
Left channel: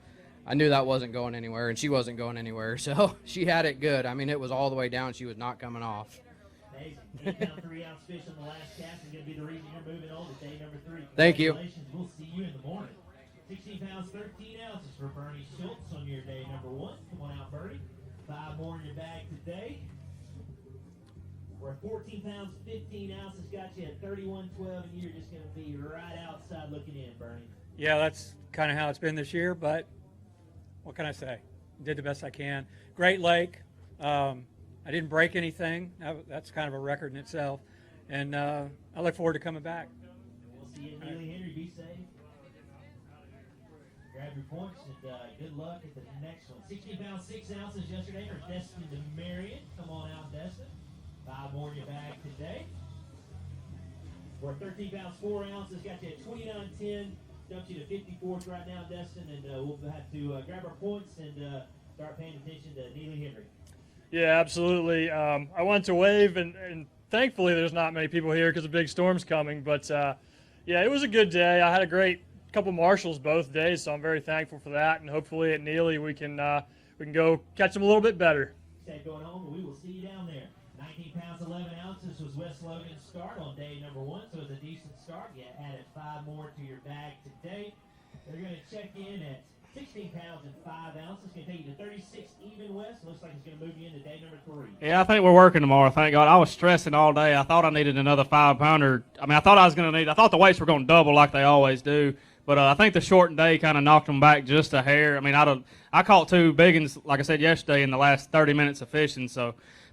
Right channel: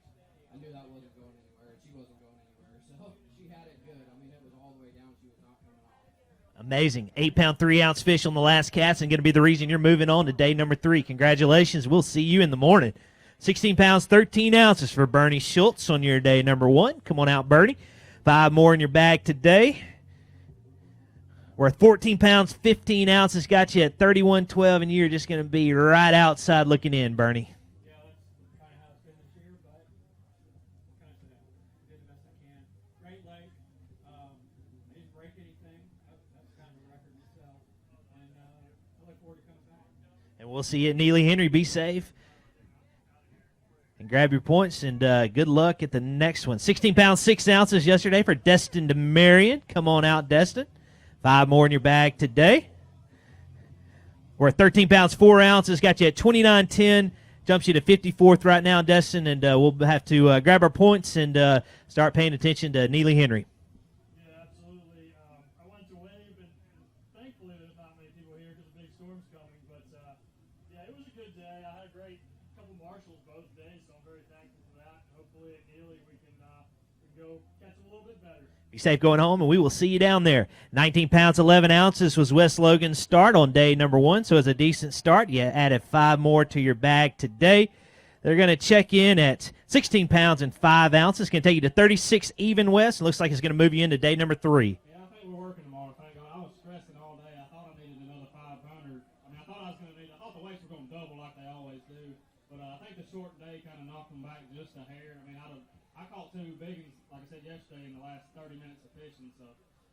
I knew that wasn't going anywhere, and she wasn't going anywhere, so she had it good. I mean, it was all the way down. She was not coming off. Amazing. 8-pound, 3-ounce fish on the last cast, and going to be the reason you're moving on to day number 3. Congratulations. We'll see you in the morning. 16 pounds, 13 ounces for Bernie Schultz on your day number 1. Come on out, Bernie. 5 more in your bag today. We're at 14 pounds, 15 ounces. Got you at 31.12, and you're just going to be right outside looking in, Bernie. Yeah, that's kind of how it's been this year, but what can I say? Did the best I can. Great lake. I didn't break anything. That's kind of a record in itself. And I look forward to coming back. And we'll see you at Neely Henry. Be safe. And grab your points, and good luck at the next one. 16 pounds, 6 ounces yesterday for Destin DeMarion. Come on out, Destin. 5 more in your bag today. We're at 13 pounds, 4 ounces. Got you at 29.10. Jumps you to 54th right now, Destin, and we'll have to grab our points and start paying attention to Neely Henry. Yeah, absolutely. I went to wave, and thankfully there's not many people here because a big storm's coming. But, yeah, it was a good day. I had a great couple marshals both days, so I'm very thankful for that. And hopefully at Neely we can go catch them a little bit better. Be safe going home, and we will see you down there. 19 pounds, 11 ounces was Wes Logan's start on day number 1, so it's a decent start. You added 5 more to your bag today. They're going to check in at 16 pounds and 5 ounces. Going to take you to 36 even, Wes. It looks like it's going to move you into day number 3. Yeah, I think we're working tomorrow, thank God. I was stressing all day. I thought I needed another 5-pounder. I mean, I thought the weights were going to double like they always do. But I think the shortened day kind of knocked them back just a hair. I mean, I caught 2 big ones, like I said yesterday, in the last 30 minutes of fishing. So,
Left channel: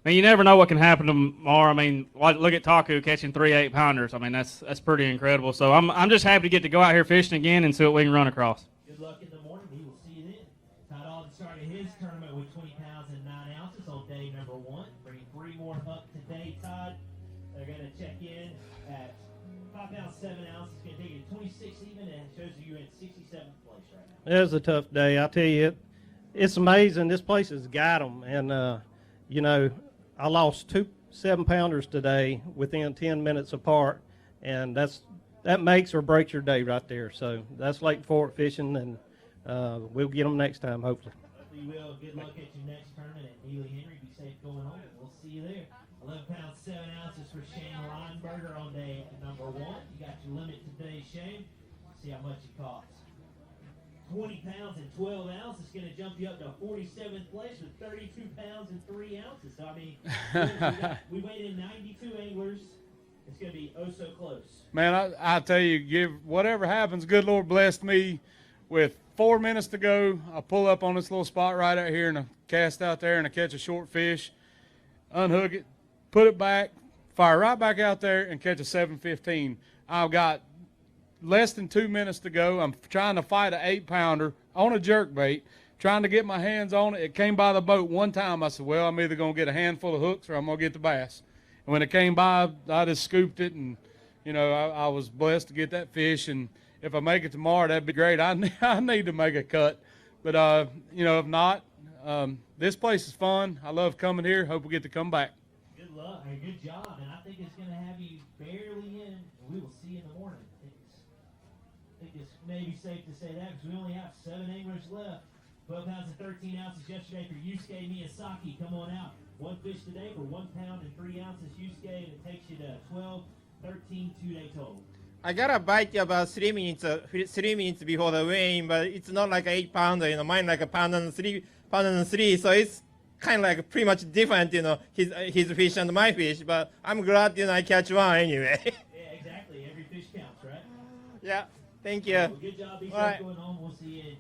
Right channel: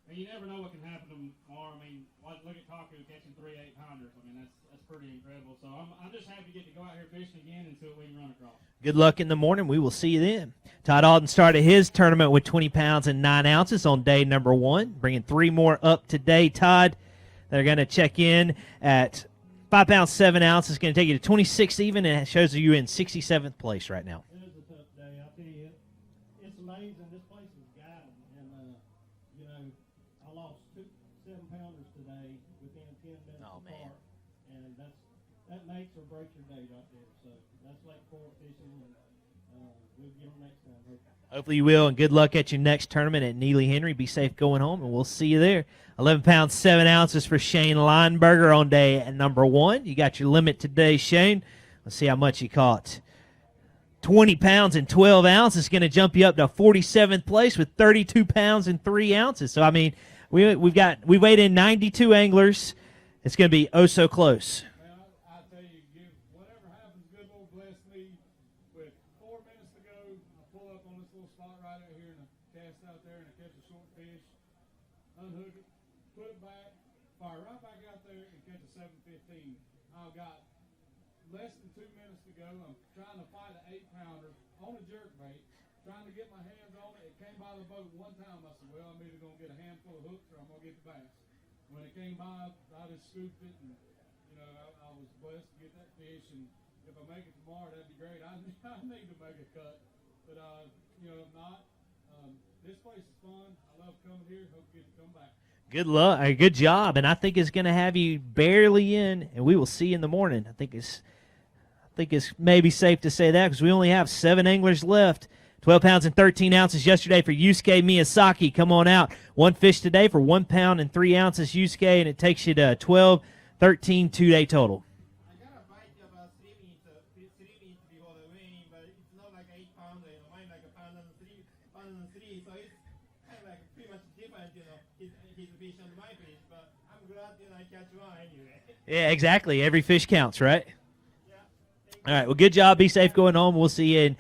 I mean, you never know what can happen tomorrow. I mean, look at Taku catching 3 8-pounders. I mean, that's pretty incredible. So I'm just happy to get to go out here fishing again and see what we can run across. Good luck in the morning. We will see you then. Todd Alden started his tournament with 20 pounds and 9 ounces on day number 1, bringing 3 more up today. Todd, they're going to check in at 5 pounds, 7 ounces. Going to take you to 26 even, and it shows you in 67th place right now. It was a tough day. I tell you, it's amazing. This place has got them. And, you know, I lost 2 7-pounders today within 10 minutes apart, and that makes or breaks your day right there. So that's Lake Fork fishing, and we'll get them next time, hopefully. Hopefully you will, and good luck at your next tournament at Neely Henry. Be safe going home, and we'll see you there. 11 pounds, 7 ounces for Shane Lineberger on day at number 1. You got your limit today, Shane. Let's see how much you caught. 20 pounds and 12 ounces is going to jump you up to 47th place with 32 pounds and 3 ounces. So, I mean, we weighed in 92 anglers. It's going to be oh so close. Man, I tell you, whatever happens, good Lord blessed me with 4 minutes to go. I pull up on this little spot right out here and I cast out there and I catch a short fish, unhook it, put it back, fire right back out there and catch a 715. I've got less than 2 minutes to go. I'm trying to fight an 8-pounder on a jerkbait, trying to get my hands on it. It came by the boat one time. I said, well, I'm either going to get a handful of hooks or I'm going to get the bass. And when it came by, I just scooped it, and, you know, I was blessed to get that fish. And if I make it tomorrow, that'd be great. I need to make a cut. But, you know, if not, this place is fun. I love coming here. Hope we get to come back. Good luck, good job, and I think it's going to have you barely in, and we will see you in the morning. I think it's maybe safe to say that because we only have 7 anglers left. 12 pounds and 13 ounces yesterday for Yusuke Miyazaki. Come on out. 1 fish today for 1 pound and 3 ounces, Yusuke, and it takes you to 12, 13, 2-day total. I got a bite about 3 minutes before the weigh-in, but it's not like an 8-pounder. You know, mine like a pound and three. So it's kind of like pretty much different. You know, his fish and my fish. But I'm glad I catch one anyway. Yeah, exactly. Every fish counts, right? Yeah. Thank you. All right, well, good job. Be safe going home. We'll see you in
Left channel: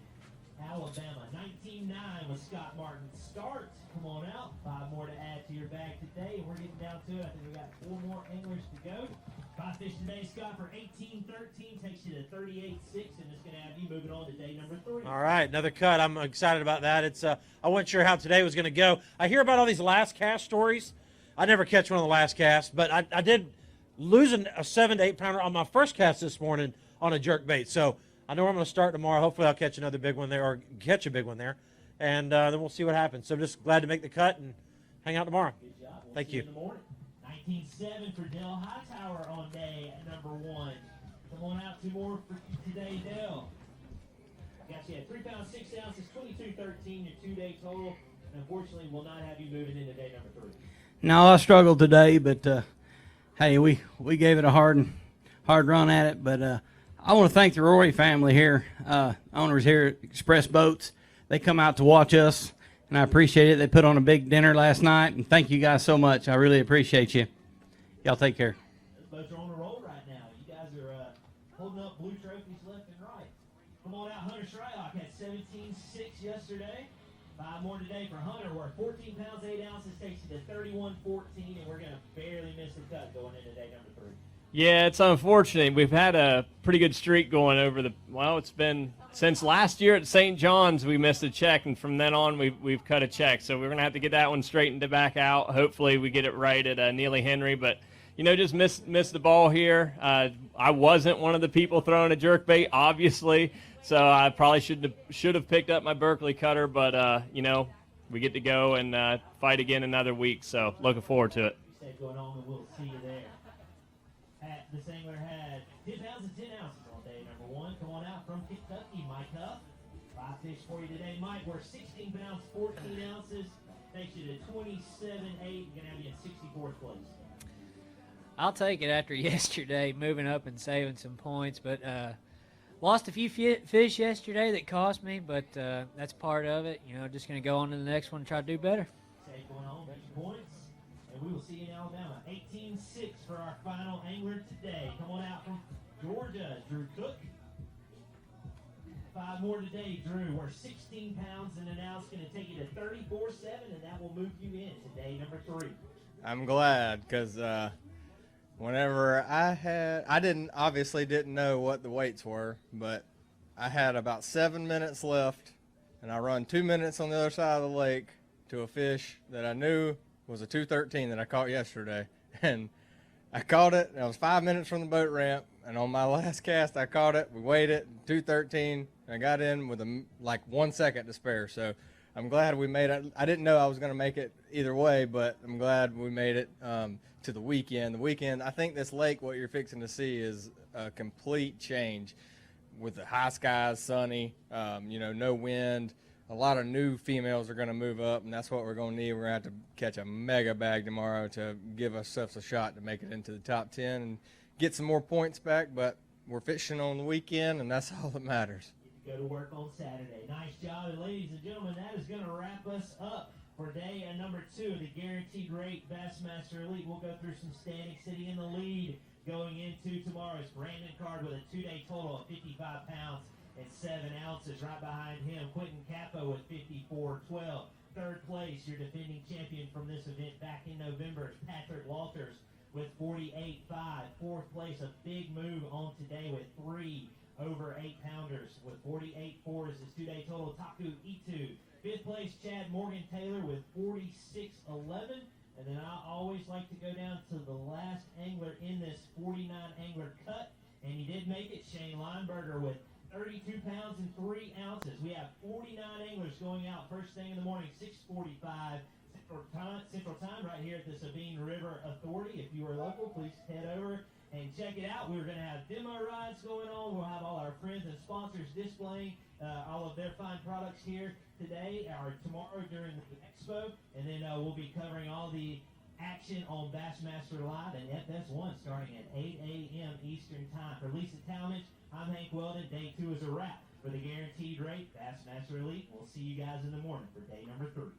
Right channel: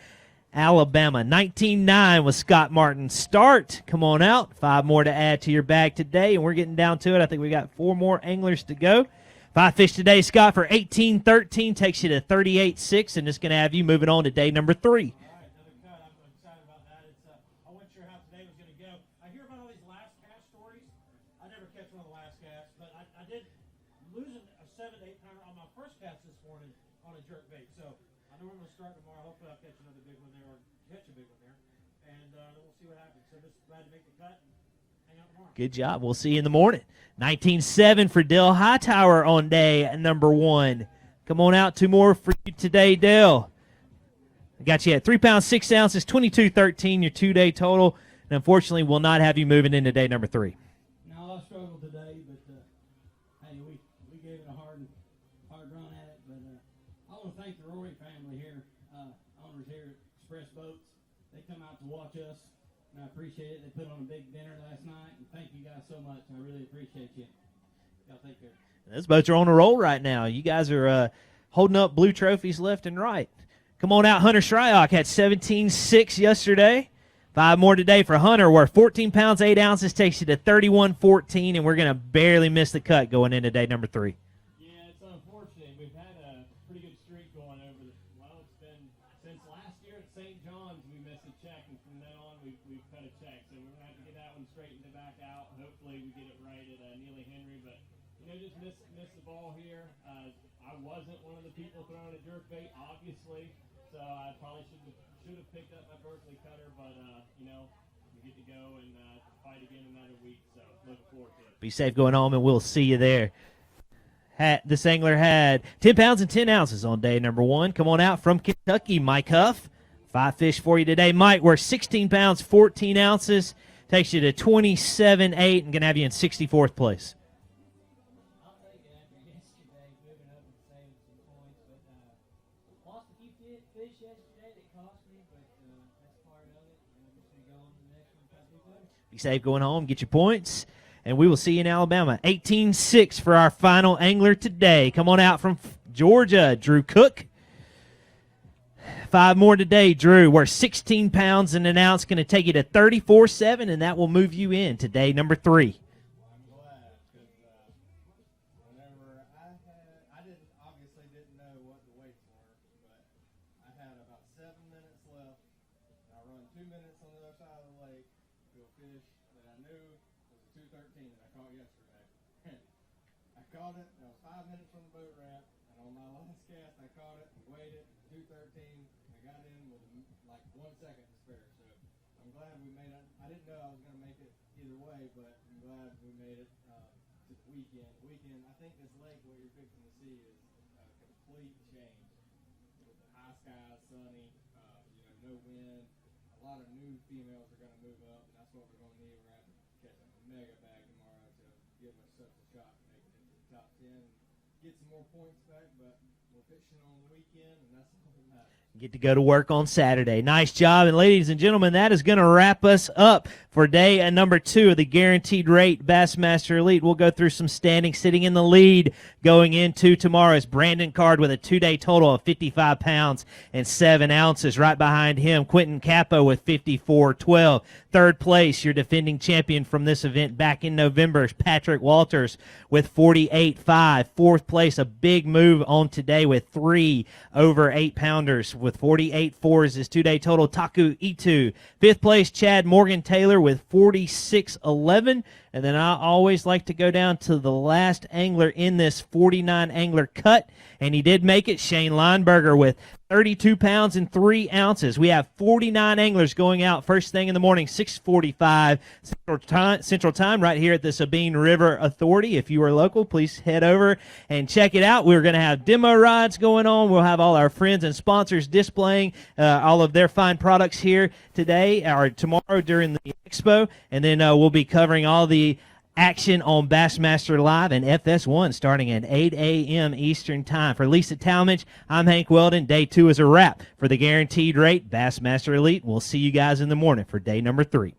Alabama. 19-9 with Scott Martin. Start. Come on out. 5 more to add to your bag today, and we're getting down to it. I think we got 4 more anglers to go. 5 fish today, Scott, for 18-13. Takes you to 38-6, and it's going to have you moving on to day number 3. All right, another cut. I'm excited about that. It's I wasn't sure how today was going to go. I hear about all these last cast stories. I never catch one of the last casts, but I did lose a 7 to 8 pounder on my first cast this morning on a jerk bait. So I know I'm going to start tomorrow. Hopefully I'll catch another big one there or catch a big one there, and then we'll see what happens. So I'm just glad to make the cut and hang out tomorrow. Good job. We'll see you in the morning. 19-7 for Dale Hightower on day at number 1. Come on out. 2 more for you today, Dale. I got you at 3 pounds, 6 ounces, 22-13, your 2-day total. And unfortunately, will not have you moving into day number 3. No, I struggled today, but hey, we gave it a hard run at it. But I want to thank the Rory family here, owners here at Express Boats. They come out to watch us, and I appreciate it. They put on a big dinner last night, and thank you guys so much. I really appreciate you. Y'all take care. Those boats are on a roll right now. You guys are holding up blue trophies left and right. Come on out. Hunter Shryock had 17-6 yesterday. 5 more today for Hunter, where 14 pounds, 8 ounces takes you to 31-14, and we're going to barely miss the cut going into day number 3. Yeah, it's unfortunate. We've had a pretty good streak going over it's been since last year at St. John's we missed a check, and from then on we've cut a check. So we're going to have to get that one straightened back out. Hopefully we get it right at Neely Henry, but just missed the ball here. I wasn't one of the people throwing a jerkbait, obviously, so I probably should have picked up my Berkeley cutter, but we get to go and fight again another week, so looking forward to it. Be safe going home, and we'll see you there. This angler had 10 pounds and 10 ounces on day number 1. Come on out from Kentucky, Mike Huff. 5 fish for you today, Mike. We're 16 pounds, 14 ounces. Takes you to 27-8 and going to have you in 64th place. I'll take it after yesterday, moving up and saving some points. But lost a few fish yesterday that cost me, but that's part of it. Just going to go on to the next one and try to do better. Be safe going home, get your points. And we will see you in Alabama. 18-6 for our final angler today. Come on out from Georgia, Drew Cook. 5 more today, Drew. We're 16 pounds and an ounce. Going to take you to 34-7, and that will move you in to day number 3. I'm glad because whenever I obviously didn't know what the weights were, but I had about 7 minutes left, and I run 2 minutes on the other side of the lake to a fish that I knew was a 213 that I caught yesterday, and I caught it. I was 5 minutes from the boat ramp, and on my last cast I caught it. We weighed it 213. I got in with 1 second to spare, so I'm glad we made it. I didn't know I was going to make it either way, but I'm glad we made it to the weekend. I think this lake, what you're fixing to see, is a complete change. with the high skies, sunny, no wind. A lot of new females are going to move up, and that's what we're going to need. We're going to have to catch a mega bag tomorrow to give ourselves a shot to make it into the top 10 and get some more points back, but we're fishing on the weekend, and that's all that matters. Get to go to work on Saturday. Nice job. And ladies and gentlemen, that is going to wrap us up for day number 2 of the Guaranteed Rate Bassmaster Elite. We'll go through some standings. Sitting in the lead going into tomorrow is Brandon Card with a 2-day total of 55 pounds and 7 ounces. Right behind him, Quentin Capo with 54.12. Third place, your defending champion from this event back in November, is Patrick Walters with 48.5. Fourth place, a big move on today with 3 over 8-pounders with 48.4 is his 2-day total. Taku Itu. Fifth place, Chad Morgan Taylor with 46.11. And then I always like to go down to the last angler in this 49 angler cut, and he did make it, Shane Lineberger with 32 pounds and 3 ounces. We have 49 anglers going out first thing in the morning, 6:45 Central Time, right here at the Sabine River Authority. If you are local, please head over and check it out. We're going to have demo rides going on. We'll have all our friends and sponsors displaying all of their fine products here today or tomorrow during the expo, and then we'll be covering all the action on Bassmaster Live and FS1 starting at 8 a.m. Eastern Time. For Lisa Talmadge, I'm Hank Weldon. Day 2 is a wrap for the Guaranteed Rate Bassmaster Elite. We'll see you guys in the morning for day number 3.